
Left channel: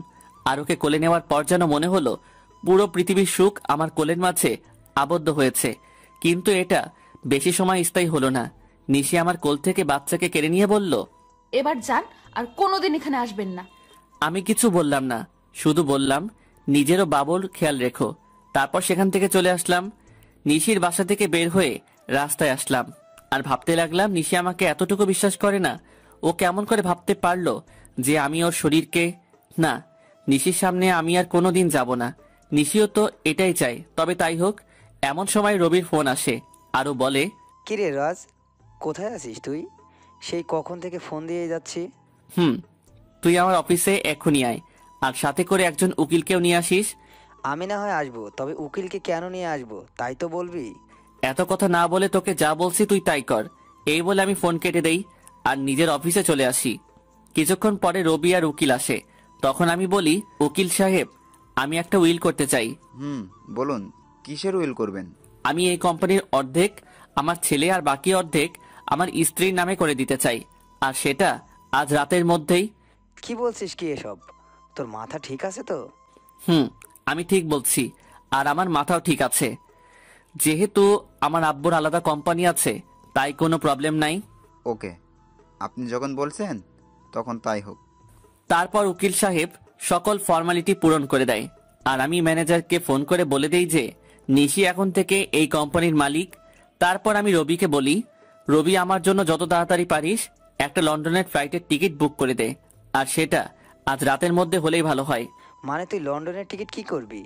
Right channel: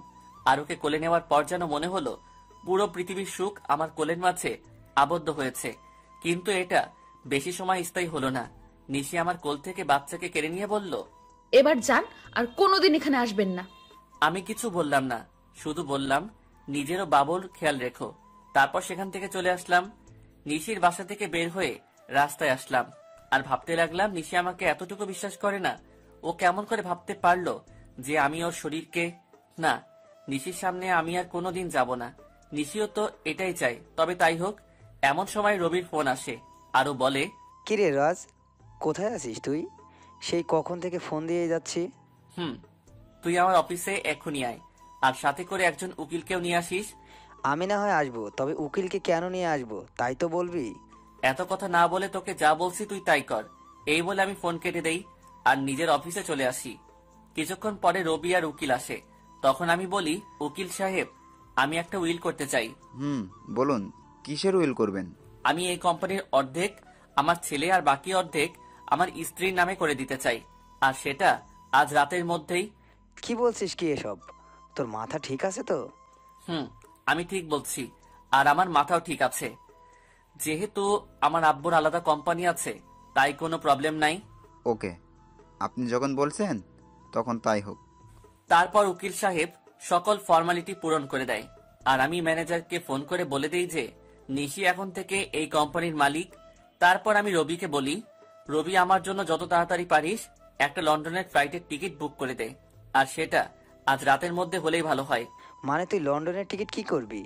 আর ওকে কোলে নেওয়ার পর যেন মনে হলো পুরো পৃথিবীর সুখ আমার কোলের মাঝে আবদ্ধ হয়েছে। কিন্তু এটা বেশি সময় স্থায়ী হলো না। নিশি আমার কোল থেকে বাচ্চাকে কেড়ে নিয়ে বলল, এবার যান, আর কোনোদিন এখানে আসবেন না। আমি কিছু বললাম না, শুধু বললাম নিজেরও বাবুর খেয়াল রেখো। তারপর সেখান থেকে চলে আসলাম। নিশির বাসা থেকে বের হয়ে রাস্তায় আসলাম আর ভাবতে লাগলাম নিশি আমাকে এতটুকু বিশ্বাস করে না। ও কেমন করে ভাবতে পারলো যে আমি ওর শরীরকে না, নিশির সামনে আমি আর কোনোদিন যাব না। নিশিও তো এটাই চাই। তবে তাই হোক। এমন সময় রবির ফোন আসে আরও বলে, কিরে রাজ, কোথায় আছিস তুই? সেই কখন থেকে ফোন দিয়ে যাচ্ছি। তুই আমার অফিসে এখনই আয়, আর সাথে করে একজন উকিলকেও নিয়ে আসিস। আমি না হয় আসবো, তবে উকিলকে কেন নিয়ে আসবো তাই তো বলবি। এত কথা না বলে তোকে যা বলছি তুই তাই কর। এই বলে আমি ফোন কেটে দেই আর নিজের অফিসে চলে আসি। কিছুক্ষণ পরে রবি আর উকিল আসে। তখন আমি বলি, উকিল সাহেব, আমি একটা উইল করতে চাই। বলুন, কিসের উইল করবেন? আমি এই কোম্পানির অর্ধেক আমার ছেলে আর বাকি অর্ধেক আমার স্ত্রীর নামে করে দিতে চাই, আর সেটা আজ রাতের মধ্যেই। কি বলছিস কি এসব? তোর মাথা ঠিক আছে তো? আমি ঠিক বলছি, আর আমার মাথাও ঠিক আছে। যেহেতু আমার আব্বুর আলাদা কোম্পানি আছে, তাই কোনো প্রবলেম নাই। ওকে, আপনি যখন বলছেন তখন তাই হোক। তারপর উকিল সাহেব সকল ফর্মালিটি পূরণ করে দেয়, আর আমি ম্যানেজারকে ফোন করে বলে দেই যে নিশি এখন থেকে এই কোম্পানির মালিক। তারপর আমি রবিকে বলি, রবি আমার জন্য যত তাড়াতাড়ি পারিস একটা লন্ডনের ফ্লাইটের টিকিট বুক করে দে, আর সেটা আজ রাতের মধ্যে হলেই ভালো হয়। মানে তুই লন্ডনের টিকিট কি করবি?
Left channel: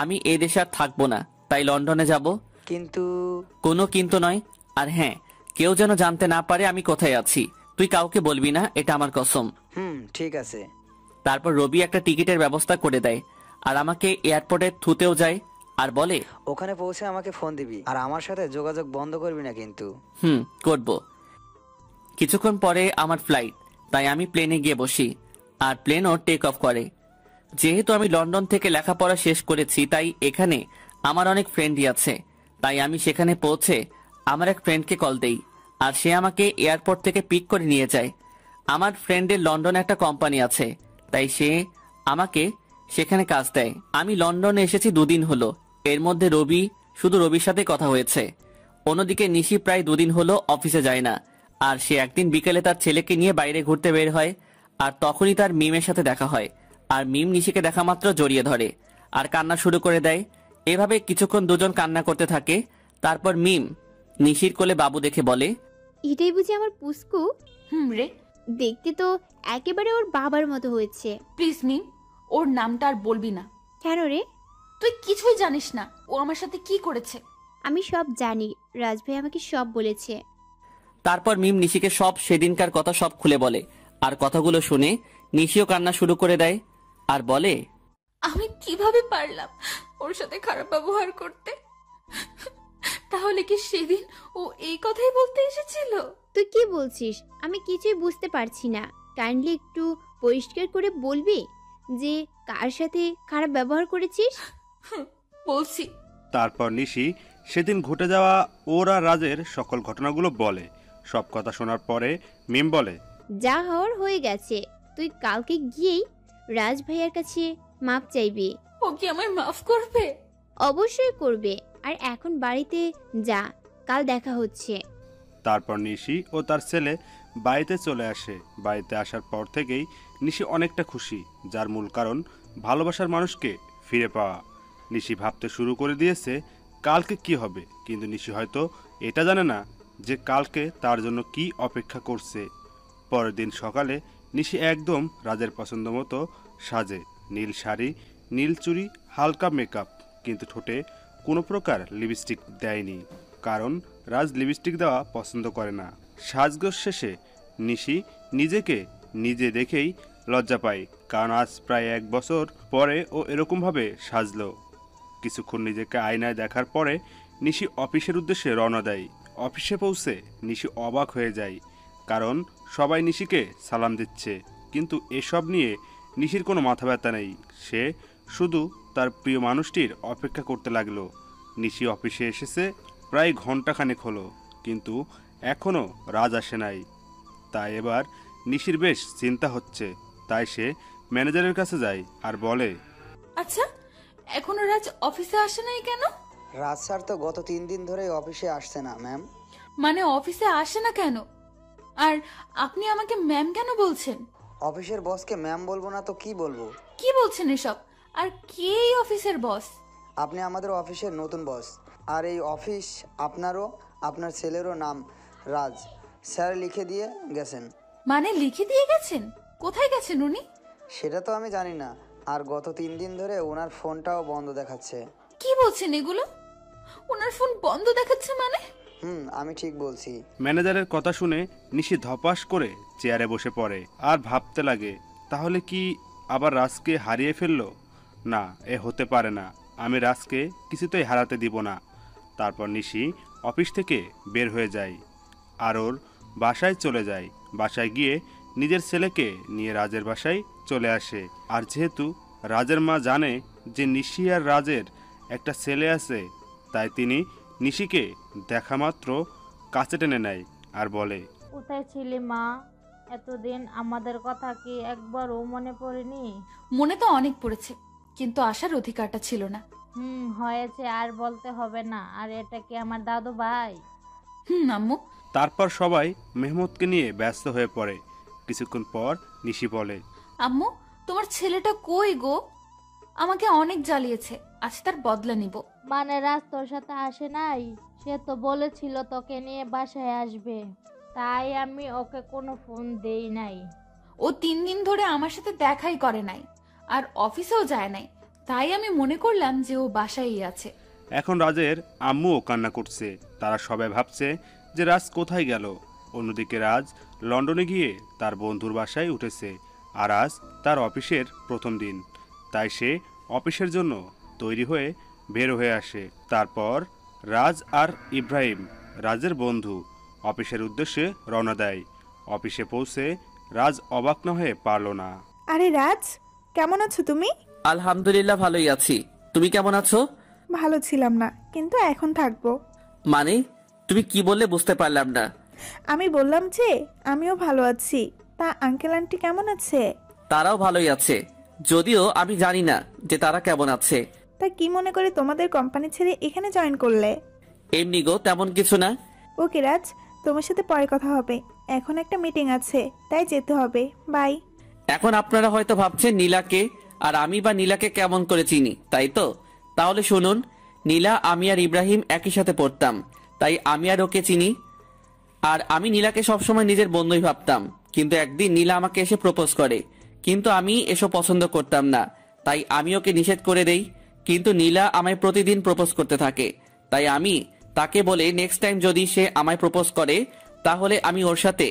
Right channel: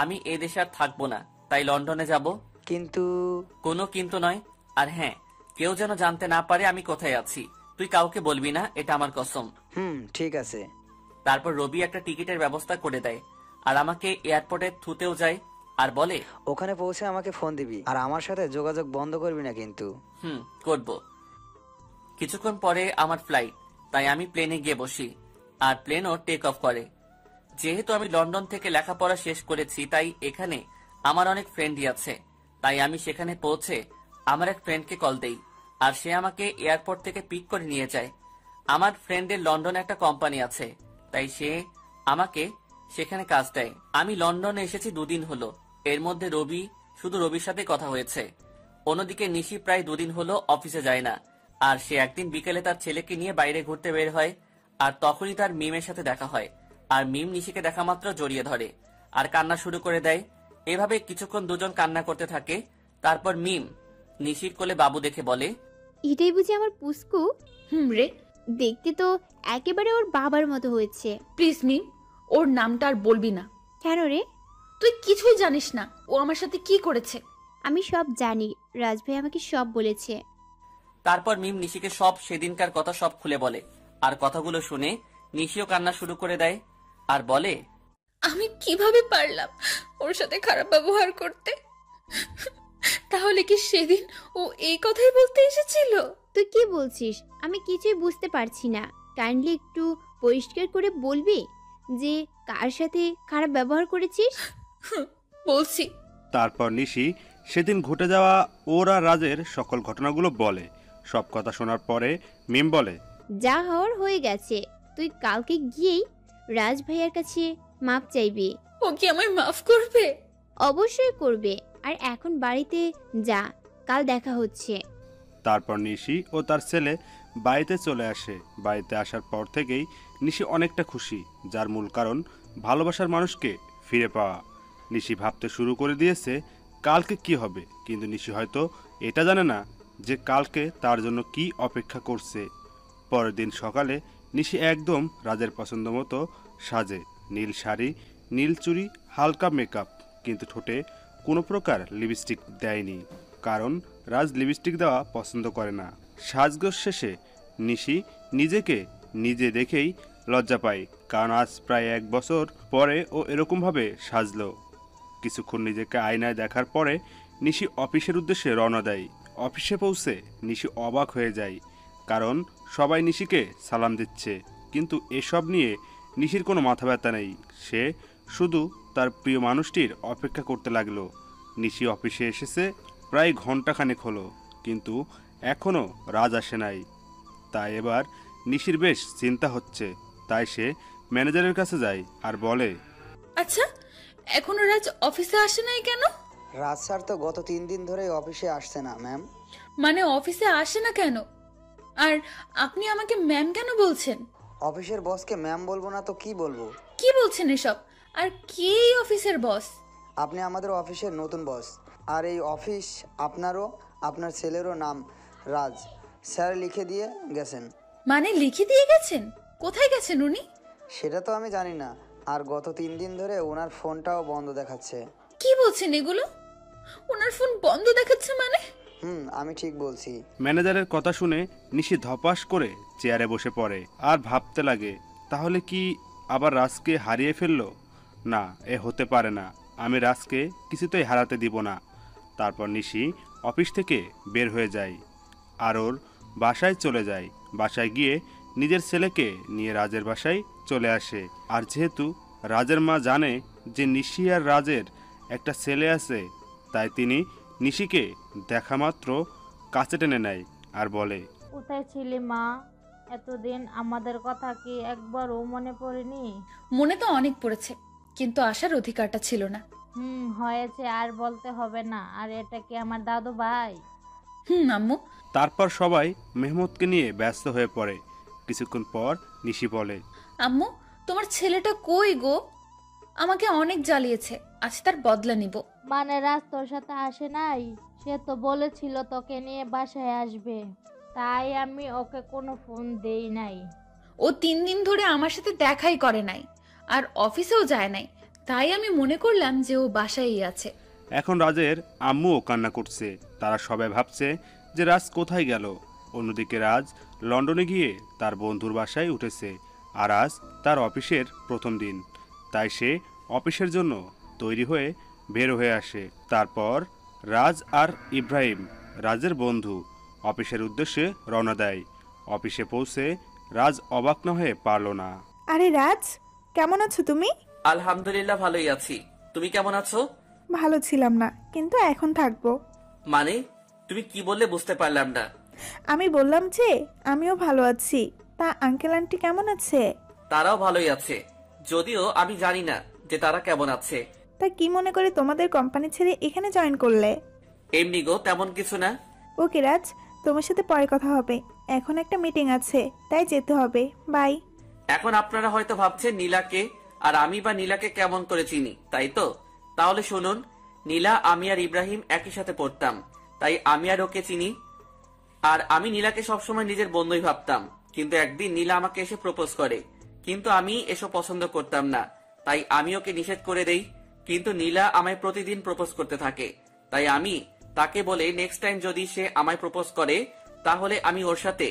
আমি এই দেশে আর থাকবো না, তাই লন্ডনে যাব। কিন্তু? কোনো কিন্তু নয়। আর হ্যাঁ, কেউ যেন জানতে না পারে আমি কোথায় আছি। তুই কাউকে বলবি না, এটা আমার কসম। ঠিক আছে। তারপর রবি একটা টিকিটের ব্যবস্থা করে দেয়, আর আমাকে এয়ারপোর্টে থুতেও যায়, আর বলে ওখানে পৌঁছে আমাকে ফোন দিবি, আর আমার সাথে যোগাযোগ বন্ধ করবি না কিন্তু। করব। কিছুক্ষণ পরে আমার ফ্লাইট, তাই আমি প্লেনে গিয়ে বসি, আর প্লেনও টেক অফ করে। যেহেতু আমি লন্ডন থেকে লেখাপড়া শেষ করেছি, তাই এখানে আমার অনেক ফ্রেন্ডই আছে। তাই আমি সেখানে পৌঁছে আমার এক ফ্রেন্ডকে কল দেই, আর সে আমাকে এয়ারপোর্ট থেকে পিক করে নিয়ে যায়। আমার ফ্রেন্ডের লন্ডনে একটা কোম্পানি আছে, তাই সে আমাকে সেখানে কাজ দেয়। আমি লন্ডনে এসেছি 2 দিন হলো। এর মধ্যে শুধু রবির সাথে কথা হয়েছে। অন্যদিকে নিশি প্রায় 2 দিন হলো অফিসে যায় না, আর সে একদিন বিকেলে তার ছেলেকে নিয়ে বাইরে ঘুরতে বের হয়, আর তখনই তার মিমের সাথে দেখা হয়। আর মিম নিশিকে দেখা মাত্র জড়িয়ে ধরে আর কান্না শুরু করে দেয়। এভাবে কিছুক্ষণ দুজন কান্না করতে থাকে। তারপর মিম নিশির কোলে বাবু দেখে বলে, এটাই বুঝি আমার পুস্কু? রে, দেখতে তো একেবারে ওর বাবার মতো হয়েছে। প্লিজ মিম, ওর নামটা আর বলবি না। কেন রে? তুই কিছুই জানিস না ও আমার সাথে কি করেছে। আমি সব জানি, রাজ ভাই আমাকে সব বলেছে। তারপর মিম নিশিকে সব সেদিনকার কথা সব খুলে বলে, আর কথাগুলো শুনে নিশিও কান্না শুরু করে দেয়, আর বলে, আমি কিভাবে পারলাম ওর সাথে খারাপ ব্যবহার করতে? তাহলে কি সেদিন ও এই কথাই বলতে এসেছিল? তুই কি বলছিস? আমি কিছুই বুঝতে পারছি না। কাইন্ডলি একটু পরিষ্কার করে বলবি যে কার সাথে খারাপ ব্যবহার করেছিস? বলছি। তারপর নিশি সেদিন ঘটে যাওয়া ওর আর রাজের সকল ঘটনাগুলো বলে। সব কথা শোনার পরে মিম বলে, যা হওয়ার হয়ে গেছে, তুই কালকে গিয়েই রাজ ভাইয়ার কাছে মাপ চাইবি। ও কি আমায় মাফ করবে? অবশ্যই করবে। আর এখন বাড়িতে যা, কাল দেখা হচ্ছে। তারপর নিশি ও তার ছেলে বাড়িতে চলে আসে। বাড়িতে আসার পর থেকেই নিশি অনেকটা খুশি, যার মূল কারণ ভালোবাসার মানুষকে ফিরে পাওয়া। নিশি ভাবতে শুরু করে দিয়েছে কালকে কি হবে, কিন্তু নিশি হয়তো এটা জানে না যে কালকে তার জন্য কি অপেক্ষা করছে। পরের দিন সকালে নিশি একদম রাজের পছন্দ মতো সাজে। নীল শাড়ি, নীল চুড়ি, হালকা মেকআপ, কিন্তু ঠোঁটে কোনো প্রকার লিপস্টিক দেয়নি, কারণ রাজ লিপস্টিক দেওয়া পছন্দ করে না। সাজগোজ শেষে নিশি নিজেকে নিজে দেখেই লজ্জা পায়, কারণ আজ প্রায় 1 বছর পরে ও এরকমভাবে সাজলো। কিছুক্ষণ নিজেকে আয়নায় দেখার পরে নিশি অফিসের উদ্দেশ্যে রওনা দেয়। অফিসে পৌঁছে নিশি অবাক হয়ে যায়, কারণ সবাই নিশিকে সালাম দিচ্ছে, কিন্তু এসব নিয়ে নিশির কোনো মাথা ব্যথা নেই। সে শুধু তার প্রিয় মানুষটির অপেক্ষা করতে লাগলো। নিশি অফিসে এসেছে প্রায় ঘন্টাখানেক হলো, কিন্তু এখনও রাজ আসে নাই। তাই এবার নিশির বেশ চিন্তা হচ্ছে। তাই সে ম্যানেজারের কাছে যায় আর বলে, আচ্ছা, এখনো রাজ অফিসে আসে নাই কেন? রাজ স্যার তো গত 3 দিন ধরে অফিসে আসছে না ম্যাম। মানে অফিসে আসে না কেন? আর আপনি আমাকে ম্যাম কেন বলছেন? অফিসের বসকে ম্যাম বলবো না তো কি বলবো? কি বলছেন এসব? আর কে এই অফিসের বস? আপনি আমাদের অফিসের নতুন বস, আর এই অফিস আপনারও আপনার ছেলেরও নাম রাজ। স্যার লিখে দিয়ে গেছেন। মানে লিখে দিয়ে গেছেন? কোথায় গেছেন উনি? সেটা তো আমি জানি না, আর গত 3 দিন ধরে ওনার ফোনটাও বন্ধ দেখাচ্ছে। কি বলছেন এগুলো? ওনার ফোন বন্ধ দেখাচ্ছে মানে? আমি ঠিক বলছি। ম্যানেজারের কথা শুনে নিশি ধপাস করে চেয়ারে বসে পড়ে আর ভাবতে লাগে, তাহলে কি আবার রাজকে হারিয়ে ফেললো? না, এ হতে পারে না। আমি রাজকে কিছুতেই হারাতে দিব না। তারপর নিশি অফিস থেকে বের হয়ে যায় আর ওর বাসায় চলে যায়। বাসায় গিয়ে নিজের ছেলেকে নিয়ে রাজের বাসায় চলে আসে। আর যেহেতু রাজের মা জানে যে নিশি আর রাজের একটা ছেলে আছে, তাই তিনি নিশিকে দেখা মাত্র কাছে টেনে নেয় আর বলে, কোথায় ছিলে মা? এতদিন আমাদের কথা কি একবারও মনে পড়েনি? মনে তো অনেক পড়েছে, কিন্তু আসার অধিকারটা ছিল না। হয়েছে, আর বলতে হবে না। আর এটা কি আমার দাদু ভাই? আম্মু। তারপর সবাই মেহমুদকে নিয়ে ব্যস্ত হয়ে পড়ে। কিছুক্ষণ পর নিশি বলে, আম্মু, তোমার ছেলেটা কই গো? আমাকে অনেক জ্বালিয়েছে, আজ তার বদলা নিব। মানে রাজ তোর সাথে আসে নাই? সে তো বলেছিল তোকে নিয়ে বাসায় আসবে, তাই আমি ওকে কোনো ফোন দেই নাই। ও 3 দিন ধরে আমার সাথে দেখাই করে নাই, আর অফিসেও যায় নাই, তাই আমি মনে করলাম যে ও বাসায়ই আছে। এখন রাজের আম্মুও কান্না করছে। তারা সবাই ভাবছে যে রাজ কোথায় গেল। অন্যদিকে রাজ লন্ডনে গিয়ে তার বন্ধুর বাসায় উঠেছে, আর আজ তার অফিসের প্রথম দিন, তাই সে অফিসের জন্য তৈরি হয়ে বের হয়ে আসে। তারপর রাজ আর ইব্রাহিম, রাজের বন্ধু, অফিসের উদ্দেশ্যে রওনা দেয়। অফিসে পৌঁছে রাজ অবাক না হয়ে পারল না। আরে রাজ, কেমন আছো তুমি? আলহামদুলিল্লাহ ভালোই আছি। তুমি কেমন আছো? ভালো ছিলাম না, কিন্তু এখন থাকবো। মানে তুমি কি বললে বুঝতে পারলাম না। আমি বললাম যে আমিও ভালো আছি। তা আঙ্কেল আন্টি কেমন আছে? তারাও ভালোই আছে, যদিও আমি জানি না যে তারা কেমন আছে। তা কি মনে করে তোমাদের কোম্পানি ছেড়ে এখানে জয়েন করলে? এমনি গো, তেমন কিছু না। ওকে রাজ, তোমার সাথে পরে কথা হবে, এখন একটা মিটিং আছে, তাই যেতে হবে। বাই। এখন আপনারা হয়তো ভাবছেন নীলাকে আর আমি বা নীলাকে কেমন করে চিনি, তাই তো? তাহলে শুনুন, নীলা, আমি আর ইব্রাহিম একই সাথে পড়তাম, তাই আমি আর ওকে চিনি। আর আমি নীলাকে সবসময় নিজের বন্ধুই ভাবতাম, কিন্তু একদিন নীলা আমাকে এসে প্রপোজ করে, কিন্তু আমি এসব পছন্দ করতাম না, তাই আমি ওকে নিষেধ করে দেই। কিন্তু নীলা আমায় প্রতিদিন প্রপোজ করতে থাকে, তাই আমি তাকে বলে নেক্সট টাইম যদি সে আমায় প্রপোজ করে তাহলে আমি ওর সাথে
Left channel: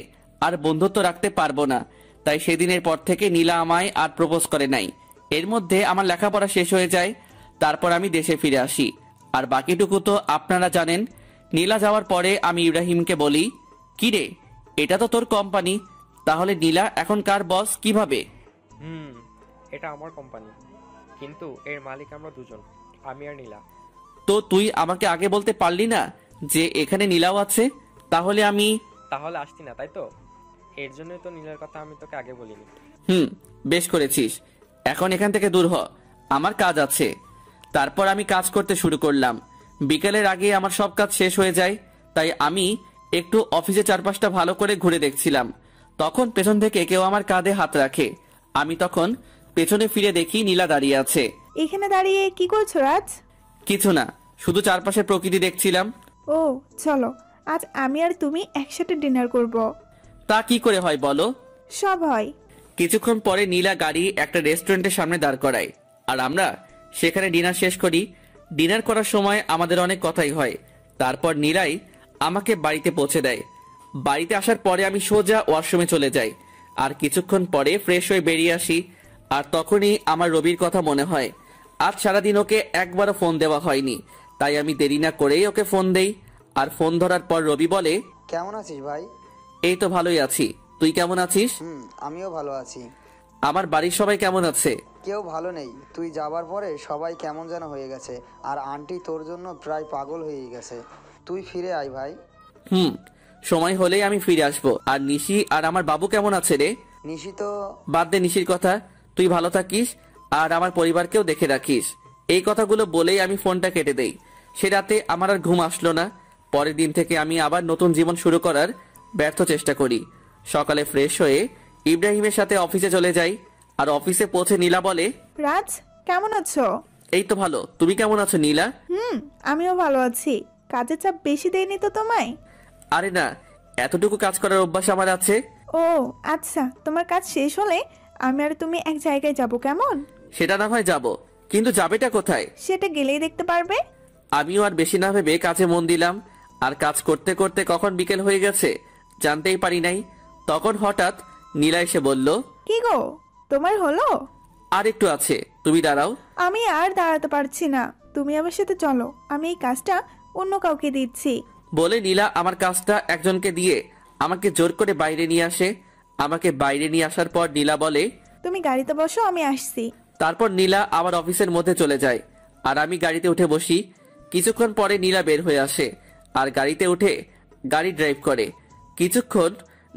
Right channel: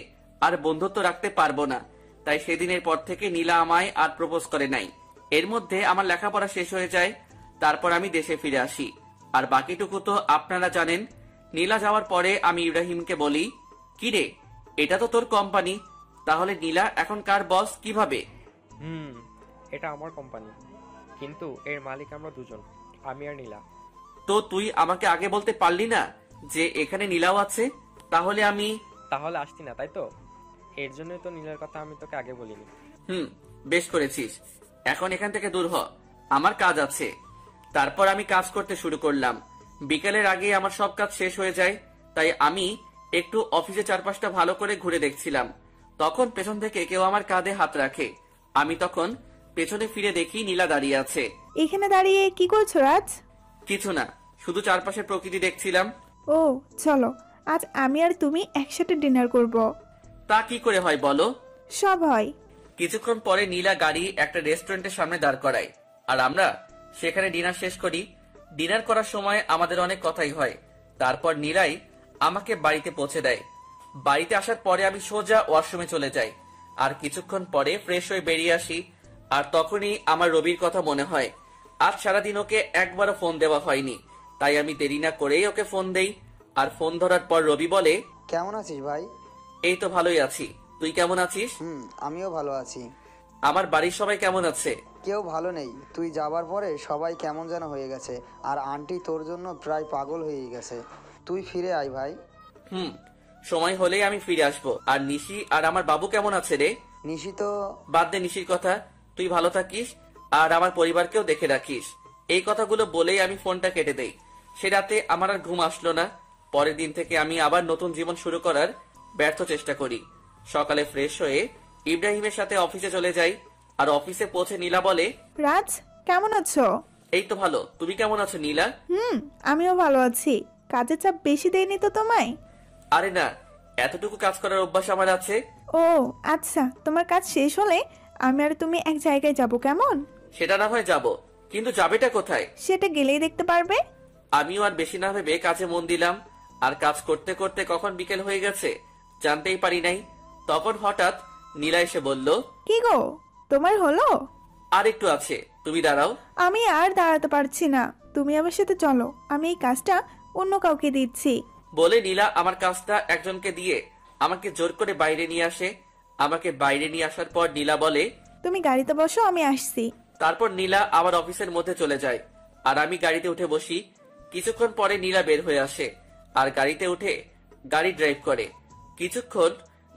আর বন্ধুত্ব রাখতে পারবো না। তাই সেদিনের পর থেকে নীলা আমায় আর প্রপোজ করে নাই। এর মধ্যে আমার লেখাপড়া শেষ হয়ে যায়, তারপর আমি দেশে ফিরে আসি। আর বাকিটুকু তো আপনারা জানেন। নীলা যাওয়ার পরে আমি ইব্রাহিমকে বলি, কি রে, এটা তো তোর কোম্পানি, তাহলে নীলা এখন কার বস কিভাবে? এটা আমার কোম্পানি, কিন্তু এর মালিক আমরা দুজন, আমি আর নীলা। তো তুই আমাকে আগে বলতে পারলি না যে এখানে নীলাও আছে? তাহলে আসতি না, তাই তো? এর জন্যই তো নীলার কথা আমি তোকে আগে বলিনি। বেশ করেছিস। এখন এখান থেকে দূর হ, আমার কাজ আছে। তারপর আমি কাজ করতে শুরু করলাম। বিকেলের আগে আমার সব কাজ শেষ হয়ে যায়, তাই আমি একটু অফিসে চারপাশটা ভালো করে ঘুরে দেখছিলাম। তখন পেছন থেকে কেউ আমার কাঁধে হাত রাখে। আমি তখন পেছনে ফিরে দেখি নীলা দাঁড়িয়ে আছে। এখানে দাঁড়িয়ে কি করছো রাজ? কিছু না, শুধু চারপাশে প্রকৃতি দেখছিলাম। ও চলো, আজ আমি আর তুমি একসাথে ডিনার করব। তা কি করে হয় বলো? সব হয়। কিছুক্ষণ পরে নীলা গাড়ি একটা রেস্টুরেন্টের সামনে দাঁড় করায়, আর আমরা সেখানে ডিনার শেষ করি। ডিনার করার সময় আমাদের অনেক কথাই হয়। তারপর নীলাই আমাকে বাড়িতে পৌঁছে দেয়। বাড়িতে আসার পরে আমি সোজা ওয়াশরুমে চলে যাই, আর কিছুক্ষণ পরে ফ্রেশ হয়ে বেরিয়ে আসি। আর তখনই আমার রবির কথা মনে হয়। আজ সারাদিন ওকে একবারও ফোন দেওয়া হয়নি, তাই আমি দেরি না করেই ওকে ফোন দেই। আর ফোন ধরার পর রবি বলে, কেমন আছিস ভাই? এই তো ভালোই আছি, তুই কেমন আছিস? আমিও ভালো আছি। আমার বাড়ির সবাই কেমন আছে? কেউ ভালো নেই, তুই যাবার পরে সবাই কেমন যেন হয়ে গেছে, আর আন্টি তোর জন্য প্রায় পাগল হয়ে গেছে। তুই ফিরে আয় ভাই। সময় হলেই আমি ফিরে আসবো। আর নিশি আর আমার বাবু কেমন আছে রে? নিশি তো বাদ দে নিশির কথা, তুই ভালো থাকিস আর আমার পরিবারকেও দেখে রাখিস। এই কথাগুলো বলেই আমি ফোনটা কেটে দেই। সে রাতে আমার আর ঘুম আসলো না। পরের দিন থেকে আমি আবার নতুন জীবন শুরু করার ব্যর্থ চেষ্টা করি। সকালে ফ্রেশ হয়ে ইব্রাহিমের সাথে অফিসে চলে যাই। আর অফিসে পৌঁছে নীলা বলে, রাজ কেমন আছো? এই তো ভালো, তুমি কেমন আছো নীলা? আমিও ভালো আছি। কাজের চাপ বেশি দেয়নি তো তোমায়? আরে না, এতটুকু কাজ করার অভ্যাস আমার আছে। ও আচ্ছা, তোমার কাজ শেষ হলে আমি আর তুমি এক জায়গায় যাব, কেমন? সেটা না হয় যাবো, কিন্তু যাবেটা কোথায়? সেটা গেলেই দেখতে পারবে। আমিও আর বেশি না ভেবে কাজে মন দিলাম। আর কাজ করতে করতে কখন বিকেল হয়ে গেছে জানতেই পারি নাই। তখন হঠাৎ নীলা এসে বলল, কি গো, তোমার হলো? আর একটু আছে, তুমি দাঁড়াও। আমি আর দাঁড়াতে পারছি না, তুমি আমার সাথে চলো, আমি এই কাজটা অন্য কাউকে দিচ্ছি। বলে নীলা আমার কাজটা একজনকে দিয়ে আমাকে জোর করে বাইরে নিয়ে আসে। আমাকে বাইরে নিয়ে আসার পর নীলা বলে, তুমি গাড়িতে বসো, আমি আসছি। তারপর নীলা আমার অফিসের মধ্যে চলে যায়, আর আমি গাড়িতে উঠে বসি। কিছুক্ষণ পরে নীলা বের হয়ে আসে আর গাড়িতে উঠে গাড়ি ড্রাইভ করে। কিছুক্ষণ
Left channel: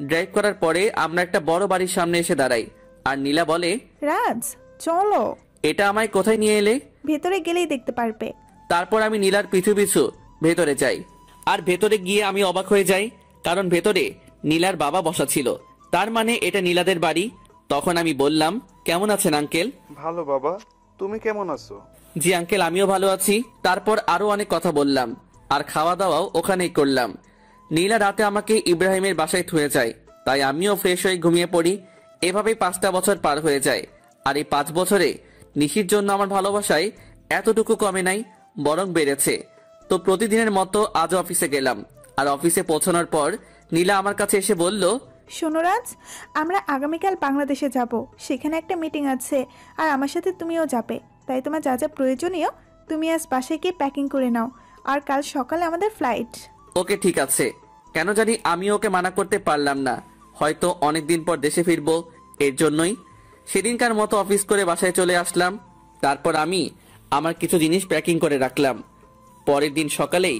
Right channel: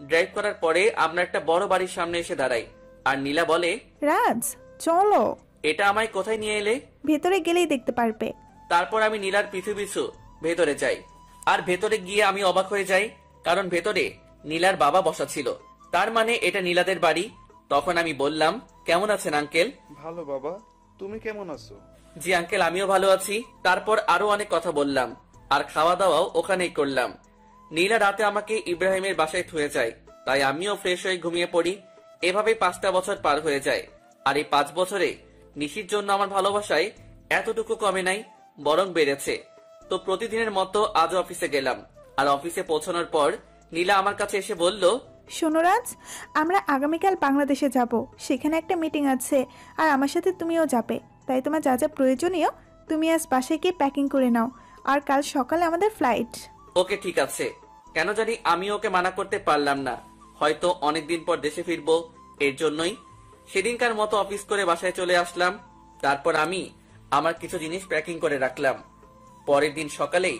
ড্রাইভ করার পরে আমরা একটা বড় বাড়ির সামনে এসে দাঁড়াই, আর নীলা বলে, রাজ চলো। এটা আমায় কোথায় নিয়ে এলে? ভেতরে গেলেই দেখতে পারবে। তারপর আমি নীলার পিছু পিছু ভেতরে যাই, আর ভেতরে গিয়ে আমি অবাক হয়ে যাই, কারণ ভেতরে নীলার বাবা বসা ছিল। তার মানে এটা নীলাদের বাড়ি। তখন আমি বললাম, কেমন আছেন আঙ্কেল? ভালো বাবা, তুমি কেমন আছো? জি আঙ্কেল, আমিও ভালো আছি। তারপর আরো অনেক কথা বললাম, আর খাওয়া দাওয়াও ওখানেই করলাম। নীলা রাতে আমাকে ইব্রাহিমের বাসায় থুয়ে যায়, তাই আমিও ফ্রেশ হয়ে ঘুমিয়ে পড়ি। এভাবে 5টা বছর পার হয়ে যায়, আর এই 5 বছরে নিশির জন্য আমার ভালোবাসায় এতটুকু কমে নাই, বরং বেড়েছে। তো প্রতিদিনের মতো আজও অফিসে গেলাম, আর অফিসে পৌঁছানোর পর নীলা আমার কাছে এসে বলল, শোনো রাজ, আমরা আগামীকাল বাংলাদেশে যাব। সেখানে একটা মিটিং আছে, আর আমার সাথে তুমিও যাবে। তাই তোমার যা যা প্রয়োজনীয় তুমি আজ বাসায় গিয়ে প্যাকিং করে নাও, আর কাল সকালে আমাদের ফ্লাইট। ওকে ঠিক আছে। কেন জানি আমি ওকে মানা করতে পারলাম না, হয়তো অনেকদিন পর দেশে ফিরবো, এর জন্যই। সেদিনকার মতো অফিস করে বাসায় চলে আসলাম। তারপর আমি আমার কিছু জিনিস প্যাকিং করে রাখলাম। পরের দিন সকালেই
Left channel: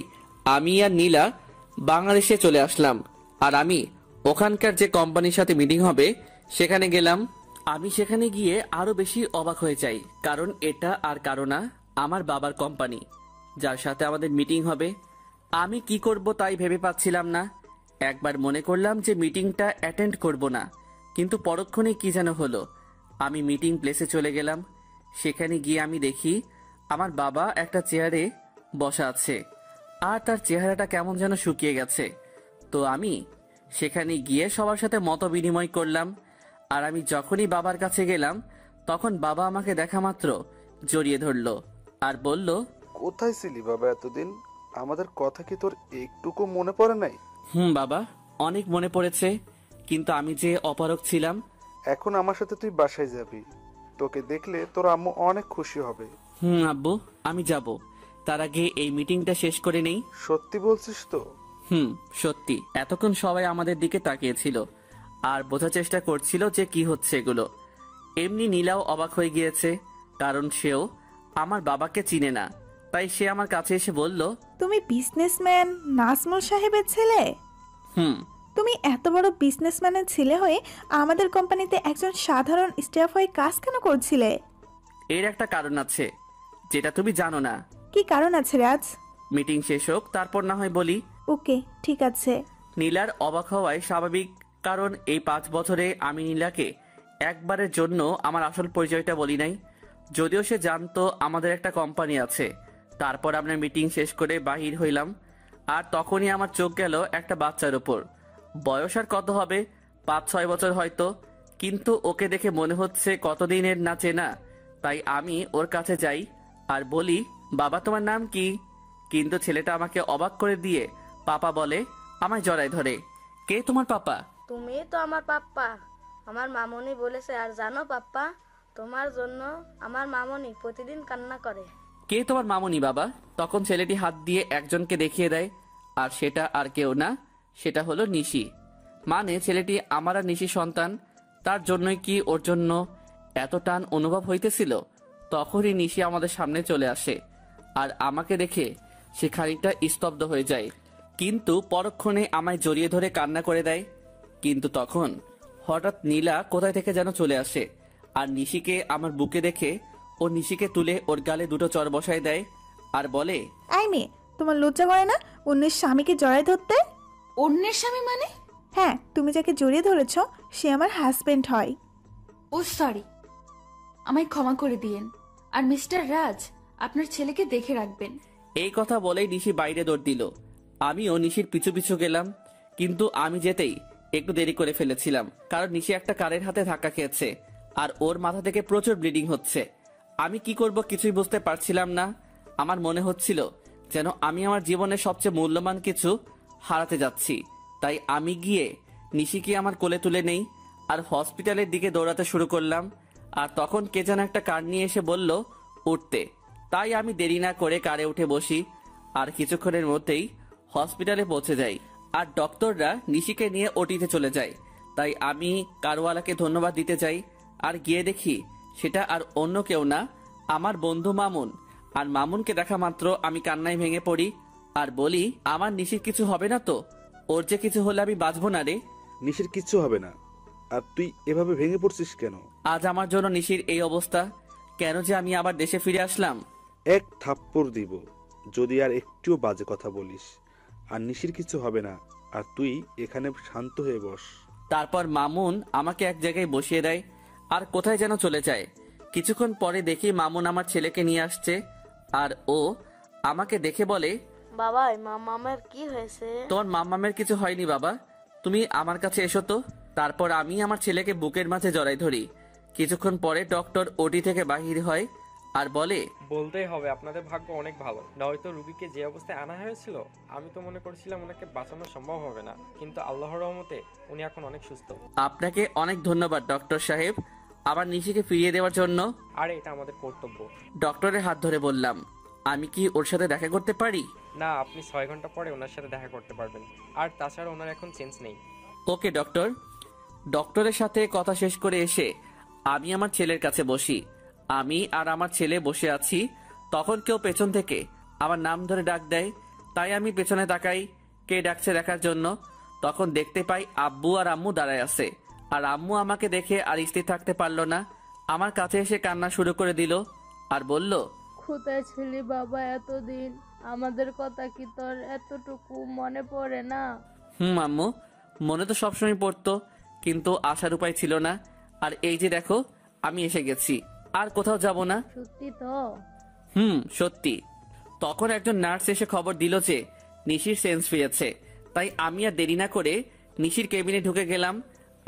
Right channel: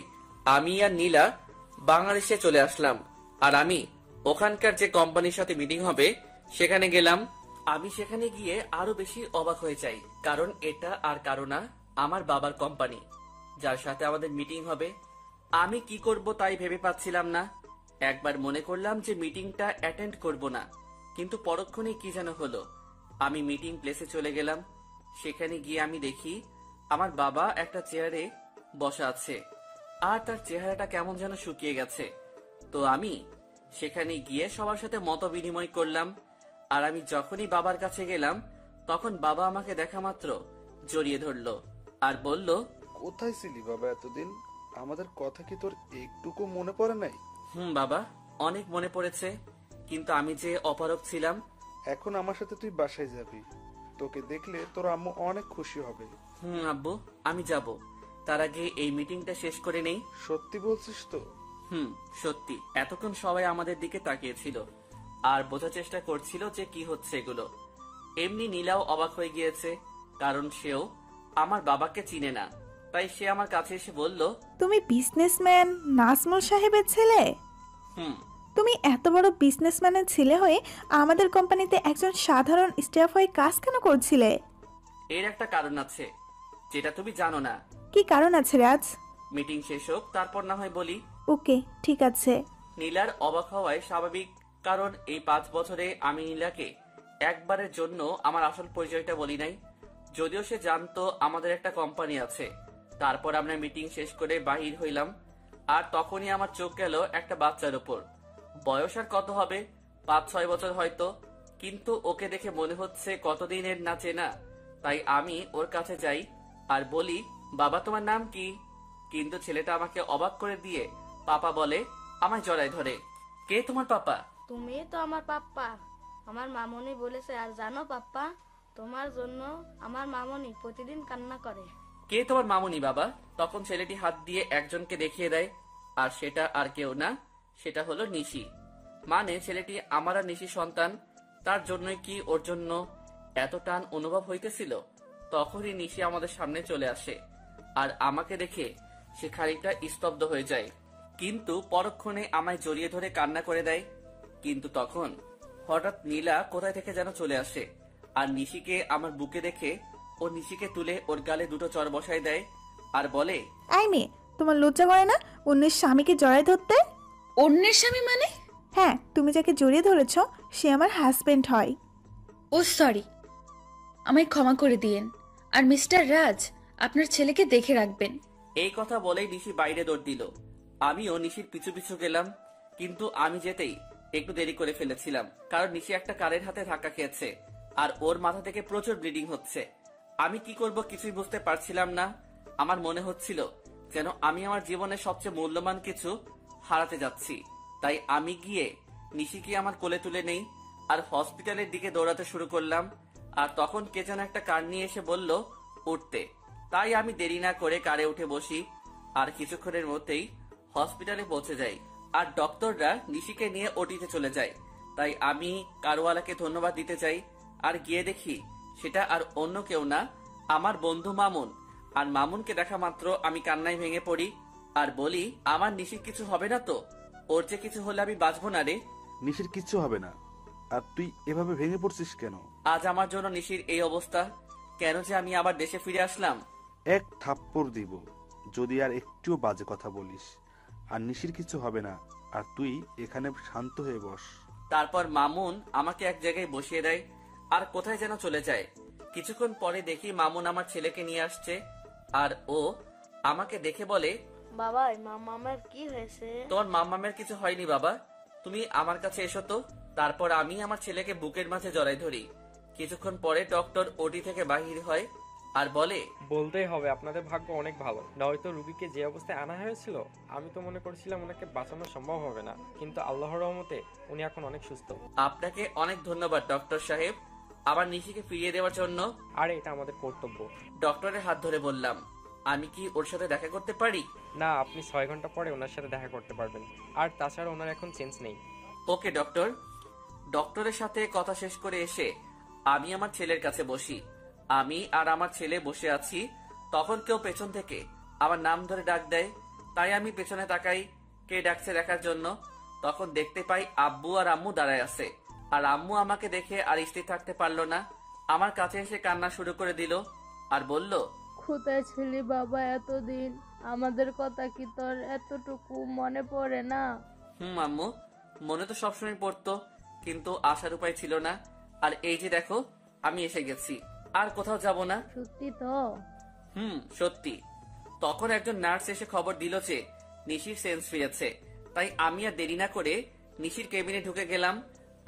আমি আর নীলা বাংলাদেশে চলে আসলাম, আর আমি ওখানকার যে কোম্পানির সাথে মিটিং হবে সেখানে গেলাম। আমি সেখানে গিয়ে আরো বেশি অবাক হয়ে যাই, কারণ এটা আর কারো না, আমার বাবার কোম্পানি, যার সাথে আমাদের মিটিং হবে। আমি কি করব তাই ভেবে পাচ্ছিলাম না। একবার মনে করলাম যে মিটিংটা অ্যাটেন্ড করব না, কিন্তু পরক্ষণে কি যেন হলো। আমি মিটিং প্লেসে চলে গেলাম। সেখানে গিয়ে আমি দেখি আমার বাবা একটা চেয়ারে বসা আছে, আর তার চেহারাটা কেমন যেন শুকিয়ে গেছে। তো আমি সেখানে গিয়ে সবার সাথে মত বিনিময় করলাম। আর আমি যখনই বাবার কাছে গেলাম, তখন বাবা আমাকে দেখা মাত্র জড়িয়ে ধরলো আর বলল, কোথায় ছিলি বাবা এতদিন? আমাদের কথা কি তোর একটুকু মনে পড়ে নাই? বাবা, অনেক মনে পড়েছে, কিন্তু আমি যে অপারগ ছিলাম। এখন আমার সাথে তুই বাসায় যাবি, তোকে দেখলে তোর আম্মু অনেক খুশি হবে। আব্বু, আমি যাব। তার আগে এই মিটিংটা শেষ করে নেই। সত্যি বলছিস তো? সত্যি। এতক্ষণ সবাই আমাদের দিকে তাকিয়েছিল আর বোঝার চেষ্টা করছিল যে কি হচ্ছে এগুলো। এমনি নীলাও অবাক হয়ে গিয়েছে, কারণ সেও আমার বাবাকে চিনে না। তাই সে আমার কাছে এসে বলল, তুমি বিজনেসম্যান নাজমুল সাহেবের ছেলে? তুমি এত বড় বিজনেসম্যানের ছেলে হয়ে আমাদের কোম্পানিতে একজন সাধারণ স্টাফ হয়ে কাজ কেন করছিলে? এর একটা কারণ আছে, যেটা তুমি জানো না। কি কারণ আছে রাজ? মিটিং শেষ হোক, তারপর না হয় বলি। ওকে ঠিক আছে। নীলার অবাক হওয়ায় স্বাভাবিক, কারণ এই 5 বছরে আমি নীলাকে একবারের জন্য আমার আসল পরিচয়টা বলি নাই। যদিও সে জানতো আমাদের একটা কোম্পানি আছে। তারপর আমরা মিটিং শেষ করে বাহির হইলাম, আর তখনই আমার চোখ গেল একটা বাচ্চার উপর। বয়স আর কত হবে, 5-6 বছর হয়তো, কিন্তু ওকে দেখে মনে হচ্ছে কতদিনের না চেনা। তাই আমি ওর কাছে যাই আর বলি, বাবা তোমার নাম কি? কিন্তু ছেলেটা আমাকে অবাক করে দিয়ে পাপা বলে, আমায় জড়ায় ধরে। কে তোমার পাপা? তুমি তো আমার পাপ্পা, আমার মামনি বলেছে। আর জানো পাপ্পা, তোমার জন্য আমার মামনি প্রতিদিন কান্না করে। কে তোমার মামনি বাবা? তখন ছেলেটি হাত দিয়ে একজনকে দেখিয়ে দেয়, আর সেটা আর কেউ না, সেটা হলো নিশি। মানে ছেলেটি আমার আর নিশি সন্তান। তার জন্যই কি ওর জন্য এত টান অনুভব হইতেছিল? তখনই নিশি আমাদের সামনে চলে আসে, আর আমাকে দেখে সে খানিকটা স্তব্ধ হয়ে যায়, কিন্তু পরক্ষণে আমায় জড়িয়ে ধরে কান্না করে দেয়। কিন্তু তখন হঠাৎ নীলা কোথায় থেকে যেন চলে আসে, আর নিশিকে আমার বুকে দেখে ও নিশিকে তুলে ওর গালে 2টো চড় বসায় দেয়, আর বলে, আই মেয়ে, তোমার লজ্জা করে না অন্যের স্বামীকে জড়ায় ধরতে? অন্যের স্বামী মানে? হ্যাঁ, তুমি যাকে জড়িয়ে ধরেছ সে আমার হাজবেন্ড হয়। ও সরি, আমায় ক্ষমা করে দিয়েন। আর মিস্টার রাজ, আপনার ছেলেকে দেখে রাখবেন। এই কথা বলেই নিশি বাইরে দৌড় দিল। আমিও নিশির পিছু পিছু গেলাম, কিন্তু আমি যেতেই একটু দেরি করে ফেলেছিলাম, কারণ নিশি একটা কারের হাতে ধাক্কা খেয়েছে, আর ওর মাথা থেকে প্রচুর ব্লিডিং হচ্ছে। আমি কি করব কিছুই বুঝতে পারছিলাম না। আমার মনে হচ্ছিল যেন আমি আমার জীবনের সবচেয়ে মূল্যবান কিছু হারাতে যাচ্ছি। তাই আমি গিয়ে নিশিকে আমার কোলে তুলে নেই, আর হসপিটালের দিকে দৌড়াতে শুরু করলাম। আর তখন কে যেন একটা কার নিয়ে এসে বলল উঠতে। তাই আমি দেরি না করে কারে উঠে বসি, আর কিছুক্ষণের মধ্যেই হসপিটালে পৌঁছে যাই, আর ডক্টররা নিশিকে নিয়ে ওটিতে চলে যায়। তাই আমি কারওয়ালাকে ধন্যবাদ দিতে চাই, আর গিয়ে দেখি সেটা আর অন্য কেউ না, আমার বন্ধু মামুন। আর মামুনকে দেখা মাত্র আমি কান্নায় ভেঙে পড়ি, আর বলি, আমার নিশির কিছু হবে না তো? ওর যে কিছু হলে আমি বাঁচবো না রে। নিশির কিচ্ছু হবে না। আর তুই এভাবে ভেঙে পড়ছিস কেন? আজ আমার জন্য নিশির এই অবস্থা, কেন যে আমি আবার দেশে ফিরে আসলাম। এক থাপ্পড় দিব যদি আর একটুও বাজে কথা বলিস। আর নিশির কিছু হবে না, আর তুই এখানে শান্ত হয়ে বস। তারপর মামুন আমাকে এক জায়গায় বসিয়ে দেয় আর কোথায় যেন চলে যায়। কিছুক্ষণ পরে দেখি মামুন আমার ছেলেকে নিয়ে আসছে, আর ও আমাকে দেখে বলে, বাবা মামামের কি হয়েছে? তোর মামামের কিছু হয়নি বাবা, তুমি আমার কাছে এসো তো। তারপর আমি আমার ছেলেকে বুকের মাঝে জড়াই ধরি। কিছুক্ষণ পরে ডক্টর ওটি থেকে বাহির হয় আর বলে, বলতেই হবে আপনাদের ভাগ্য অনেক ভালো, নয়তো রুগীকে যে অবস্থায় আনা হয়েছিল আমি তো মনে করছিলাম ওনাকে বাঁচানো সম্ভব হবে না, কিন্তু আল্লাহর রহমতে উনি এখন অনেক সুস্থ। আপনাকে অনেক ধন্যবাদ ডক্টর সাহেব, আবার নিশিকে ফিরিয়ে দেওয়ার জন্য। আর এটা আমাদের কর্তব্য। ডক্টরের হাত ধরে বললাম, আমি কি ওর সাথে দেখা করতে পারি? না, আপনি 6 ঘন্টা পরে ওনার সাথে দেখা করতে পারবেন। আর তাছাড়া ওনার এখন চেঞ্জ নেই। ওকে ডক্টর। ডক্টরের সাথে কথা শেষ করে এসে আমি আমার ছেলের কাছে বসি। আমি আর আমার ছেলে বসে আছি, তখন কেউ পেছন থেকে আমার নাম ধরে ডাক দেয়। তাই আমি পেছনে তাকাই কে ডাকছে দেখার জন্য। তখন দেখতে পাই আব্বু আর আম্মু দাঁড়ায় আছে। আর আম্মু আমাকে দেখে আর স্থির থাকতে পারলো না, আমার কাছে এসে কান্না শুরু করে দিল আর বলল, কোথায় ছিলি বাবা এতদিন? আমাদের কথা কি তোর এতটুকু মনে পড়ে না? আম্মু, মনে তো সবসময় পড়তো, কিন্তু আসার উপায় ছিল না। আর এই যে দেখো আমি এসে গেছি, আর কোথাও যাব না। সত্যি তো? সত্যি। তখন একজন নার্স এসে খবর দিল যে নিশির সেন্স ফিরেছে। তাই আমি আর দেরি না করে নিশির কেবিনে ঢুকে গেলাম।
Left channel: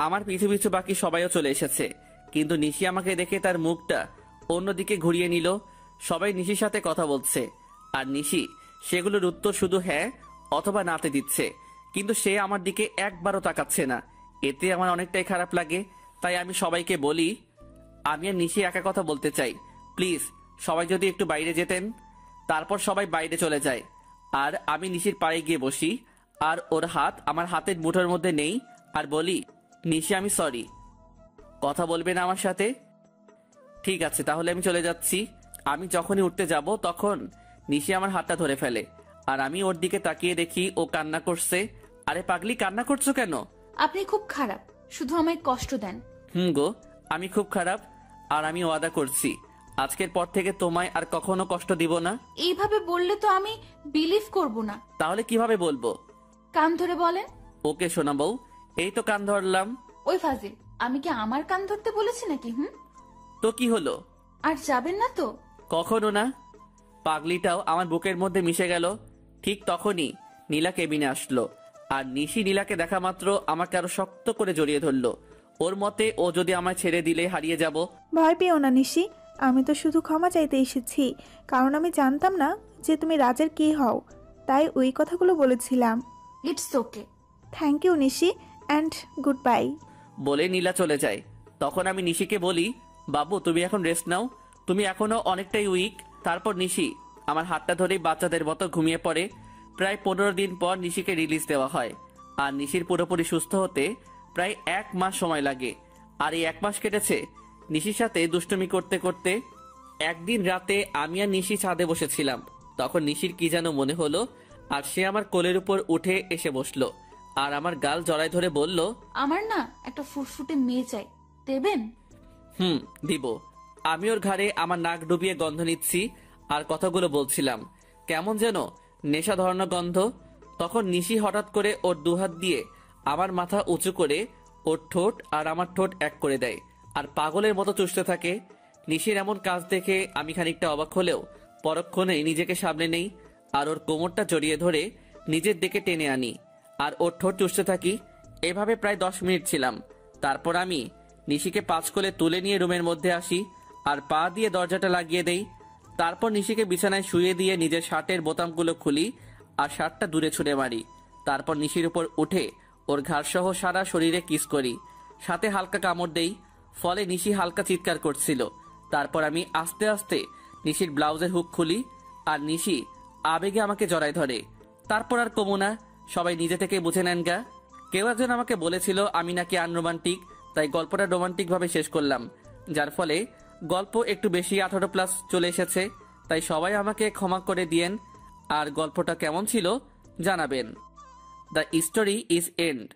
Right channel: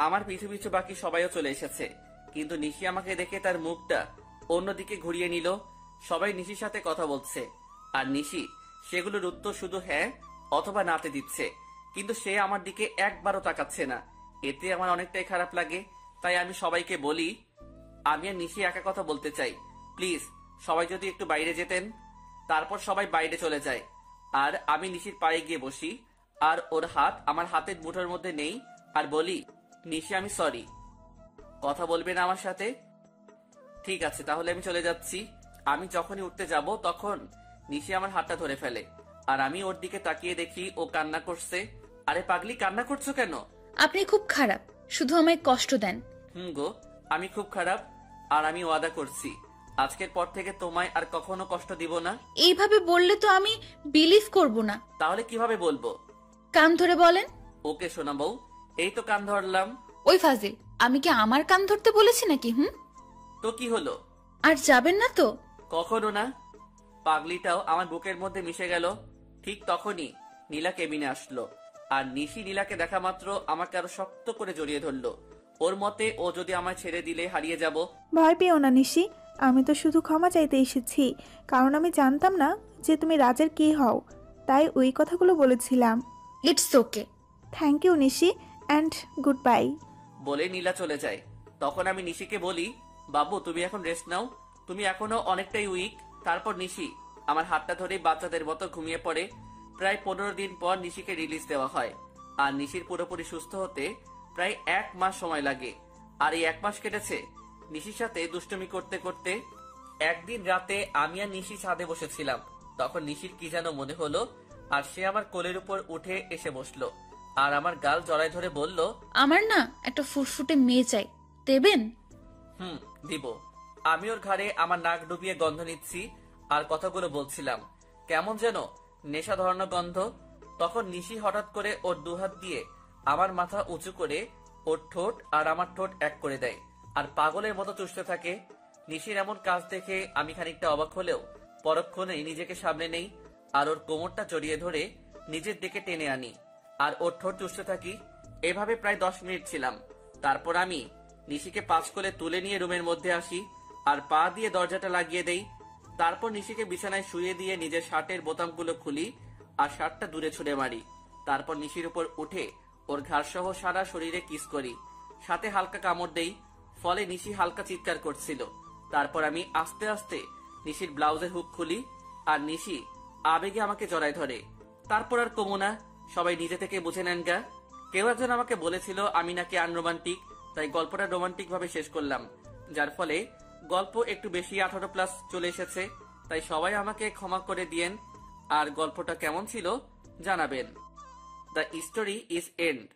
আমার পিছু পিছু বাকি সবাইও চলে এসেছে, কিন্তু নিশি আমাকে দেখে তার মুখটা অন্যদিকে ঘুরিয়ে নিল। সবাই নিশির সাথে কথা বলছে, আর নিশি সেগুলোর উত্তর শুধু হ্যাঁ অথবা নাতে দিচ্ছে, কিন্তু সে আমার দিকে একবারও তাকাচ্ছে না। এতে আমার অনেকটাই খারাপ লাগে। তাই আমি সবাইকে বলি, আমি আর নিশি একা কথা বলতে চাই, প্লিজ সবাই যদি একটু বাইরে যেতেন। তারপর সবাই বাইরে চলে যায়, আর আমি নিশির পায়ে গিয়ে বসি, আর ওর হাত আমার হাতের মুঠোর মধ্যে নেই, আর বলি, নিশি আমি সরি, কথা বলবে না আমার সাথে? ঠিক আছে, তাহলে আমি চলে যাচ্ছি। আমি যখনই উঠতে যাব তখন নিশি আমার হাতটা ধরে ফেলে, আর আমি ওর দিকে তাকিয়ে দেখি ও কান্না করছে। আরে পাগলি, কান্না করছো কেন? আপনি খুব খারাপ, শুধু আমায় কষ্ট দেন। গো, আমি খুব খারাপ, আর আমি ওয়াদা করছি আজকের পর থেকে তোমায় আর কখনো কষ্ট দিব না। এইভাবে বললে তো আমি বিলিভ করব না। তাহলে কিভাবে বলবো? কান ধরে বলেন। ওকে শোনা বউ, এই তো কান ধরলাম। ওই ফাজিল, আমি কি আমার কান ধরতে বলেছি নাকি? তো কি হলো? আর যাবেন না তো? কখনো না। পাগলিটাও আমার বুকের মধ্যে মিশে গেল। ঠিক তখনই নীলা কেবিনে আসলো, আর নিশি নীলাকে দেখা মাত্র আমাকে আরো শক্ত করে জড়িয়ে ধরলো। ওর মতে ও যদি আমায় ছেড়ে দিলে হারিয়ে যাব। ভয় পেও না নিশি, আমি তো শুধু ক্ষমা চাইতে এসেছি, কারণ আমি জানতাম না যে তুমি রাজের কি হও, তাই ওই কথাগুলো বলেছিলাম। It's okay. Thank you Nishi, and goodbye. বলে নীলা চলে যায়। তখন আমি নিশিকে বলি, বাবু তুমি এখন রেস্ট নাও, তুমি এখনো অনেকটাই উইক। তারপর নিশি আমার হাতটা ধরেই বাচ্চাদের মতো ঘুমিয়ে পড়ে। প্রায় 15 দিন পর নিশিকে রিলিজ দেওয়া হয়, আর নিশির পুরোপুরি সুস্থ হতে প্রায় 1 মাস সময় লাগে। আর এই 1 মাস কেটেছে নিশির সাথে দুষ্টুমি করতে করতে। একদিন রাতে আমি আর নিশি ছাদে বসেছিলাম, তখন নিশির কি যেন মনে হলো, আর সে আমার কোলের উপর উঠে এসে বসলো, আর আমার গাল জড়ায় ধরে বলল, আমার না একটা ফুটফুটে মেয়ে চাই, দেবেন? দিব। আমি ওর ঘাড়ে আমার নাক ডুবিয়ে গন্ধ নিচ্ছি আর কথাগুলো বলছিলাম, কেমন যেন নেশা ধরানো গন্ধ। তখন নিশি হঠাৎ করে ওর দুহাত দিয়ে আমার মাথা উঁচু করে ওর ঠোঁট আর আমার ঠোঁট এক করে দেয়, আর পাগলের মতো চুষতে থাকে। নিশির এমন কাজ দেখে আমি খানিকটা অবাক হলেও পরক্ষণে নিজেকে সামনে নেই, আর ওর কোমরটা জড়িয়ে ধরে নিজের দিকে টেনে আনি, আর ওর ঠোঁট চুষতে থাকি। এভাবে প্রায় 10 মিনিট ছিলাম। তারপর আমি নিশিকে 5 কোলে তুলে নিয়ে রুমের মধ্যে আসি, আর পা দিয়ে দরজাটা লাগিয়ে দেই। তারপর নিশিকে বিছানায় শুয়ে দিয়ে নিজের শার্টের বোতামগুলো খুলি আর শার্টটা দূরে ছুঁড়ে মারি। তারপর নিশির উপর উঠে ওর ঘাড় সহ সারা শরীরে কিস করি, সাথে হালকা কামড় দেই। ফলে নিশি হালকা চিৎকার করছিল। তারপর আমি আস্তে আস্তে নিশির ব্লাউজের হুক খুলি, আর নিশি আবেগে আমাকে জড়ায় ধরে। তারপর আর কমু না, সবাই নিজে থেকে বুঝে নেন গা। কেউ একজন আমাকে বলেছিল আমি নাকি আনরোমান্টিক, তাই গল্পটা রোমান্টিক ভাবে শেষ করলাম, যার ফলে গল্প একটু বেশি 18+ চলে এসেছে। তাই সবাই আমাকে ক্ষমা করে দিয়েন, আর গল্পটা কেমন ছিল জানাবেন। The story is and.